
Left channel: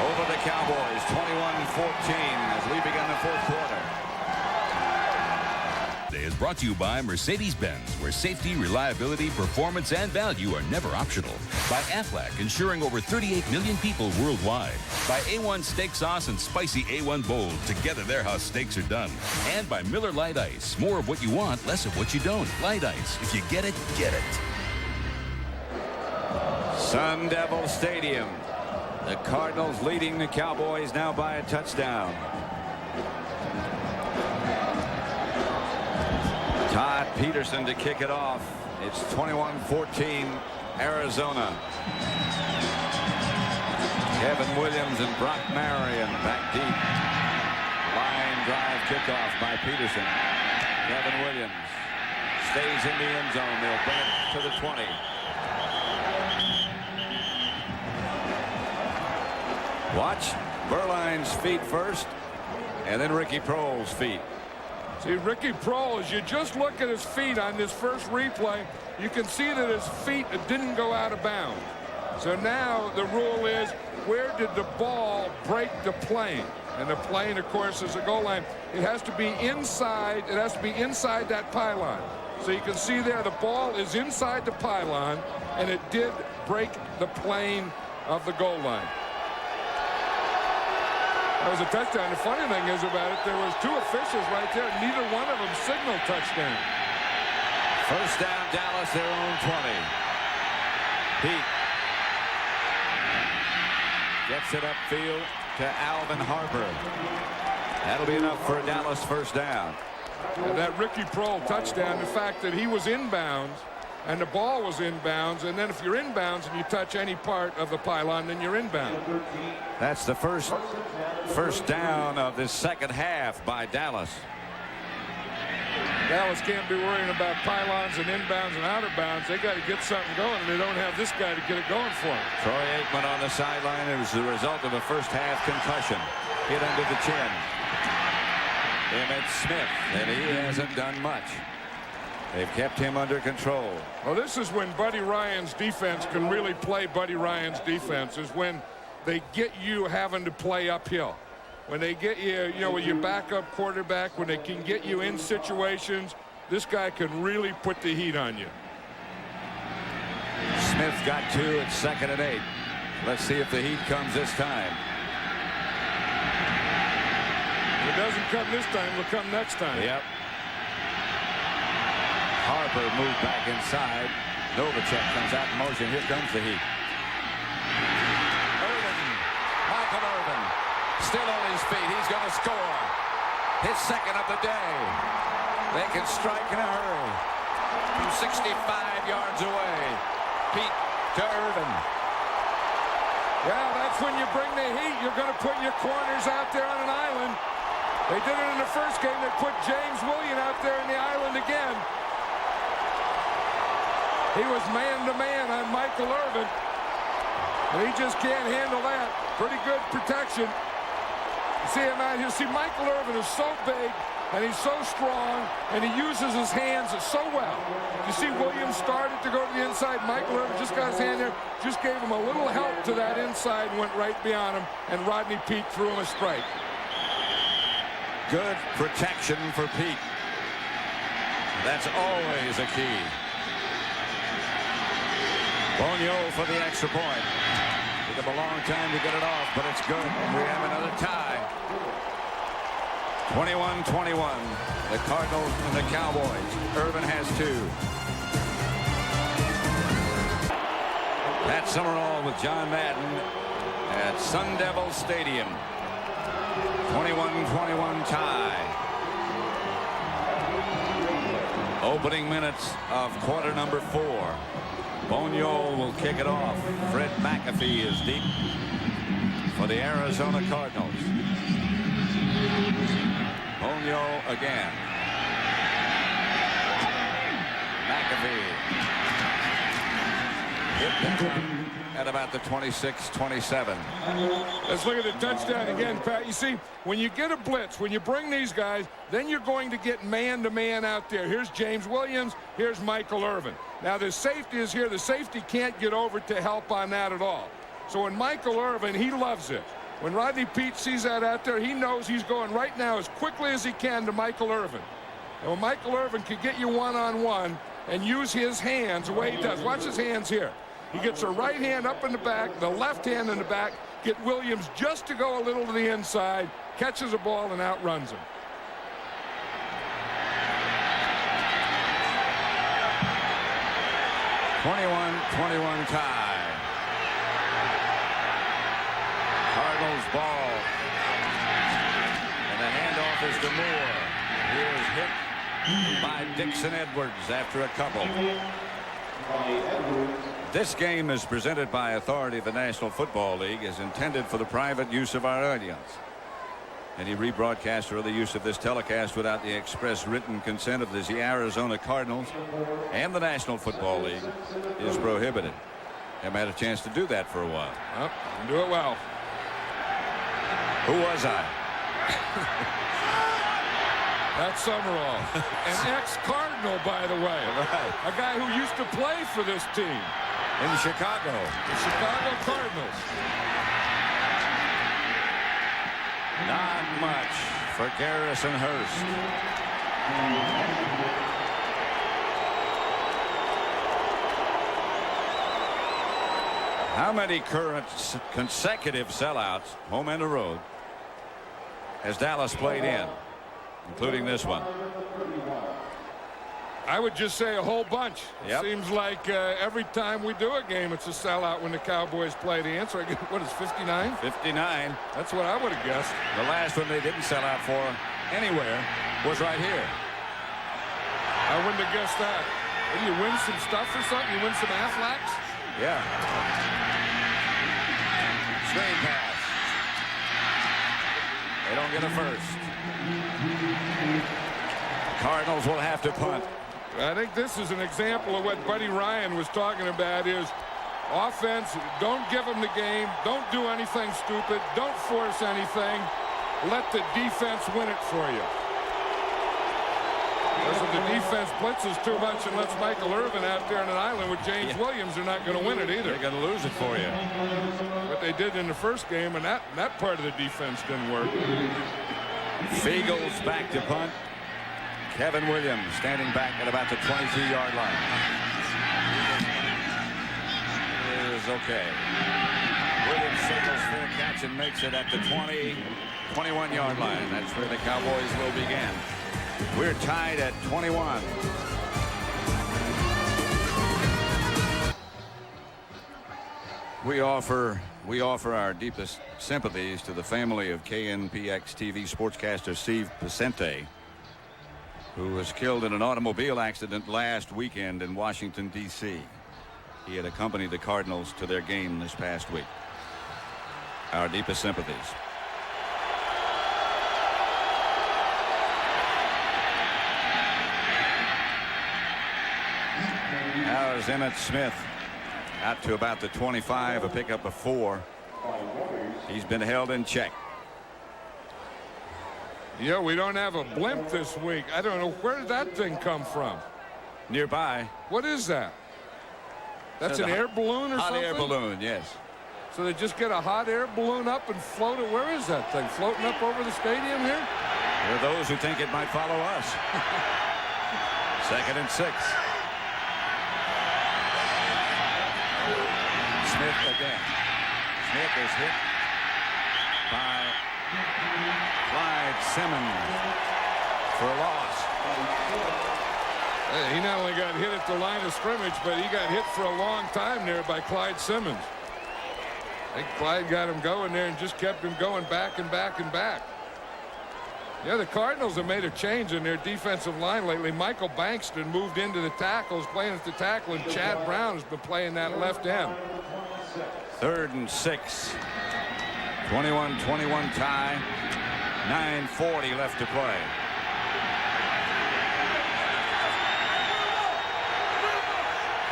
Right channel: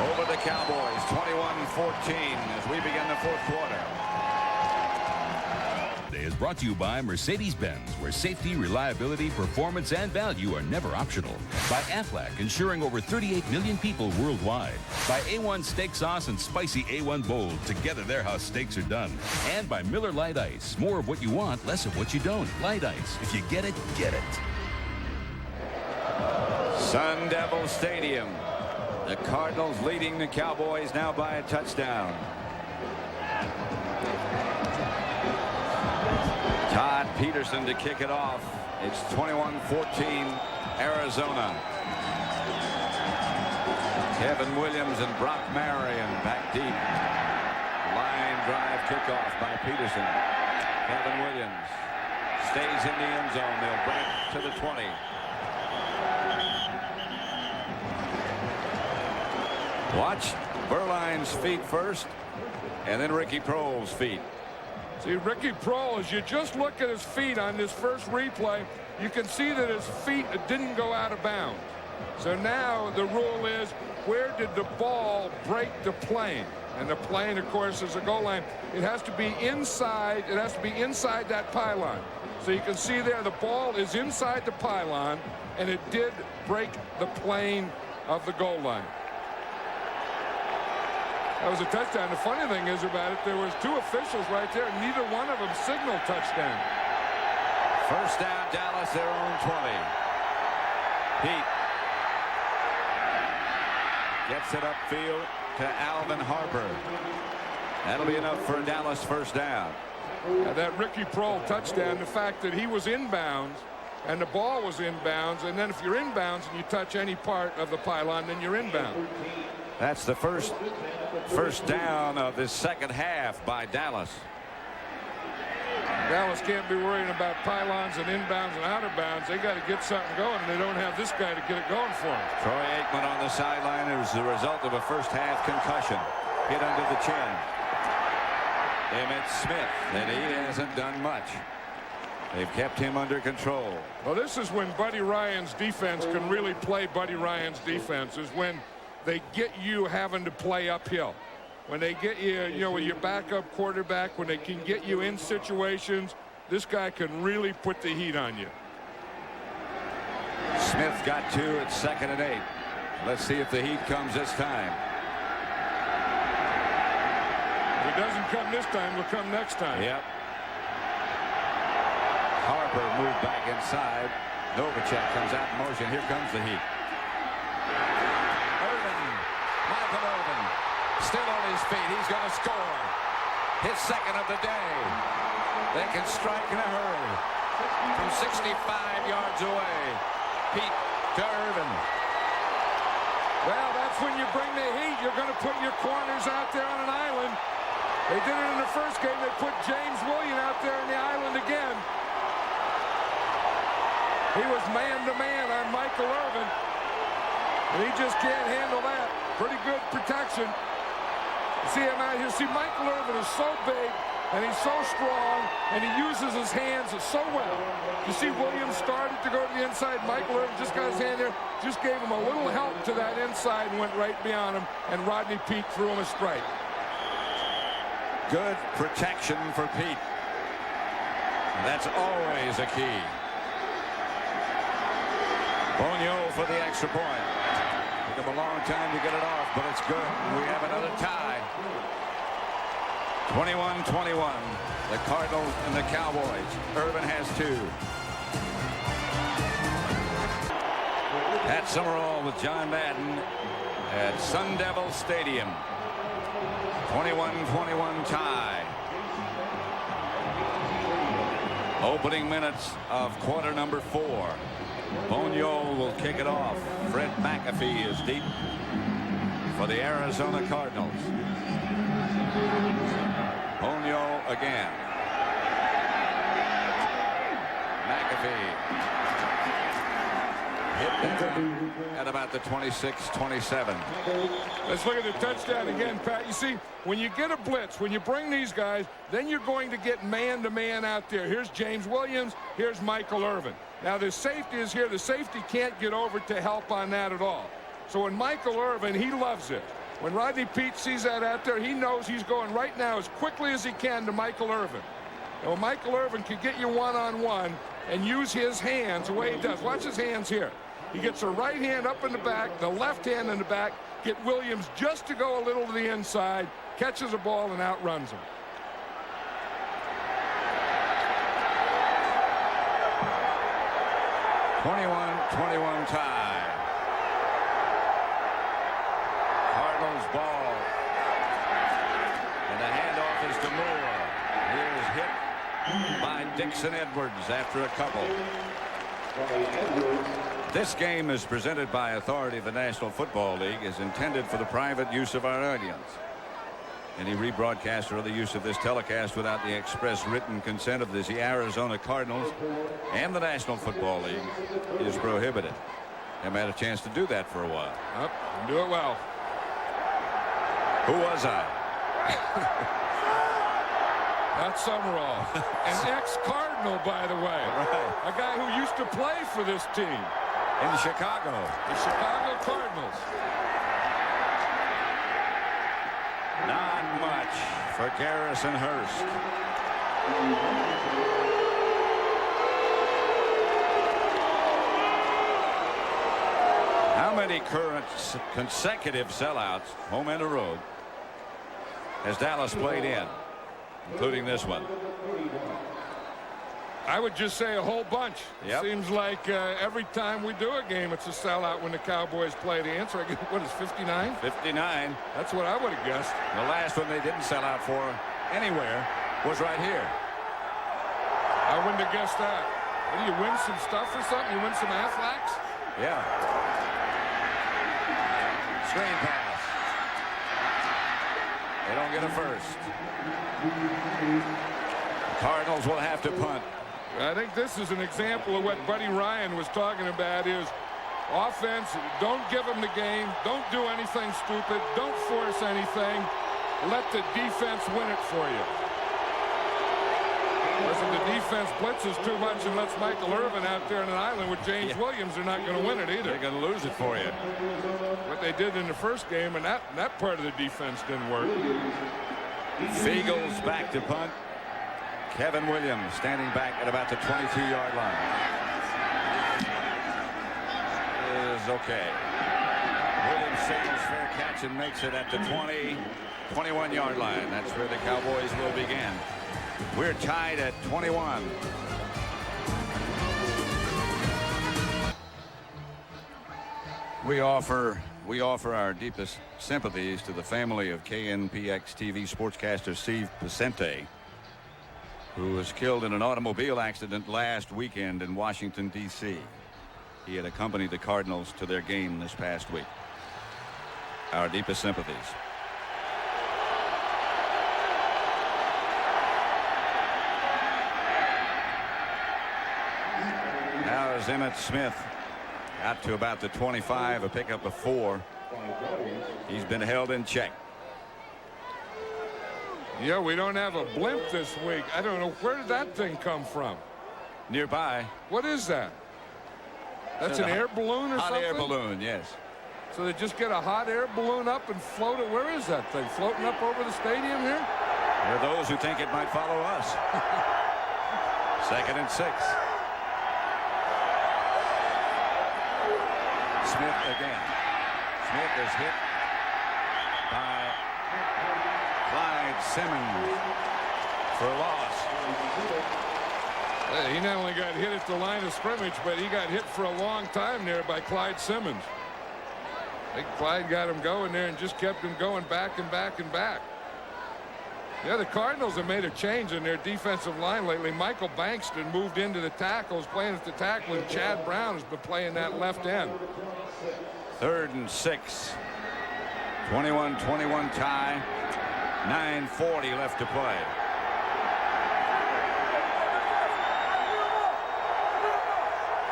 over the Cowboys, 21-14, as we begin the 4th quarter. Today is brought to you by Mercedes-Benz, where safety, reliability, performance, and value are never optional. By Aflac, insuring over 38 million people worldwide. By A1 Steak Sauce and Spicy A1 Bold. Together, they're how steaks are done. And by Miller Lite Ice. More of what you want, less of what you don't. Light Ice. If you get it, get it. Sun Devil Stadium. The Cardinals leading the Cowboys now by a touchdown. Todd Peterson to kick it off. It's 21-14 Arizona. Kevin Williams and Brock Marion back deep. Line drive kickoff by Peterson. Kevin Williams stays in the end zone. They'll bring it to the 20. Watch Berline's feet first, and then Ricky Proehl's feet. See, Ricky Proehl, as you just look at his feet on this first replay, you can see that his feet didn't go out of bounds. So now the rule is, where did the ball break the plane? And the plane, of course, is a goal line. It has to be inside. It has to be inside that pylon. So you can see there the ball is inside the pylon, and it did break the plane of the goal line. That was a touchdown. The funny thing is about it, there was two officials right there. Neither one of them signaled touchdown. First down, Dallas, their own 20. Pete gets it upfield to Alvin Harper. That'll be enough for a Dallas first down. Yeah, that Ricky Proehl touchdown, the fact that he was inbounds and the ball was inbounds, and then if you're inbounds and you touch any part of the pylon, then you're inbound. That's the first down of this second half by Dallas. Dallas can't be worrying about pylons and inbounds and out of bounds. They got to get something going, and they don't have this guy to get it going for them. Troy Aikman on the sideline. It was the result of a first half concussion. Hit under the chin. Emmitt Smith, and he hasn't done much. They've kept him under control. Well, this is when Buddy Ryan's defense can really play Buddy Ryan's defense, is when they get you having to play uphill. When they get you, with your backup quarterback, when they can get you in situations, this guy can really put the heat on you. Smith got two at 2nd and 8. Let's see if the heat comes this time. If it doesn't come this time, it'll come next time. Yep. Harper moved back inside. Novacek comes out in motion. Here comes the heat. Michael Irvin still on his feet. He's going to score his second of the day. They can strike in a hurry from 65 yards away. Pete to Irvin. Well, that's when you bring the heat. You're going to put your corners out there on an island. They did it in the first game. They put James Williams out there in the island again. He was man-to-man on Michael Irvin, and he just can't handle that. Pretty good protection. You see him out here. See, Michael Irvin is so big, and he's so strong, and he uses his hands so well. You see Williams started to go to the inside. Michael Irvin just got his hand there, just gave him a little help to that inside and went right beyond him, and Rodney Peete threw him a strike. Good protection for Pete. That's always a key. Bonio for the extra point. Took him a long time to get it off, but it's good. And we have another tie. 21-21. The Cardinals and the Cowboys. Irvin has two. Pat Summerall with John Madden at Sun Devil Stadium. 21-21 tie. Opening minutes of quarter number 4. Bonio will kick it off. Fred McAfee is deep for the Arizona Cardinals. Bonio again. McAfee hit down at about the 26-27. Let's look at the touchdown again, Pat. You see, when you get a blitz, when you bring these guys, then you're going to get man-to-man out there. Here's James Williams. Here's Michael Irvin. Now, the safety is here. The safety can't get over to help on that at all. So when Michael Irvin, he loves it. When Rodney Peete sees that out there, he knows he's going right now as quickly as he can to Michael Irvin. And when Michael Irvin can get you one-on-one and use his hands the way he does. Watch his hands here. He gets the right hand up in the back, the left hand in the back, get Williams just to go a little to the inside, catches the ball, and outruns him. Cardinals ball. And the handoff is to Moore. He is hit by Dixon Edwards after a couple. This game is presented by authority of the National Football League, is intended for the private use of our audience. Any rebroadcast or other use of this telecast without the express written consent of the Arizona Cardinals and the National Football League is prohibited. Haven't had a chance to do that for a while. Yep, do it well. Who was I? That's Summerall, an ex-Cardinal, by the way. Right. A guy who used to play for this team. In Chicago. The Chicago Cardinals. Not much for Garrison Hurst. How many current consecutive sellouts, home and the road, has Dallas played in, including this one? I would just say a whole bunch. Yep. Seems like every time we do a game, it's a sellout when the Cowboys play. The answer, I guess, what is 59? 59. That's what I would have guessed. The last one they didn't sell out for anywhere was right here. I wouldn't have guessed that. What, do you win some stuff or something? You win some Aflacs? Yeah. Screen pass. They don't get a first. Cardinals will have to punt. I think this is an example of what Buddy Ryan was talking about is offense, don't give them the game. Don't do anything stupid. Don't force anything. Let the defense win it for you. Because if the defense blitzes too much and lets Michael Irvin out there on an island with James Williams, they're not going to win it either. They're going to lose it for you. What they did in the first game, and that part of the defense didn't work. Fiegel's back to punt. Kevin Williams standing back at about the 22-yard line. Is okay. Williams signals fair catch and makes it at the 21-yard line. That's where the Cowboys will begin. We're tied at 21. We offer our deepest sympathies to the family of KNPX TV sportscaster Steve Pacente, who was killed in an automobile accident last weekend in Washington, D.C. He had accompanied the Cardinals to their game this past week. Our deepest sympathies. Now is Emmitt Smith out to about the 25, a pickup of 4. He's been held in check. Yeah, we don't have a blimp this week. I don't know, where did that thing come from? Nearby. What is that? That's an air balloon or something? Hot air balloon, yes. So they just get a hot air balloon up and float it. Where is that thing? Floating up over the stadium here? There are those who think it might follow us. 2nd and 6. Smith again. Smith is hit by Clyde Simmons for a loss. He not only got hit at the line of scrimmage, but he got hit for a long time there by Clyde Simmons. I think Clyde got him going there and just kept him going back and back and back. Yeah, the Cardinals have made a change in their defensive line lately. Michael Bankston moved into the tackles, playing at the tackle, and Chad Brown has been playing that left end. 3rd and 6. 21-21 tie. 9:40 left to play.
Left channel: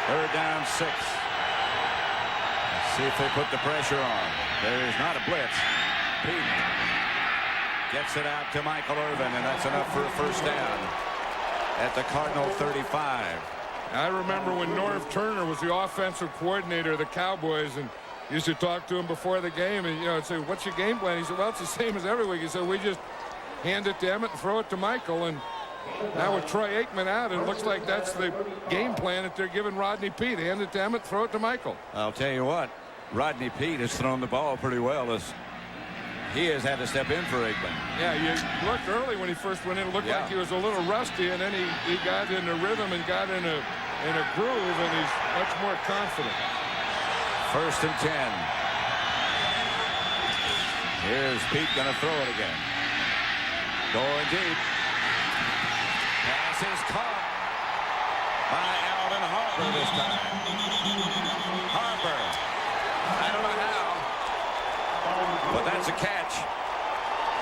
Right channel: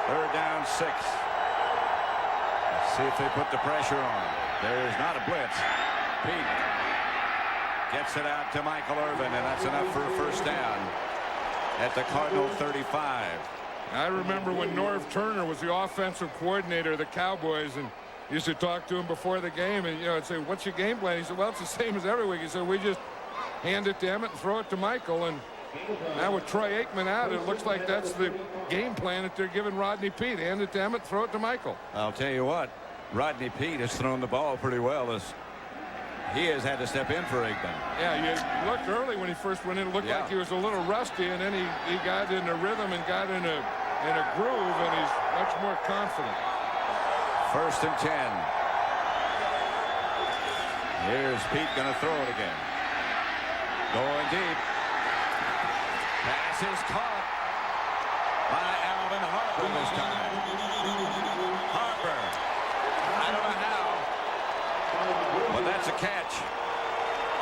Third down 6. Let's see if they put the pressure on. There is not a blitz. Pete gets it out to Michael Irvin, and that's enough for a first down at the Cardinal 35. I remember when Norv Turner was the offensive coordinator of the Cowboys, and used to talk to him before the game, and I'd say, what's your game plan? He said, well, it's the same as every week. He said, we just hand it to Emmitt and throw it to Michael. And now with Troy Aikman out, it looks like that's the game plan that they're giving Rodney Peete. Hand it to Emmitt, throw it to Michael. I'll tell you what, Rodney Peete has thrown the ball pretty well as he has had to step in for Aikman. Yeah, you looked early when he first went in. It looked like he was a little rusty, and then he got in a rhythm and got in a groove, and he's much more confident. 1st and 10. Here's Pete going to throw it again. Going deep. Pass is caught by Alvin Harper this time. Harper. I don't know how, but that's a catch.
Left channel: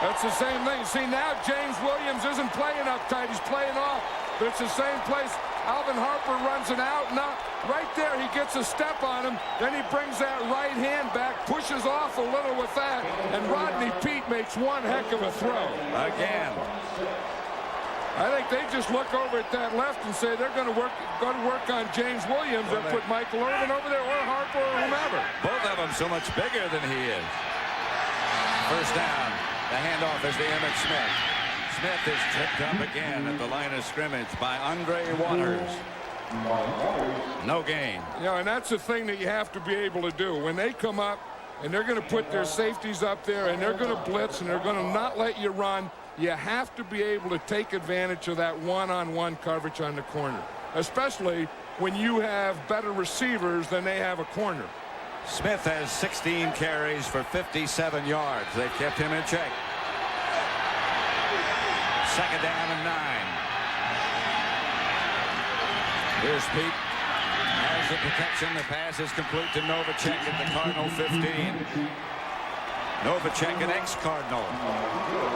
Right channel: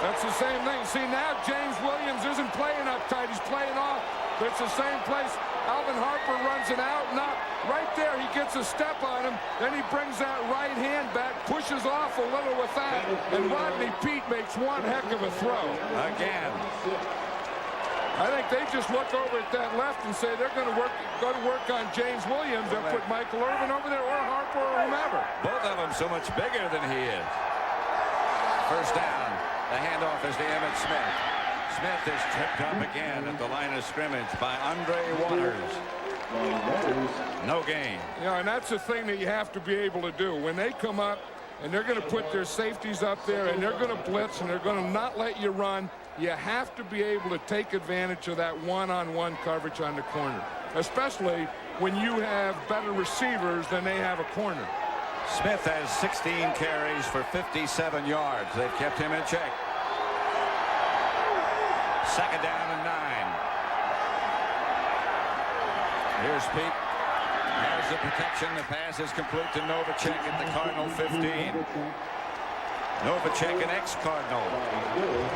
That's the same thing. See, now James Williams isn't playing up tight. He's playing off, but it's the same place. Alvin Harper runs an out and up. Right there, he gets a step on him. Then he brings that right hand back, pushes off a little with that, and Rodney Peete makes one heck of a throw. Again. I think they just look over at that left and say they're going to work on James Williams and put Michael Irvin over there or Harper or whomever. Both of them so much bigger than he is. First down. The handoff is to Emmitt Smith. Smith is tripped up again at the line of scrimmage by Andre Waters. No gain. You know, and that's the thing that you have to be able to do. When they come up and they're going to put their safeties up there and they're going to blitz and they're going to not let you run, you have to be able to take advantage of that one-on-one coverage on the corner, especially when you have better receivers than they have a corner. Smith has 16 carries for 57 yards. They've kept him in check. Second down and 9. Here's Pete. Has the protection. The pass is complete to Novacek at the Cardinal 15. Novacek, an ex-Cardinal.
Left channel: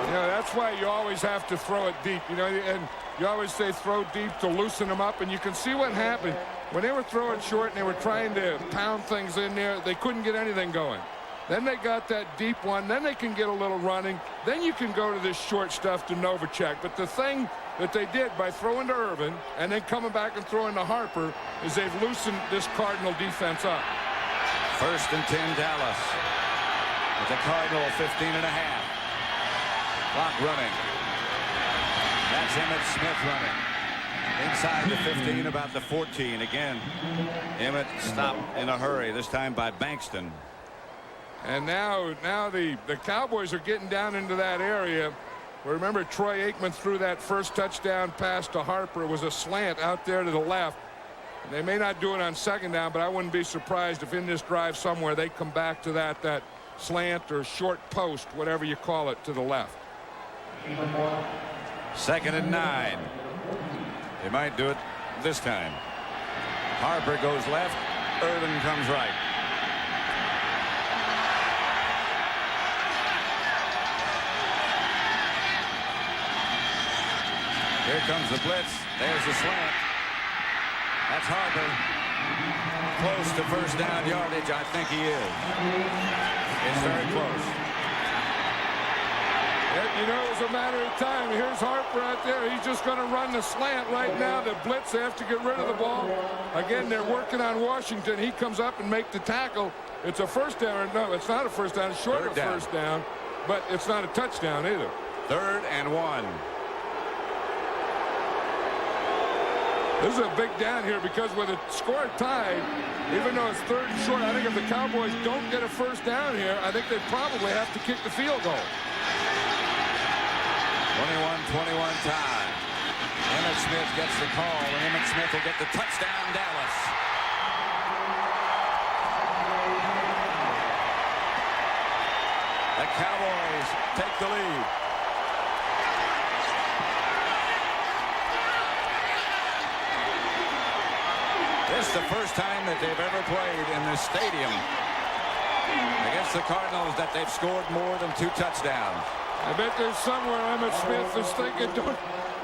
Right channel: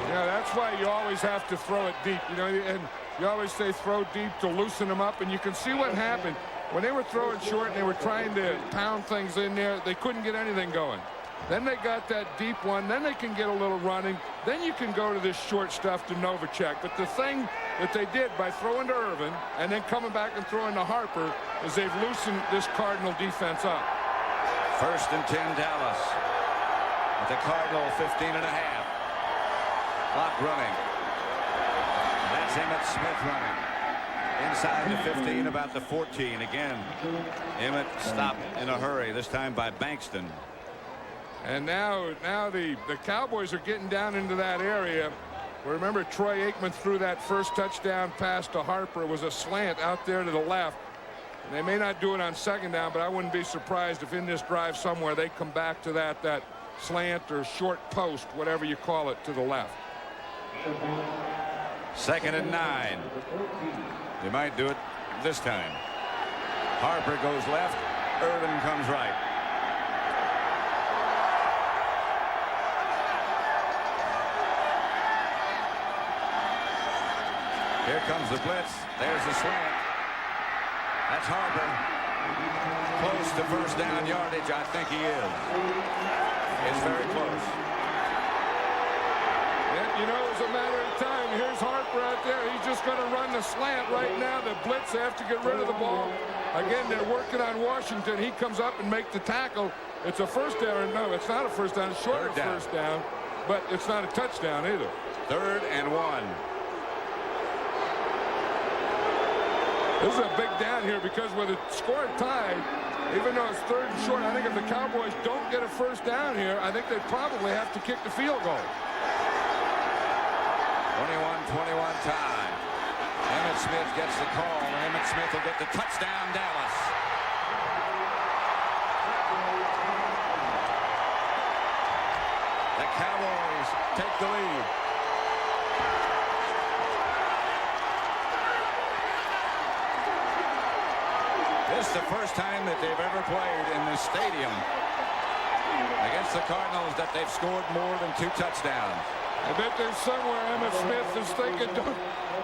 You know, that's why you always have to throw it deep. You know, and you always say throw deep to loosen them up. And you can see what happened. When they were throwing short and they were trying to pound things in there, they couldn't get anything going. Then they got that deep one. Then they can get a little running. Then you can go to this short stuff to Novacek. But the thing that they did by throwing to Irvin and then coming back and throwing to Harper is they've loosened this Cardinal defense up. First and 10, Dallas. At the Cardinal 15.5. Clock running. That's Emmitt Smith running. Inside the 15, about the 14. Again, Emmitt stopped in a hurry, this time by Bankston. And now the Cowboys are getting down into that area. Remember, Troy Aikman threw that first touchdown pass to Harper. It was a slant out there to the left. And they may not do it on second down, but I wouldn't be surprised if in this drive somewhere they come back to that slant or short post, whatever you call it, to the left. Second and 9. They might do it this time. Harper goes left. Irvin comes right. Here comes the blitz. There's the slant. That's Harper. Close to first down yardage. I think he is. It's very close. Yeah, you know, it's a matter of time. Here's Harper out there. He's just going to run the slant right now. The blitz, they have to get rid of the ball. Again, they're working on Washington. He comes up and makes the tackle. It's a first down. No, it's not a first down. It's short of first down, but it's not a touchdown either. 3rd and 1. This is a big down here because with the score tied, even though it's 3rd and short, I think if the Cowboys don't get a first down here, I think they probably have to kick the field goal. 21-21 tie. Emmitt Smith gets the call, and Emmitt Smith will get the touchdown, Dallas. The Cowboys take the lead. This is the first time that they've ever played in this stadium against the Cardinals that they've scored more than 2 touchdowns. I bet there's somewhere Emmitt Smith is thinking,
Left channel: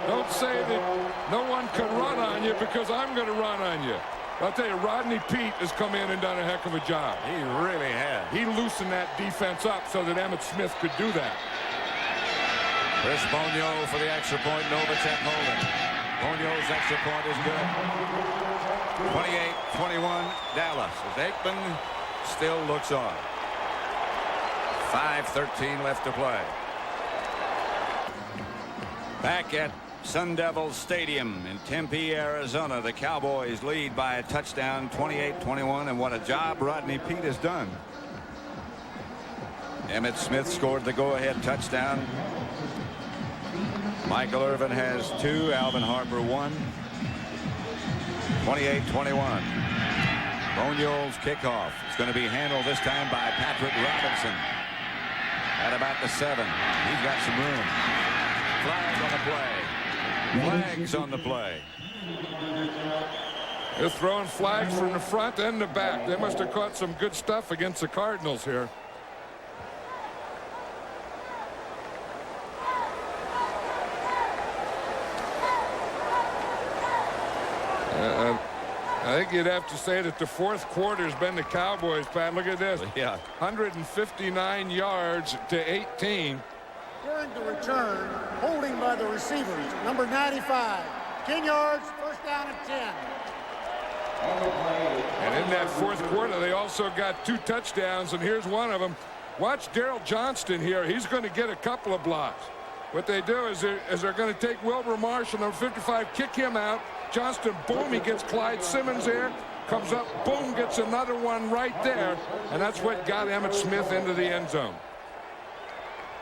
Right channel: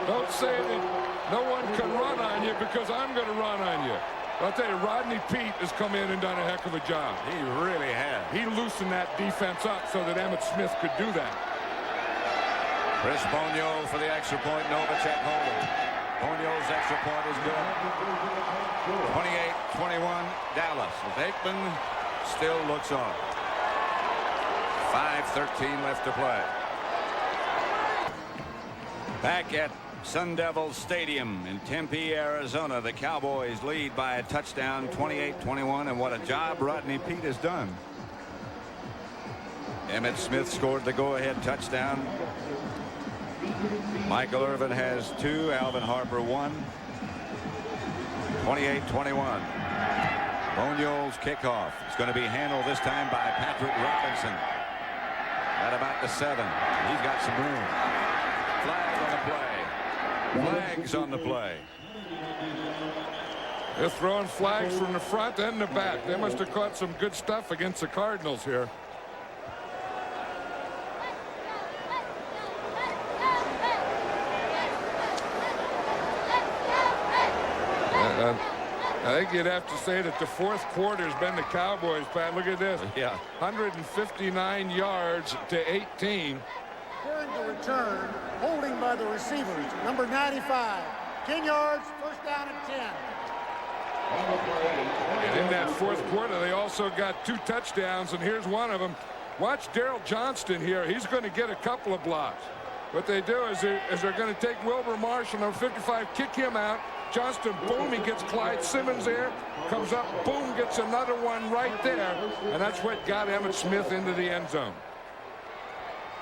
don't say that no one can run on you because I'm going to run on you. I'll tell you, Rodney Peete has come in and done a heck of a job. He really has. He loosened that defense up so that Emmitt Smith could do that. Chris Bonio for the extra point. Novacek holding. Bonio's extra point is good. 28-21 Dallas as Aikman still looks on. 5:13 left to play. Back at Sun Devil Stadium in Tempe, Arizona, the Cowboys lead by a touchdown, 28-21, and what a job Rodney Peete has done. Emmitt Smith scored the go-ahead touchdown. Michael Irvin has 2, Alvin Harper 1. 28-21. Bonio's kickoff is going to be handled this time by Patrick Robinson. At about the 7. He's got some room. Flag on the play. Flags on the play. They're throwing flags from the front and the back. They must have caught some good stuff against the Cardinals here. I think you'd have to say that the fourth quarter has been the Cowboys, Pat. Look at this. Yeah. 159 yards to 18. During the return, holding by the receivers, number 95. 10 yards, first down and 10. And in that fourth quarter, they also got 2 touchdowns, and here's one of them. Watch Daryl Johnston here. He's going to get a couple of blocks. What they do is they're going to take Wilbur Marshall, number 55, kick him out. Johnston, boom, he gets Clyde Simmons there. Comes up, boom, gets another one right there. And that's what got Emmitt Smith into the end zone.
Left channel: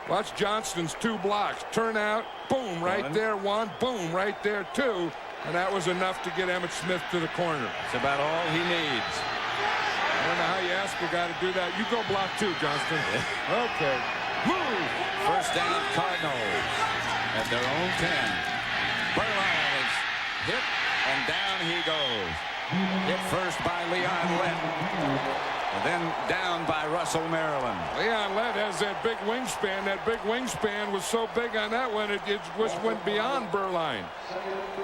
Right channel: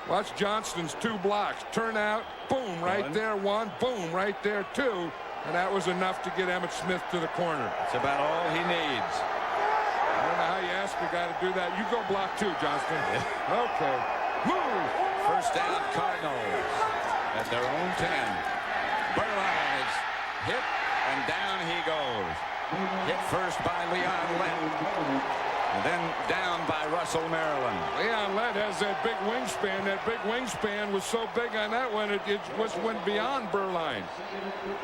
Watch Johnston's 2 blocks. Turn out, boom, right there, 1. Boom, right there, 2. And that was enough to get Emmitt Smith to the corner. It's about all he needs. I don't know how you ask a guy to do that. You go block 2, Johnston. Yeah. Okay. Move. First down, Cardinals at their own 10. Burline is hit, and down he goes. Hit first by Leon Lett, and then down by Russell Maryland. Leon Lett has that big wingspan. That big wingspan was so big on that one, it went beyond Burline.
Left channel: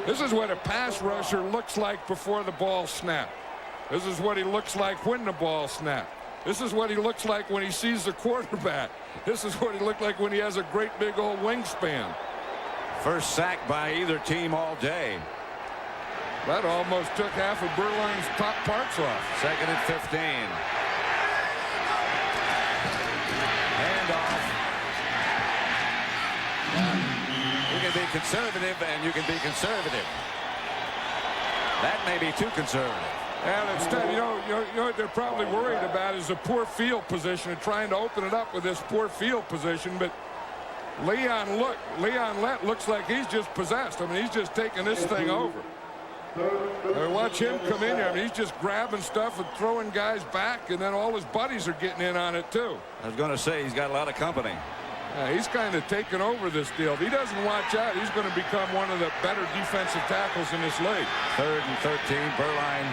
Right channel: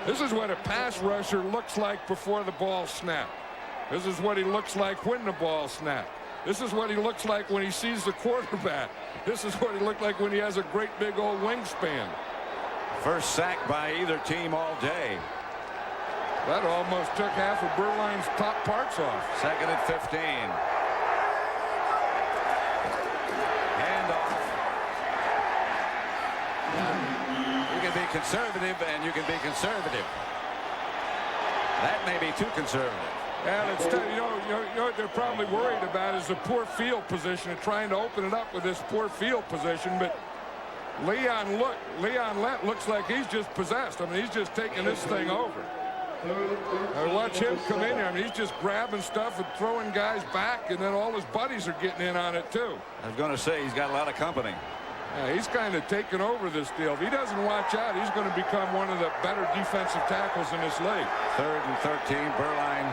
This is what a pass rusher looks like before the ball snapped. This is what he looks like when the ball snapped. This is what he looks like when he sees the quarterback. This is what he looked like when he has a great big old wingspan. First sack by either team all day. That almost took half of Burline's top parts off. Second and 15. Handoff. You can be conservative, and you can be conservative. That may be too conservative. And instead, you know what they're probably worried about is the poor field position and trying to open it up with this poor field position. But Leon Lett looks like he's just possessed. I mean, he's just taking this thing over. Watch him come in here. I mean, he's just grabbing stuff and throwing guys back, and then all his buddies are getting in on it too. I was going to say he's got a lot of company. Yeah, he's kind of taken over this deal. If he doesn't watch out, he's going to become one of the better defensive tackles in this league. Third and 13. Burline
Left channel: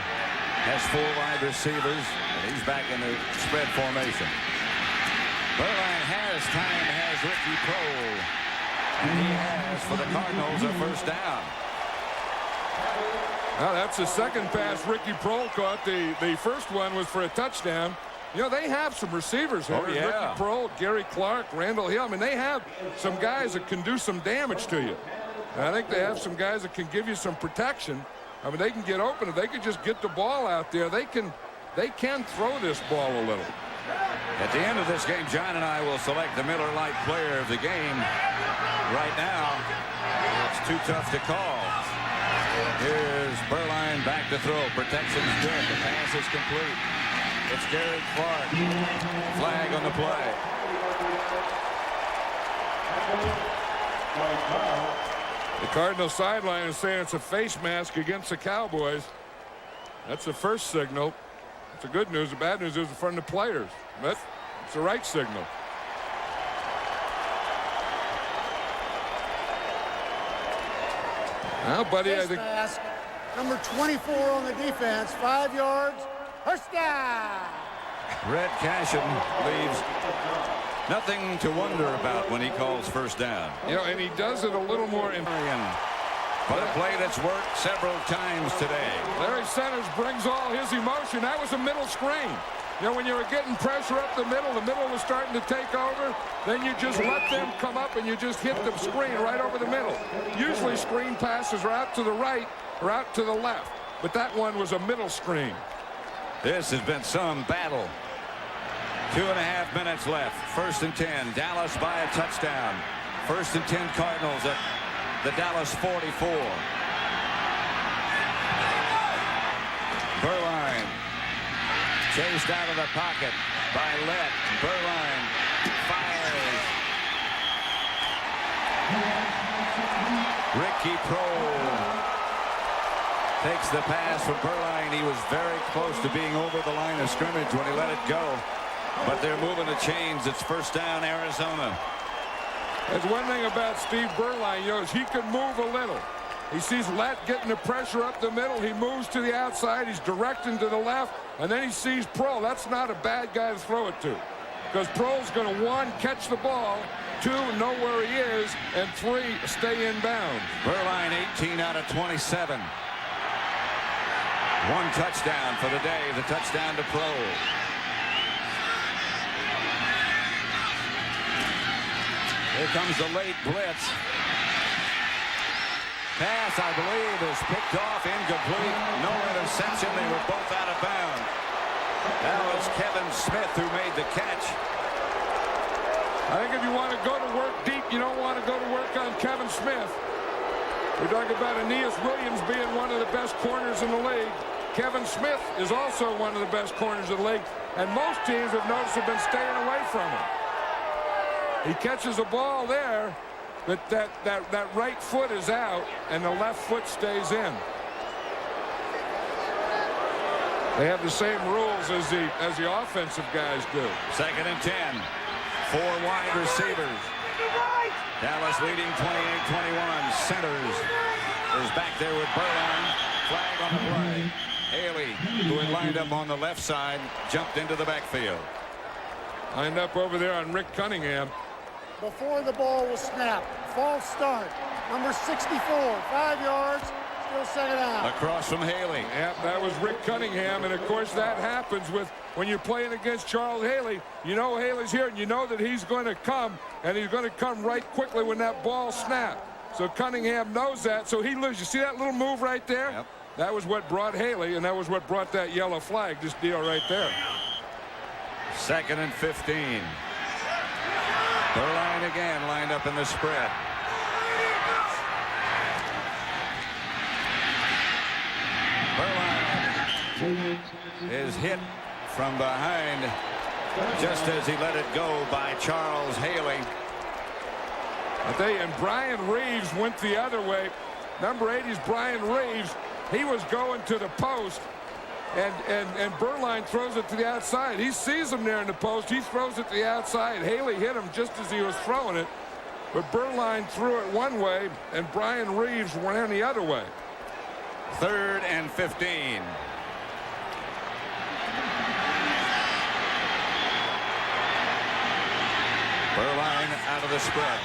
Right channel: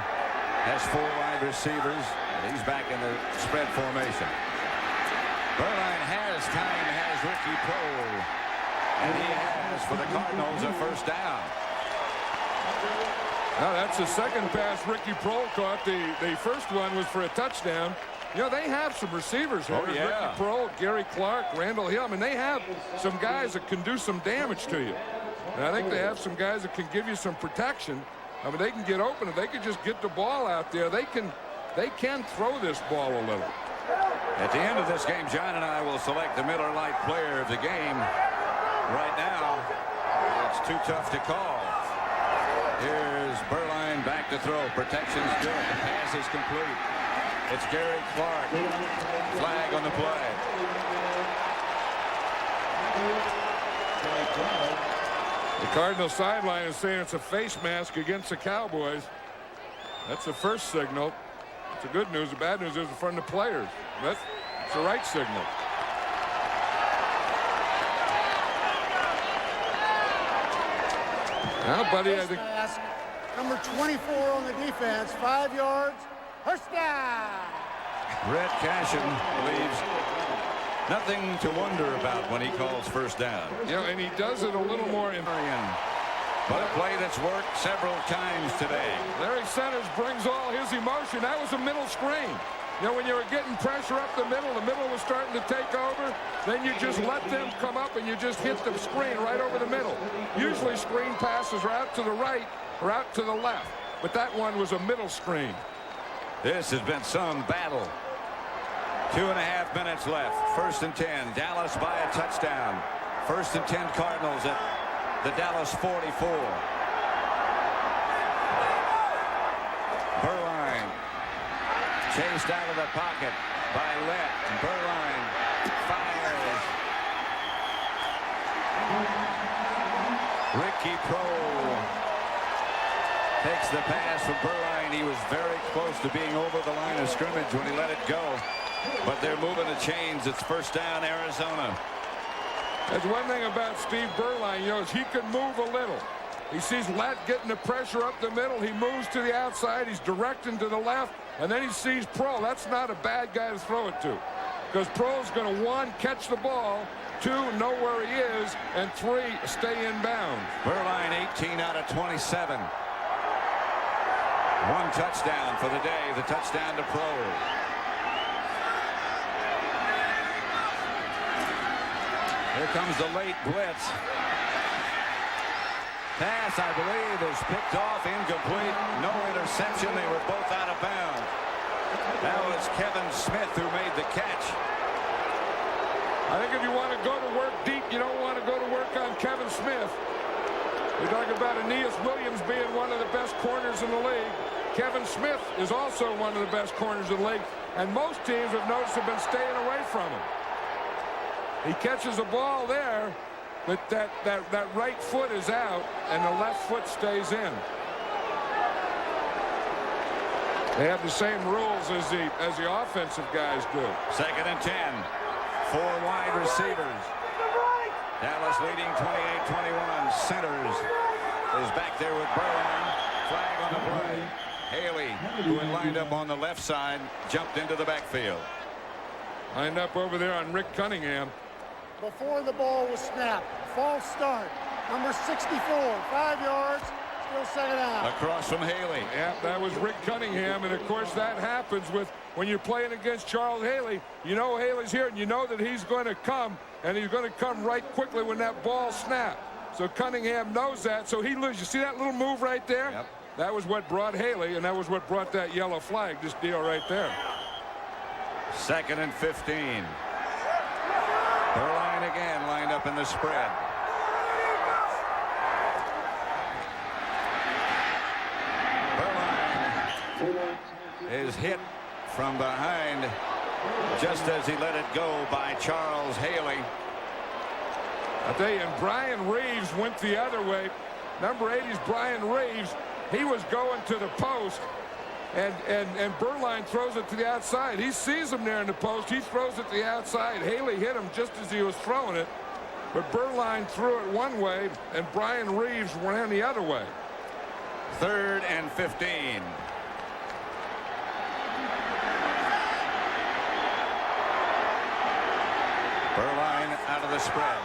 has 4 wide receivers, and he's back in the spread formation. Burline has time, has Ricky Prohl, and he has for the Cardinals a first down. Now that's the second pass Ricky Prohl caught. The first one was for a touchdown. You know, they have some receivers here. Oh, yeah. Ricky Prohl, Gary Clark, Randall Hill. I mean, they have some guys that can do some damage to you. And I think they have some guys that can give you some protection. I mean, they can get open. If they could just get the ball out there, they can throw this ball a little. At the end of this game, John and I will select the Miller Lite player of the game. Right now, it's too tough to call. Here's Burline back to throw. Protection's good. The pass is complete. It's Gary Clark. Flag on the play. The Cardinal sideline is saying it's a face mask against the Cowboys. That's the first signal. It's the good news. The bad news is in front of the players. But it's the right signal. Now, buddy, I think mask, number 24 on the defense, 5 yards, first down. Red Cashin leaves nothing to wonder about when he calls first down. You know, and he does it a little more in. But a play that's worked several times today. Larry Centers brings all his emotion. That was a middle screen. You know, when you were getting pressure up the middle was starting to take over, then you just let them come up and you just hit the screen right over the middle. Usually screen passes are out to the right or out to the left, but that one was a middle screen. This has been some battle. 2.5 minutes left. First and 10. Dallas by a touchdown. First and 10 Cardinals at the Dallas 44. Burline chased out of the pocket by Lett. Burline fires. Ricky Prohl takes the pass from Burline. He was very close to being over the line of scrimmage when he let it go. But they're moving the chains. It's first down, Arizona. That's one thing about Steve Beuerlein, you know, is he can move a little. He sees Lett getting the pressure up the middle. He moves to the outside. He's directing to the left. And then he sees Prohl. That's not a bad guy to throw it to. Because Prohl's going to, 1, catch the ball, 2, know where he is, and 3, stay in bounds. Beuerlein 18 out of 27. 1 touchdown for the day. The touchdown to Prohl. Here comes the late blitz. Pass, I believe, is picked off, incomplete. No interception. They were both out of bounds. That was Kevin Smith who made the catch. I think if you want to go to work deep, you don't want to go to work on Kevin Smith. We talk about Aeneas Williams being one of the best corners in the league. Kevin Smith is also one of the best corners in the league. And most teams have noticed have been staying away from him. He catches a ball there, but that right foot is out, and the left foot stays in. They have the same rules as the offensive guys do. 2nd and 10. 4 wide receivers. Dallas leading 28-21. Centers is back there with Beuerlein. Flag on the play. Haley, who had lined up on the left side, jumped into the backfield. Lined up over there on Rick Cunningham. Before the ball was snapped. False start. Number 64, 5 yards, still 2nd down. Across from Haley. Yeah, that was Rick Cunningham, and of course that happens when you're playing against Charles Haley. You know Haley's here, and you know that he's going to come, and he's going to come right quickly when that ball snapped. So Cunningham knows that, so he loses. You see that little move right there? Yep. That was what brought Haley, and that was what brought that yellow flag, this deal right there. 2nd and 15. Beuerlein again lined up in the spread. Beuerlein is hit from behind just as he let it go by Charles Haley. I tell you, and Brian Reeves went the other way. Number 80's Brian Reeves. He was going to the post, and Beuerlein throws it to the outside. He sees him there in the post. He throws it to the outside. Haley hit him just as he was throwing it, but Beuerlein threw it one way, and Brian Reeves ran the other way. 3rd and 15. Beuerlein out of the spread.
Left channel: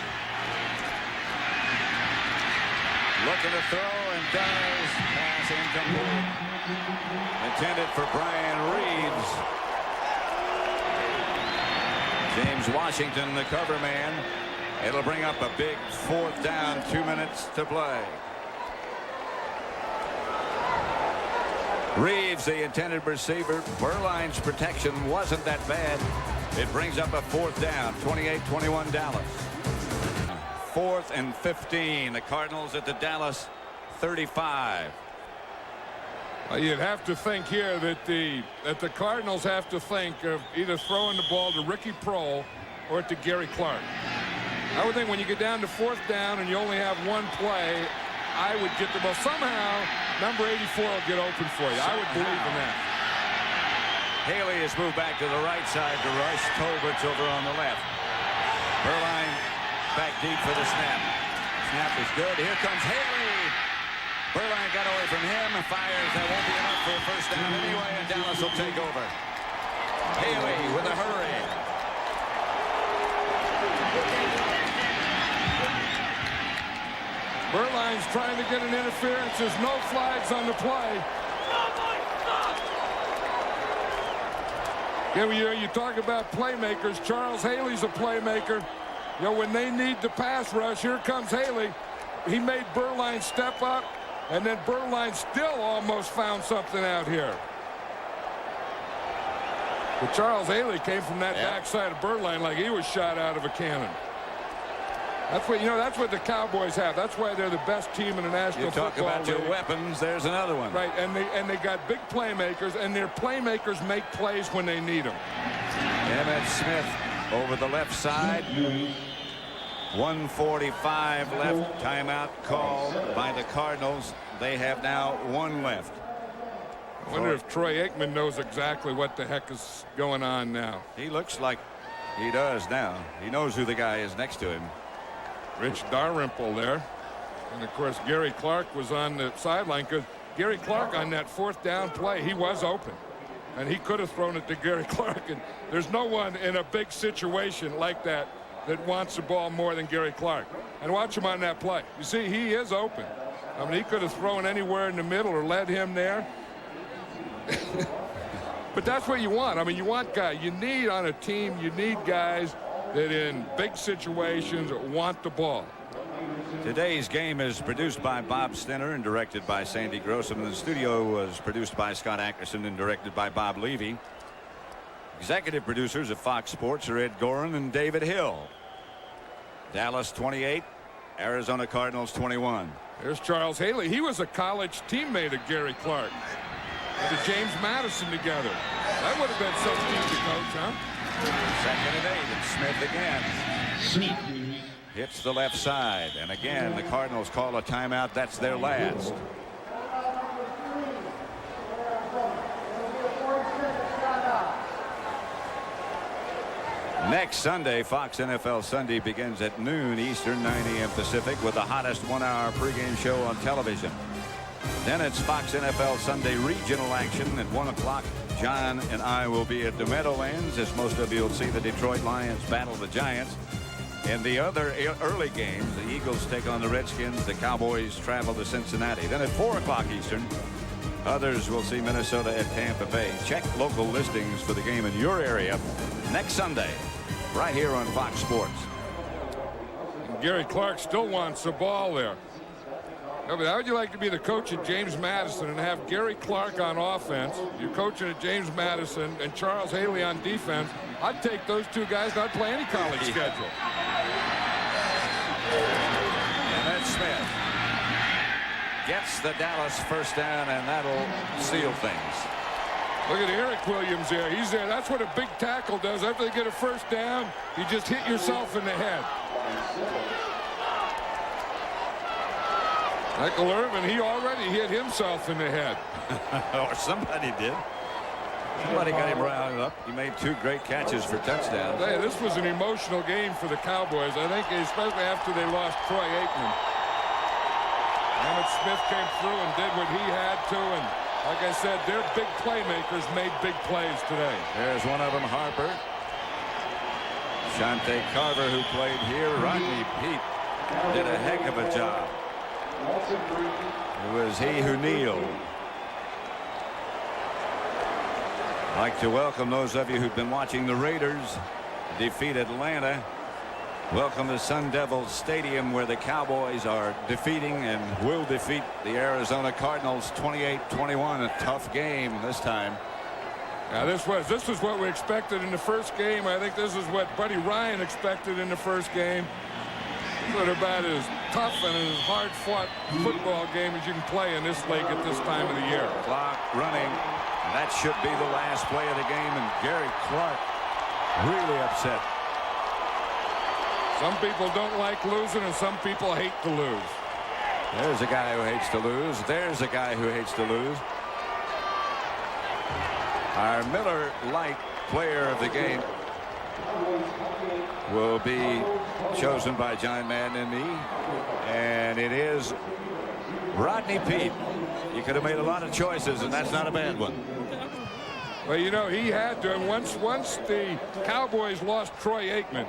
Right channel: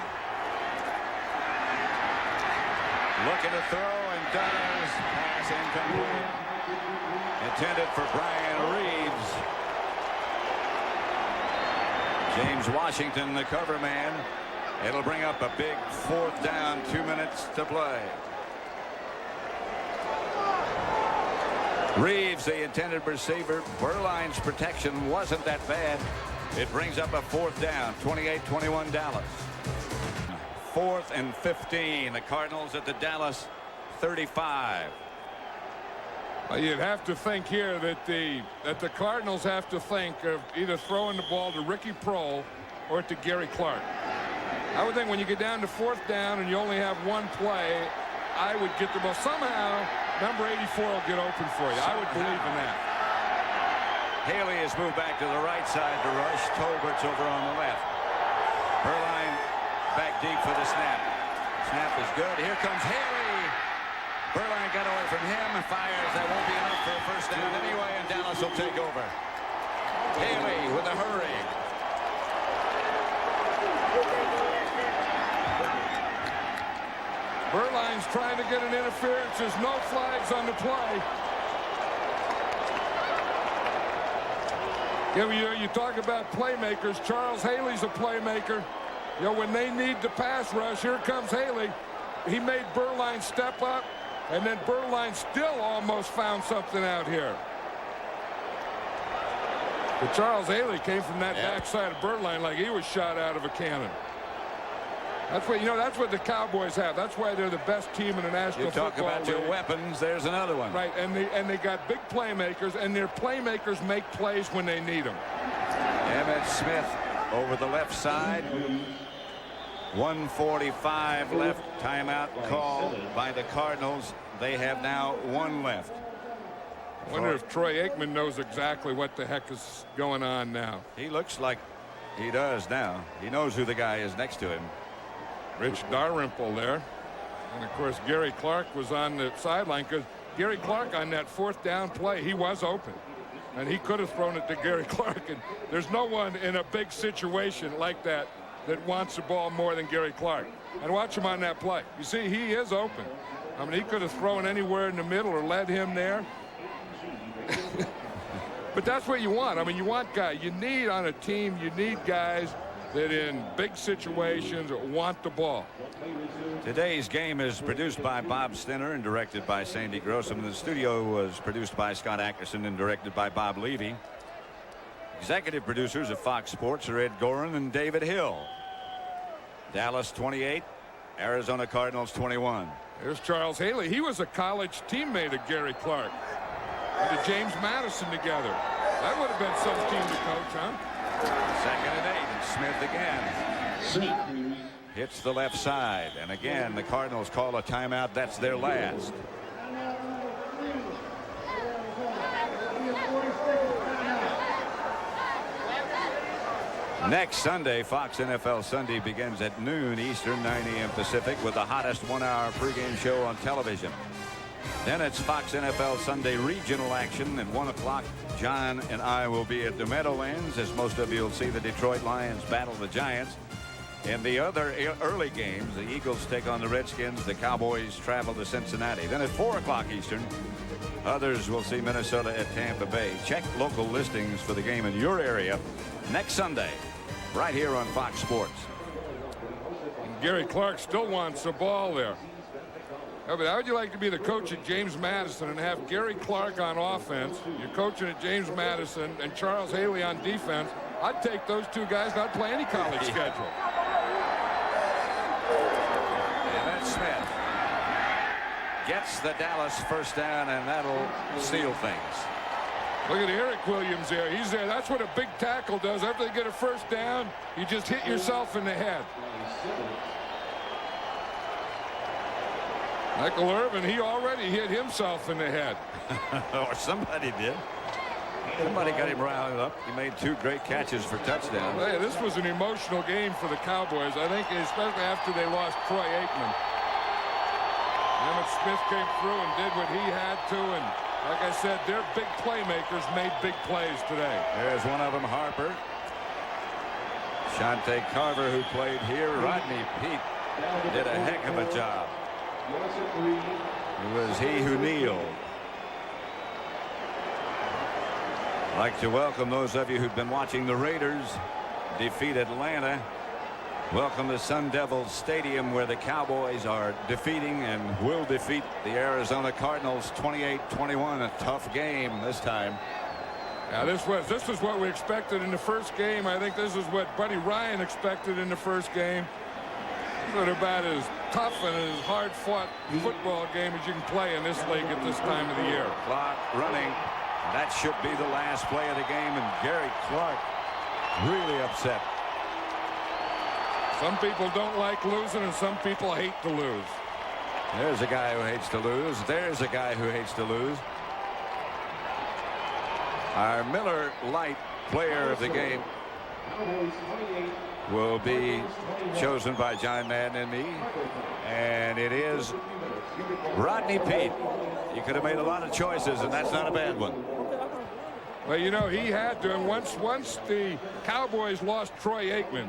Looking to throw and does. Pass incomplete. Intended for Brian Reeves. James Washington, the cover man. It'll bring up a big 4th down, 2 minutes to play. Reeves, the intended receiver. Beuerlein's protection wasn't that bad. It brings up a 4th down, 28-21 Dallas. 4th and 15. The Cardinals at the Dallas 35. Well, you'd have to think here that the Cardinals have to think of either throwing the ball to Ricky Prohl or to Gary Clark. I would think when you get down to 4th down and you only have one play, I would get the ball. Somehow, number 84 will get open for you. I would believe in that. Haley has moved back to the right side to rush. Colbert's over on the left. Beuerlein back deep for the snap. Snap is good. Here comes Haley. Beuerlein got away from him and fires. That won't be enough for a 1st down anyway, and Dallas will take over. Haley with a hurry. Beuerlein's trying to get an interference. There's no flags on the play. Yeah, you talk about playmakers. Charles Haley's a playmaker. You know, when they need the pass rush, here comes Haley. He made Beuerlein step up, and then Beuerlein still almost found something out here. But Charles Haley came from that backside of Beuerlein like he was shot out of a cannon. That's what, you know, that's what the Cowboys have. That's why they're the best team in the National Football League. You talk about your weapons, there's another one. Right, and they got big playmakers, and their playmakers make plays when they need them. Emmitt Smith over the left side. 1:45 left. Timeout called by the Cardinals. They have now 1 left. I wonder if Troy Aikman knows exactly what the heck is going on now. He looks like he does now. He knows who the guy is next to him. Rich Dalrymple there. And, of course, Gary Clark was on the sideline because Gary Clark on that 4th down play, he was open. And he could have thrown it to Gary Clark. And there's no one in a big situation like that that wants the ball more than Gary Clark. And watch him on that play. You see, he is open. I mean, he could have thrown anywhere in the middle or led him there. But that's what you want. I mean, you want guys. You need on a team, you need guys that in big situations want the ball. Today's game is produced by Bob Stenner and directed by Sandy Grossman. The studio was produced by Scott Ackerson and directed by Bob Levy. Executive producers of Fox Sports are Ed Gorin and David Hill. Dallas 28, Arizona Cardinals 21. There's Charles Haley. He was a college teammate of Gary Clark. And to James Madison together. That would have been some team to coach, huh? 2nd and 8, and Smith again. Smith Hits the left side, and again the Cardinals call a timeout. That's their last. Next Sunday, Fox NFL Sunday begins at noon Eastern, 9 a.m. Pacific, with the hottest 1-hour pregame show on television. Then it's Fox NFL Sunday regional action at 1 o'clock. John and I will be at the Meadowlands, as most of you will see the Detroit Lions battle the Giants. In the other early games, the Eagles take on the Redskins. The Cowboys travel to Cincinnati. Then at 4 o'clock Eastern, others will see Minnesota at Tampa Bay. Check local listings for the game in your area next Sunday, right here on Fox Sports. And Gary Clark still wants the ball there. Yeah, but how would you like to be the coach at James Madison and have Gary Clark on offense? You're coaching at James Madison and Charles Haley on defense. I'd take those two guys, not play any college schedule. And then Smith gets the Dallas 1st down, and that'll seal things. Look at Eric Williams there. He's there. That's what a big tackle does. After they get a 1st down, you just hit yourself in the head. Michael Irvin, he already hit himself in the head. Or somebody did. Somebody got him riled up. He made 2 great catches for touchdowns. Hey, this was an emotional game for the Cowboys, I think, especially after they lost Troy Aikman. Emmitt Smith came through and did what he had to, and like I said, their big playmakers made big plays today. There's one of them, Harper. Shante Carver, who played here. Rodney Peete did a heck of a job. It was he who kneeled. I'd like to welcome those of you who've been watching the Raiders defeat Atlanta. Welcome to Sun Devil Stadium, where the Cowboys are defeating and will defeat the Arizona Cardinals 28-21. A tough game this time. Now this was what we expected in the first game. I think this is what Buddy Ryan expected in the first game. Sort of about as tough and as hard-fought football game as you can play in this league at this time of the year. Clock running. That should be the last play of the game, and Gary Clark really upset. Some people don't like losing, and some people hate to lose. There's a guy who hates to lose. There's a guy who hates to lose. Our Miller Lite player of the game will be chosen by John Madden and me, and it is Rodney Peete. You could have made a lot of choices, and that's not a bad one. Well, you know, he had to, and once the Cowboys lost Troy Aikman,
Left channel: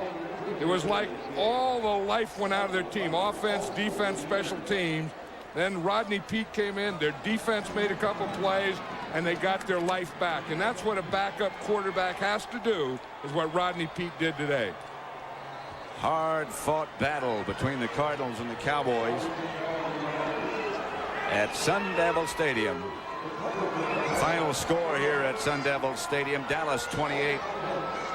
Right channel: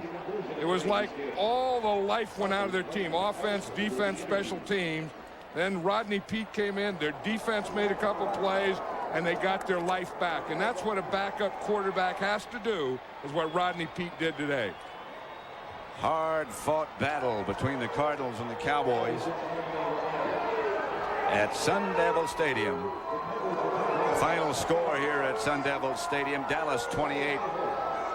it was like all the life went out of their team. Offense, defense, special teams. Then Rodney Peete came in. Their defense made a couple plays, and they got their life back. And that's what a backup quarterback has to do, is what Rodney Peete did today. Hard-fought battle between the Cardinals and the Cowboys at Sun Devil Stadium. Final score here at Sun Devil Stadium: Dallas 28,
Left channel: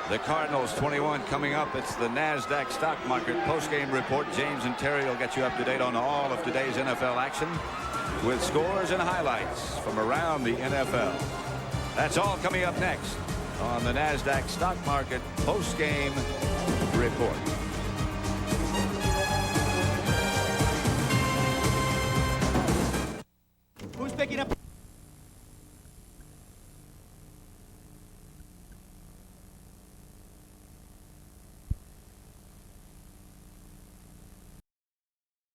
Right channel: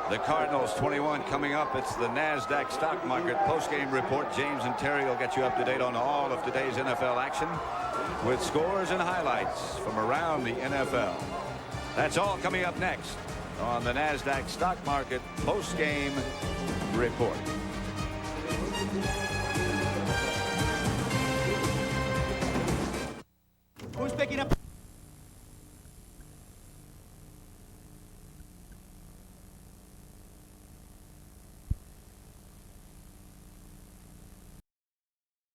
the Cardinals 21. Coming up, it's the NASDAQ stock market postgame report. James and Terry will get you up to date on all of today's NFL action with scores and highlights from around the NFL. That's all coming up next on the NASDAQ stock market postgame report.